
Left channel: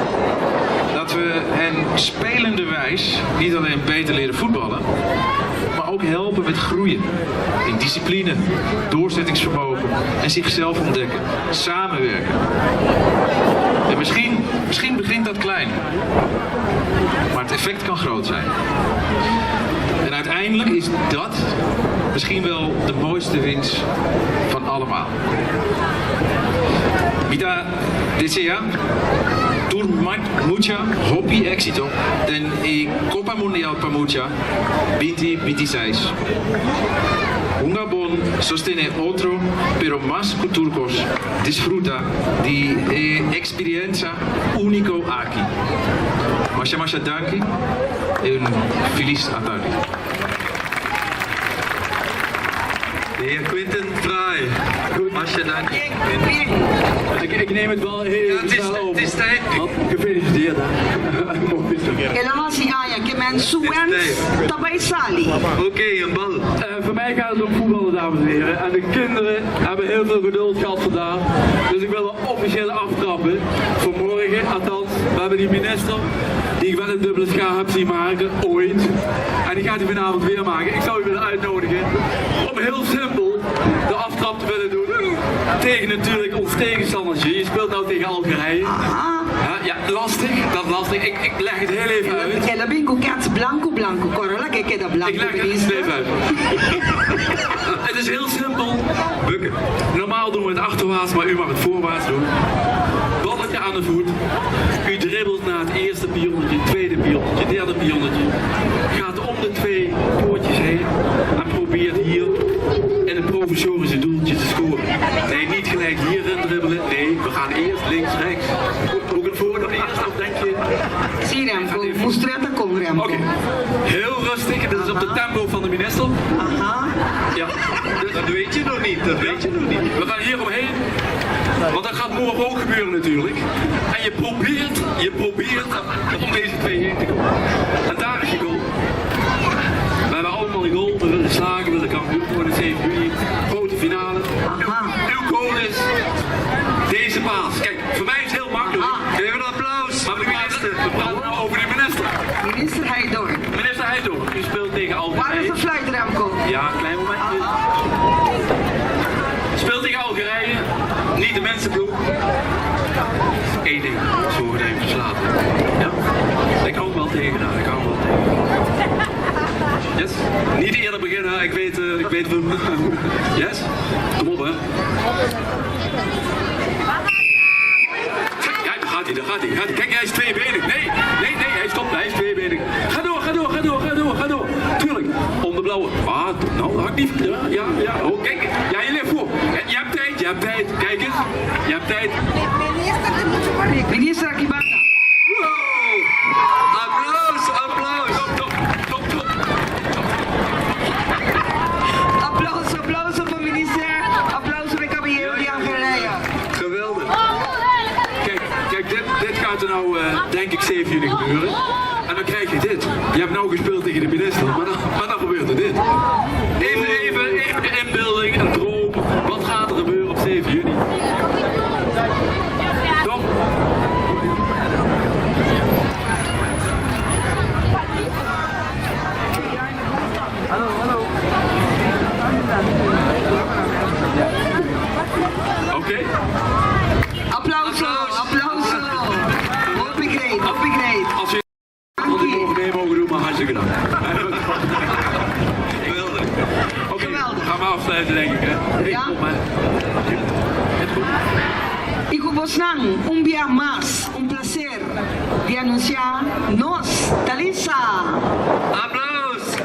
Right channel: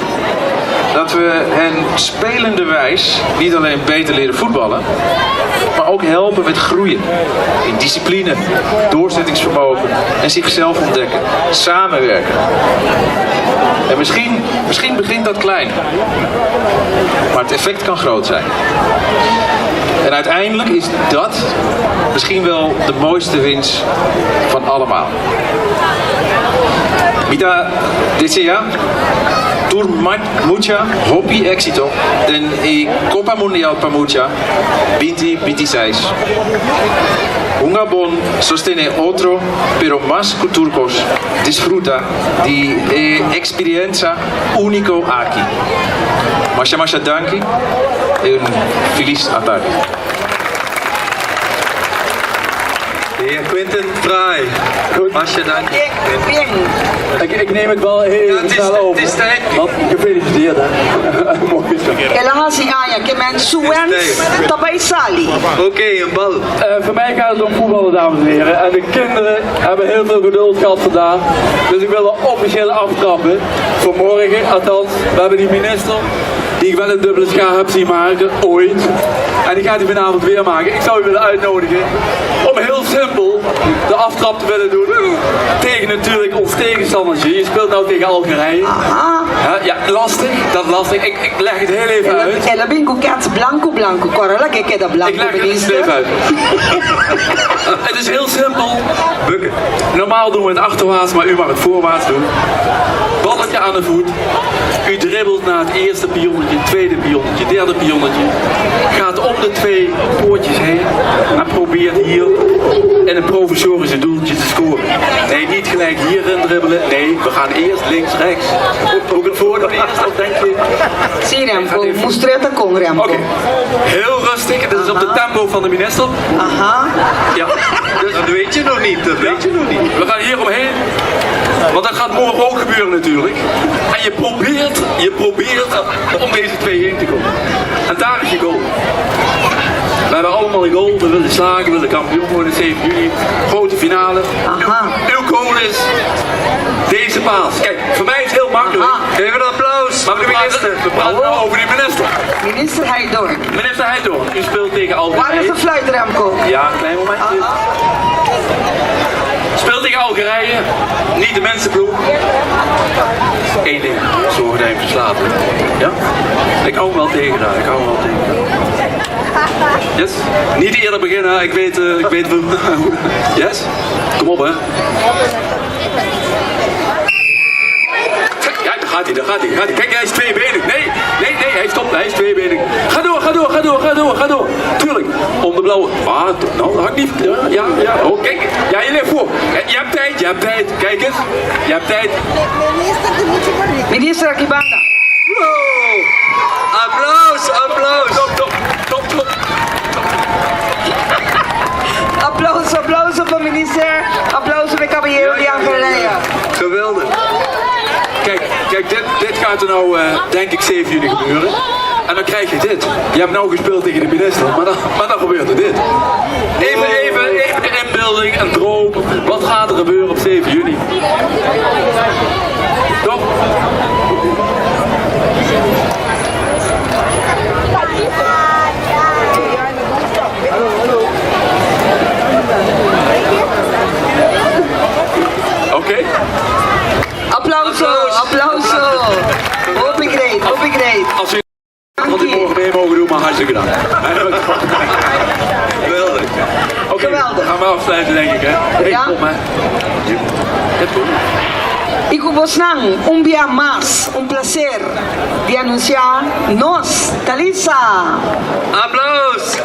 Dat we hen spelenderwijs niet alleen beter leren voetballen, maar ook helpen met groeien. In discipline, doorzettingsvermogen en zichzelf ontdekken. Samenwerken. En misschien begint dat klein. Maar het effect kan groot zijn. En uiteindelijk is dat misschien wel de mooiste winst van allemaal. Mita desea mucha hopi éxito en Copa Mundial para mucha 2026. Ungabon sostiene otro, pero más turcos disfruta de experiencia único aquí. Masha danki en feliz tarde. De heer Quinten Fraai. Masha, dank. Bien. Ik neem het wel heel Ja, snel over. het is tijd. Want gefeliciteerd, hè. Mooi zo. Elahasi aya que men suens tabay sali. Oké, een bal. Voor mij gaat het om voetballen, dames en heren. En de kinderen hebben heel veel geduld gehad vandaag. Dus ik wil er officieel aftrappen. Voor morgen, althans. We hebben die minister die ik wel een dubbele schaar heb zien maken, ooit. En die gaat hij vanavond weer maken. Ik zou u willen uitnodigen om heel simpel de aftrap te willen doen. Tegen natuurlijk ons tegenstandertje. Je speelt nou tegen Algerije. Aha. Ja, lastig. Dat is lastig. Ik leg het heel even uit. Ela bingo cats blanco. Corolla que queda Ik blanco. leg het heel even uit. Het is heel simpel. Bukken. Normaal doen we het achterwaarts, maar u mag het voorwaarts doen. Balletje aan de voet. U dribbelt naar het eerste pionnetje, tweede pionnetje, derde pionnetje. Gaat om de 2 poortjes heen en probeert hier in een provisorische doeltje te scoren. Nee, niet gelijk hierin dribbelen. Nee, we gaan eerst links, rechts. Ook het voordeel eerst, of denk je? Si Remco, mostreta con Remco. Oké, heel rustig. Dit is op de tempo van de minister. Aha. Ja, dus Dat weet je nog niet, dat weet je nog niet. we gaan hier omheen. Want dat gaat morgen ook gebeuren natuurlijk. En je probeert om deze 2 heen te komen. En daar is je goal. We hebben allemaal een goal. We willen slagen, we willen kampioen worden 7 juni. Grote finale. Aha. Uw goal is deze paas. Kijk, voor mij is het heel makkelijk. Aha. Geef een applaus Maar voor de minister. we praten nou over die minister. Minister Haidor. Minister Heidorn, u speelt tegen Waar is Algerije. de fluit, Remco? Ja, een klein momentje. Speelt tegen Algerije, niet de mensenploeg. Eén ding, zorg dat hij hem verslaat. Ja? Ik hou hem wel tegen daar, Yes? Niet eerder beginnen, ik weet Yes? Kom op, hè. Ja, daar gaat hij. Kijk, hij is tweebenig. Nee, hij stopt, hij is tweebenig. Ga door. Tuurlijk, om de blauwe. Ah, nou, dat had ik niet. Ja. Oh, kijk. Ja, je ligt voor. Je hebt tijd. Kijk eens. Je hebt tijd. Minister Akibanda. Wow. Applaus. Top. Aplauso voor minister. Aplauso voor caballero die Algerije. Geweldig. Kijk, dit gaat er nou, denk ik, 7 juni gebeuren. En dan krijg je dit. Je hebt nou gespeeld tegen de minister, maar dan gebeurt er dit. Even de inbeelding, een droom. Wat gaat er gebeuren op 7 juni? Toch? Oké. Applauso. Hoop ik great. Als je wat ik morgen mee mogen doen, maar hartstikke dank. Geweldig. Oké, Geweldig. gaan we afsluiten denk ik, hè? Hey, Ja. kom maar. Het goed. Iku Bosnang, un día más, un placer de anunciar nos, Talisa. Applaus.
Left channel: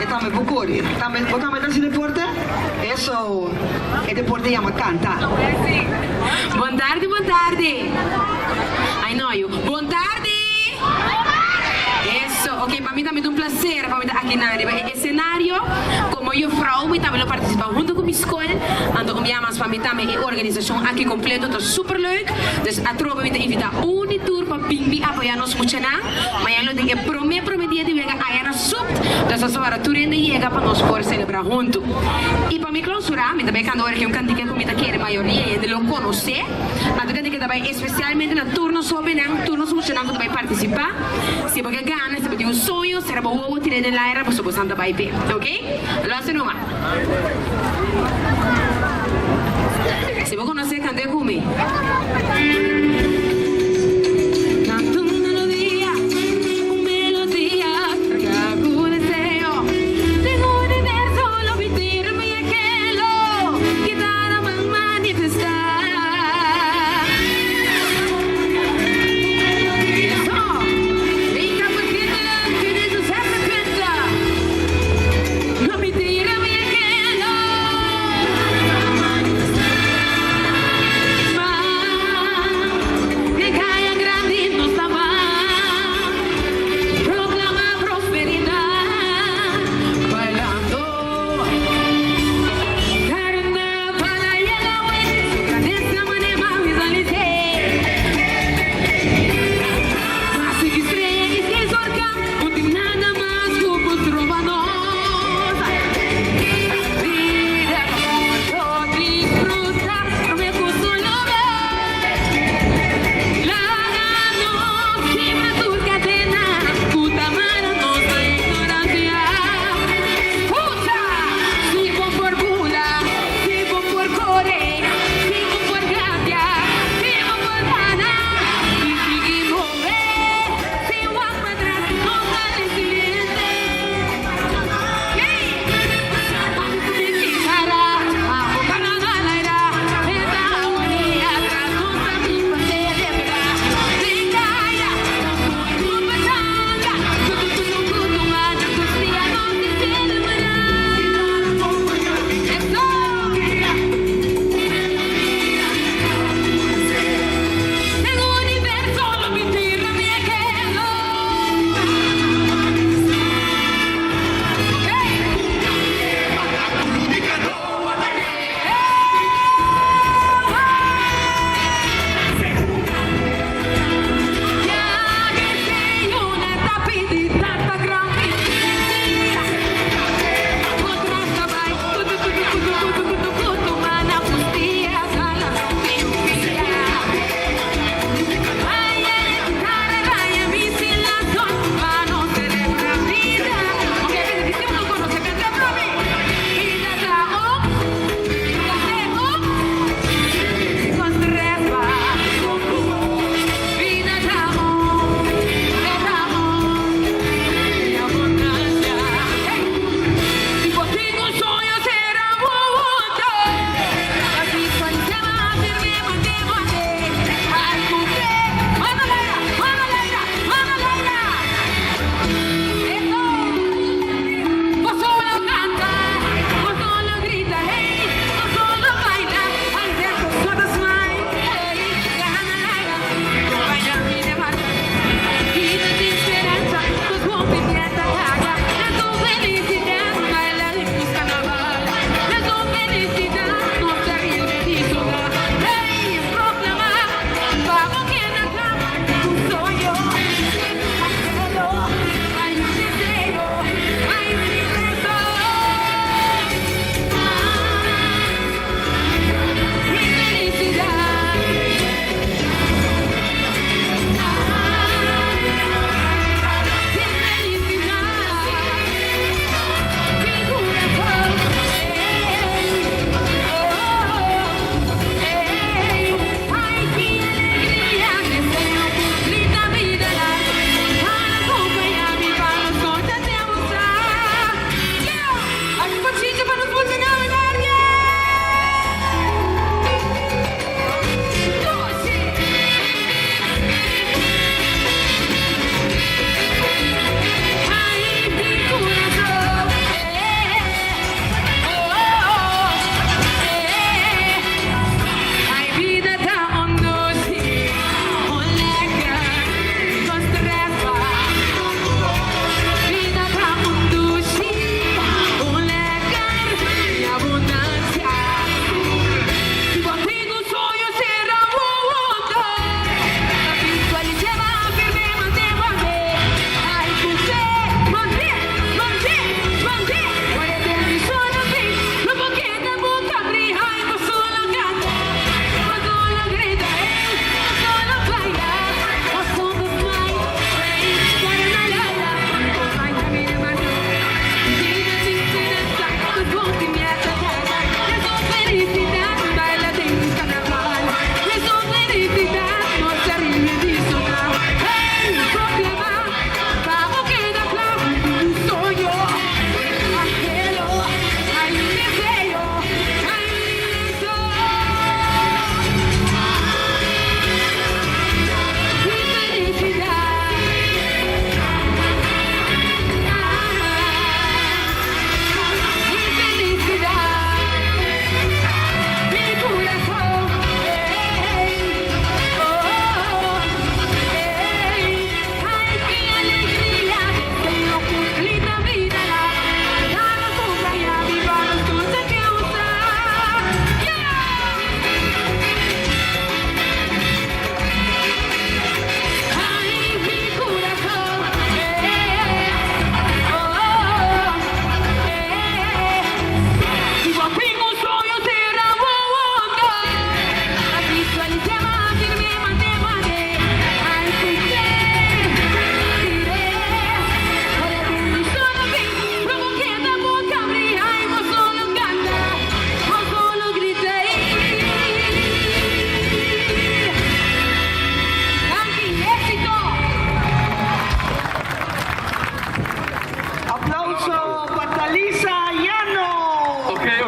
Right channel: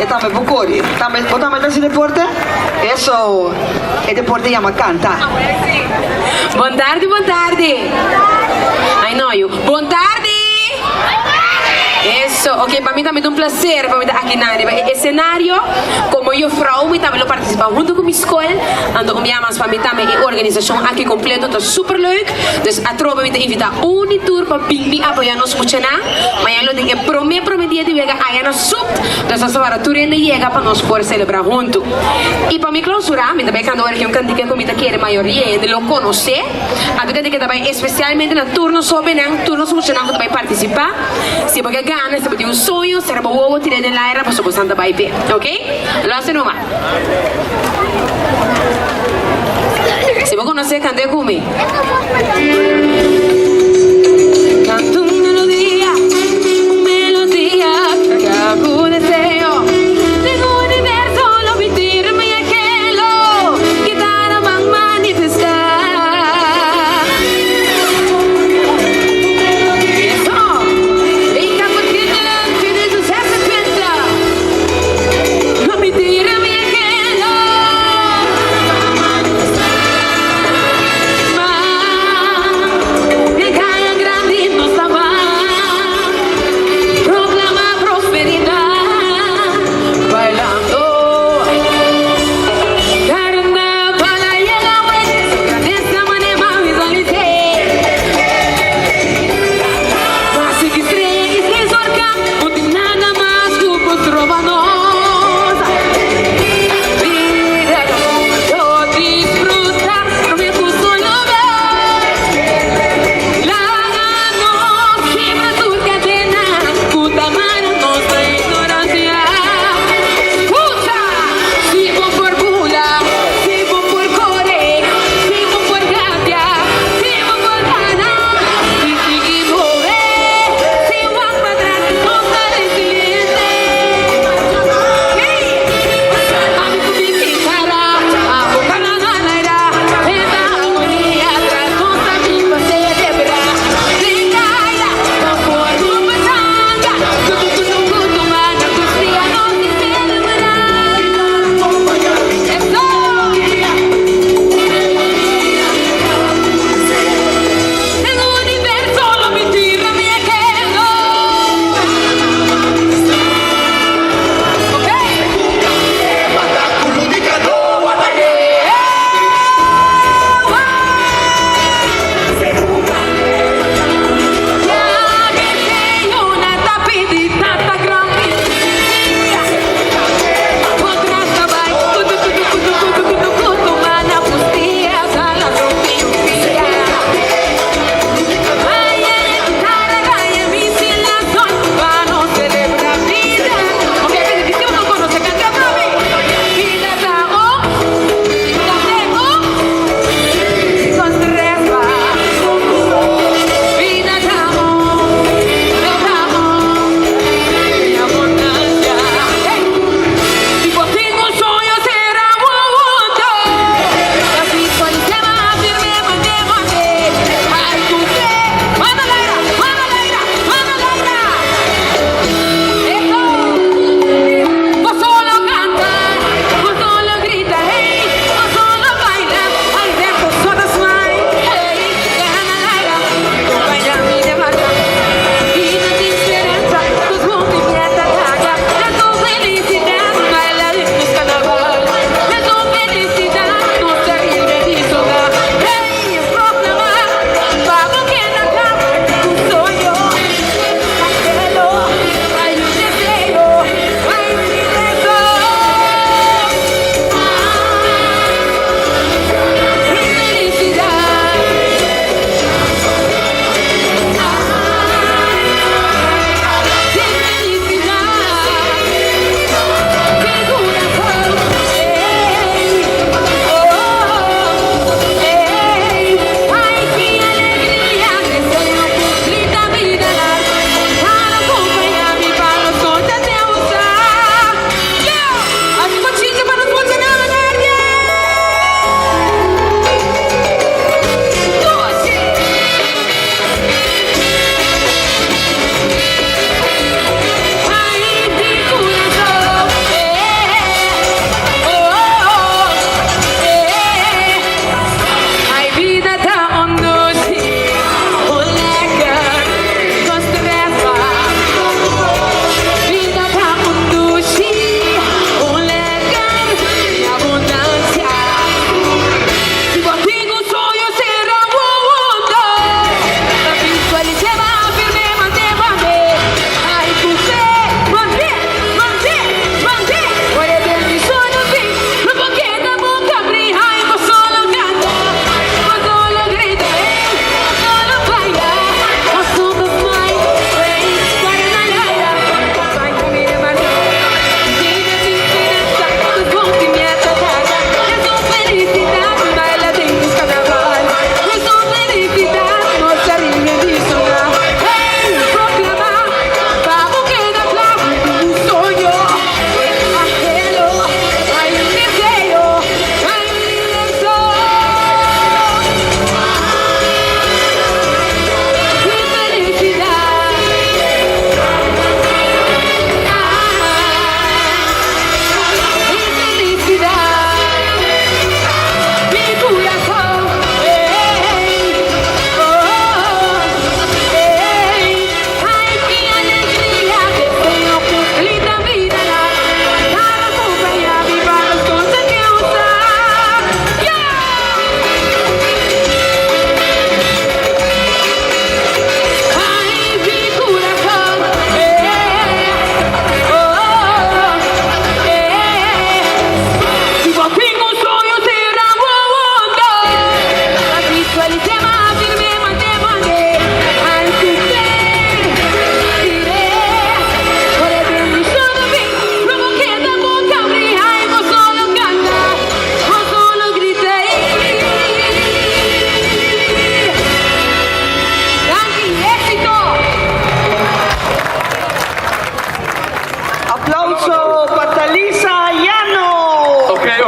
Estamos en Bucori. ¿Estamos en ese deporte? Eso, el deporte llama canta. Buon tardi. Ai no, buon tardi. Eso, ok, para mí también es un placer para mí estar aquí en el escenario. Como yo, vrouw, ik wil participar junto con mi escuela. En om ja, maar van mij también en organización aquí completo, dat is super leuk. Dus a tropa me te invita un tour para Bing apoyarnos mucho na. Maar ya lo tengo prometido de llegar allá nos sub. Dus als we para tour en de llega para nos poder celebrar junto. Y para mi clausura, me también cuando ahora que un candidato que me quiere mayoría de lo conocer. A tu que también especialmente en turnos sobre turnos mucho na que también participar. Si porque ganas, se puede un sonho, será bobo tirar en la era para su santa baby, ¿ok? Lo hace nomás. Si vos conocés, canté Kumi. Canto una melodía que hago un deseo. Tengo un universo, lo vitirme y aquello. Que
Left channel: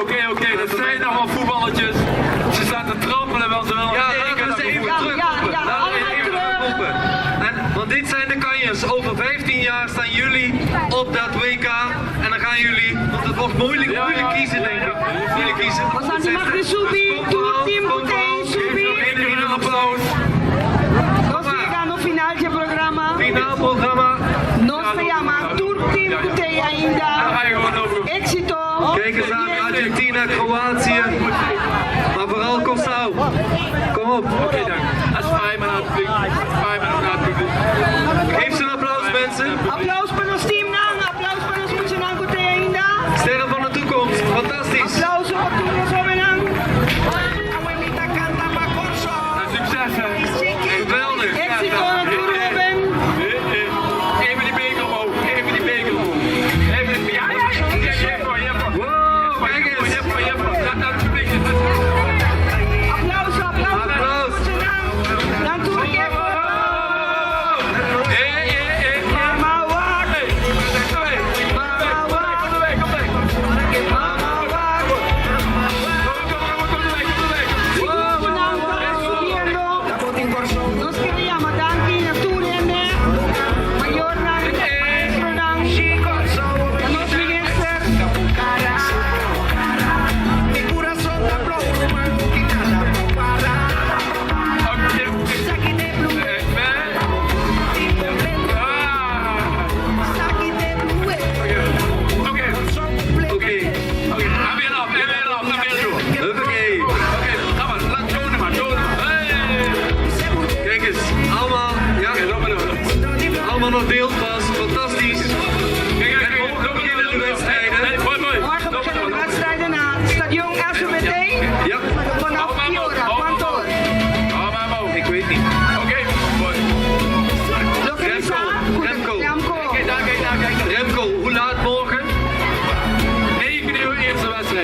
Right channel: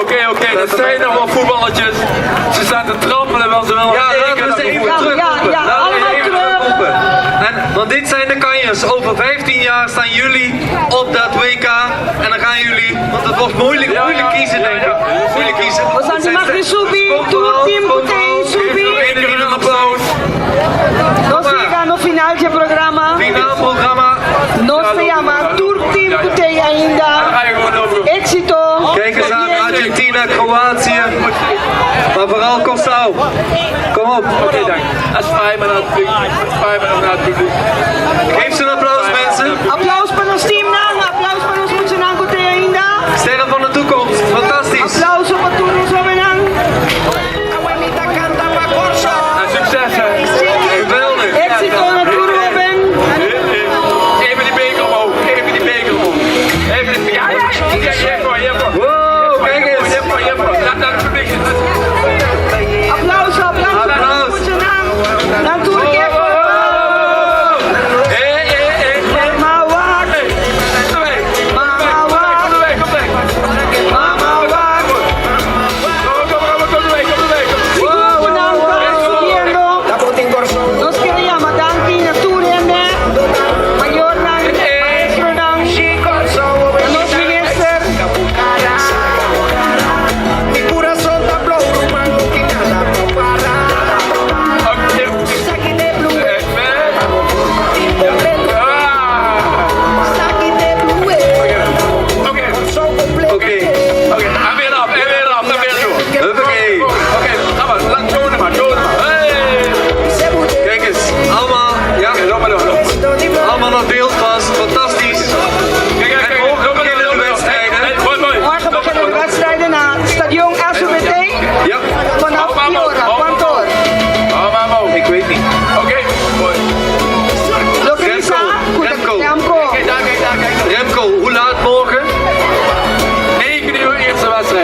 Oké. Dat zijn nog wel voetballetjes. Ze staan te trappelen, wel ze wel Ja, laten we ze even terugroepen. Ja, Laten we ze allemaal even terug. terugroepen. Want dit zijn de kanjers. Over 15 jaar staan jullie op dat WK. En dan gaan jullie, want het wordt moeilijk kiezen denk ik. Moeilijk kiezen. We zijn die mag je subir, Komt tu vooral, team komt putei vooral. subir. Geef jullie een applaus. Nos llega no final del programa. Finaal programma. No se llama Tour Team Putei Dan ainda. ga je gewoon over. Éxito. Kijk eens aan Argentina, Kroatië. Maar vooral Costau. Kom op. Oké, dank. Als vijf maar naar het publiek. Naar het publiek. Geef ze een applaus mensen. Applaus para nos team nang. Applaus para nos Muchanang Putei ainda. Sterren van de toekomst. Fantastisch. Aplauso para todos los jóvenes. En succes hè. Geweldig. Éxito en el Tour Robin. Even die beker omhoog. Even die beker omhoog. Even die... Ja. Kijk, hier voor. Wow, kijk eens. Hier voor. Laat naar het publiek.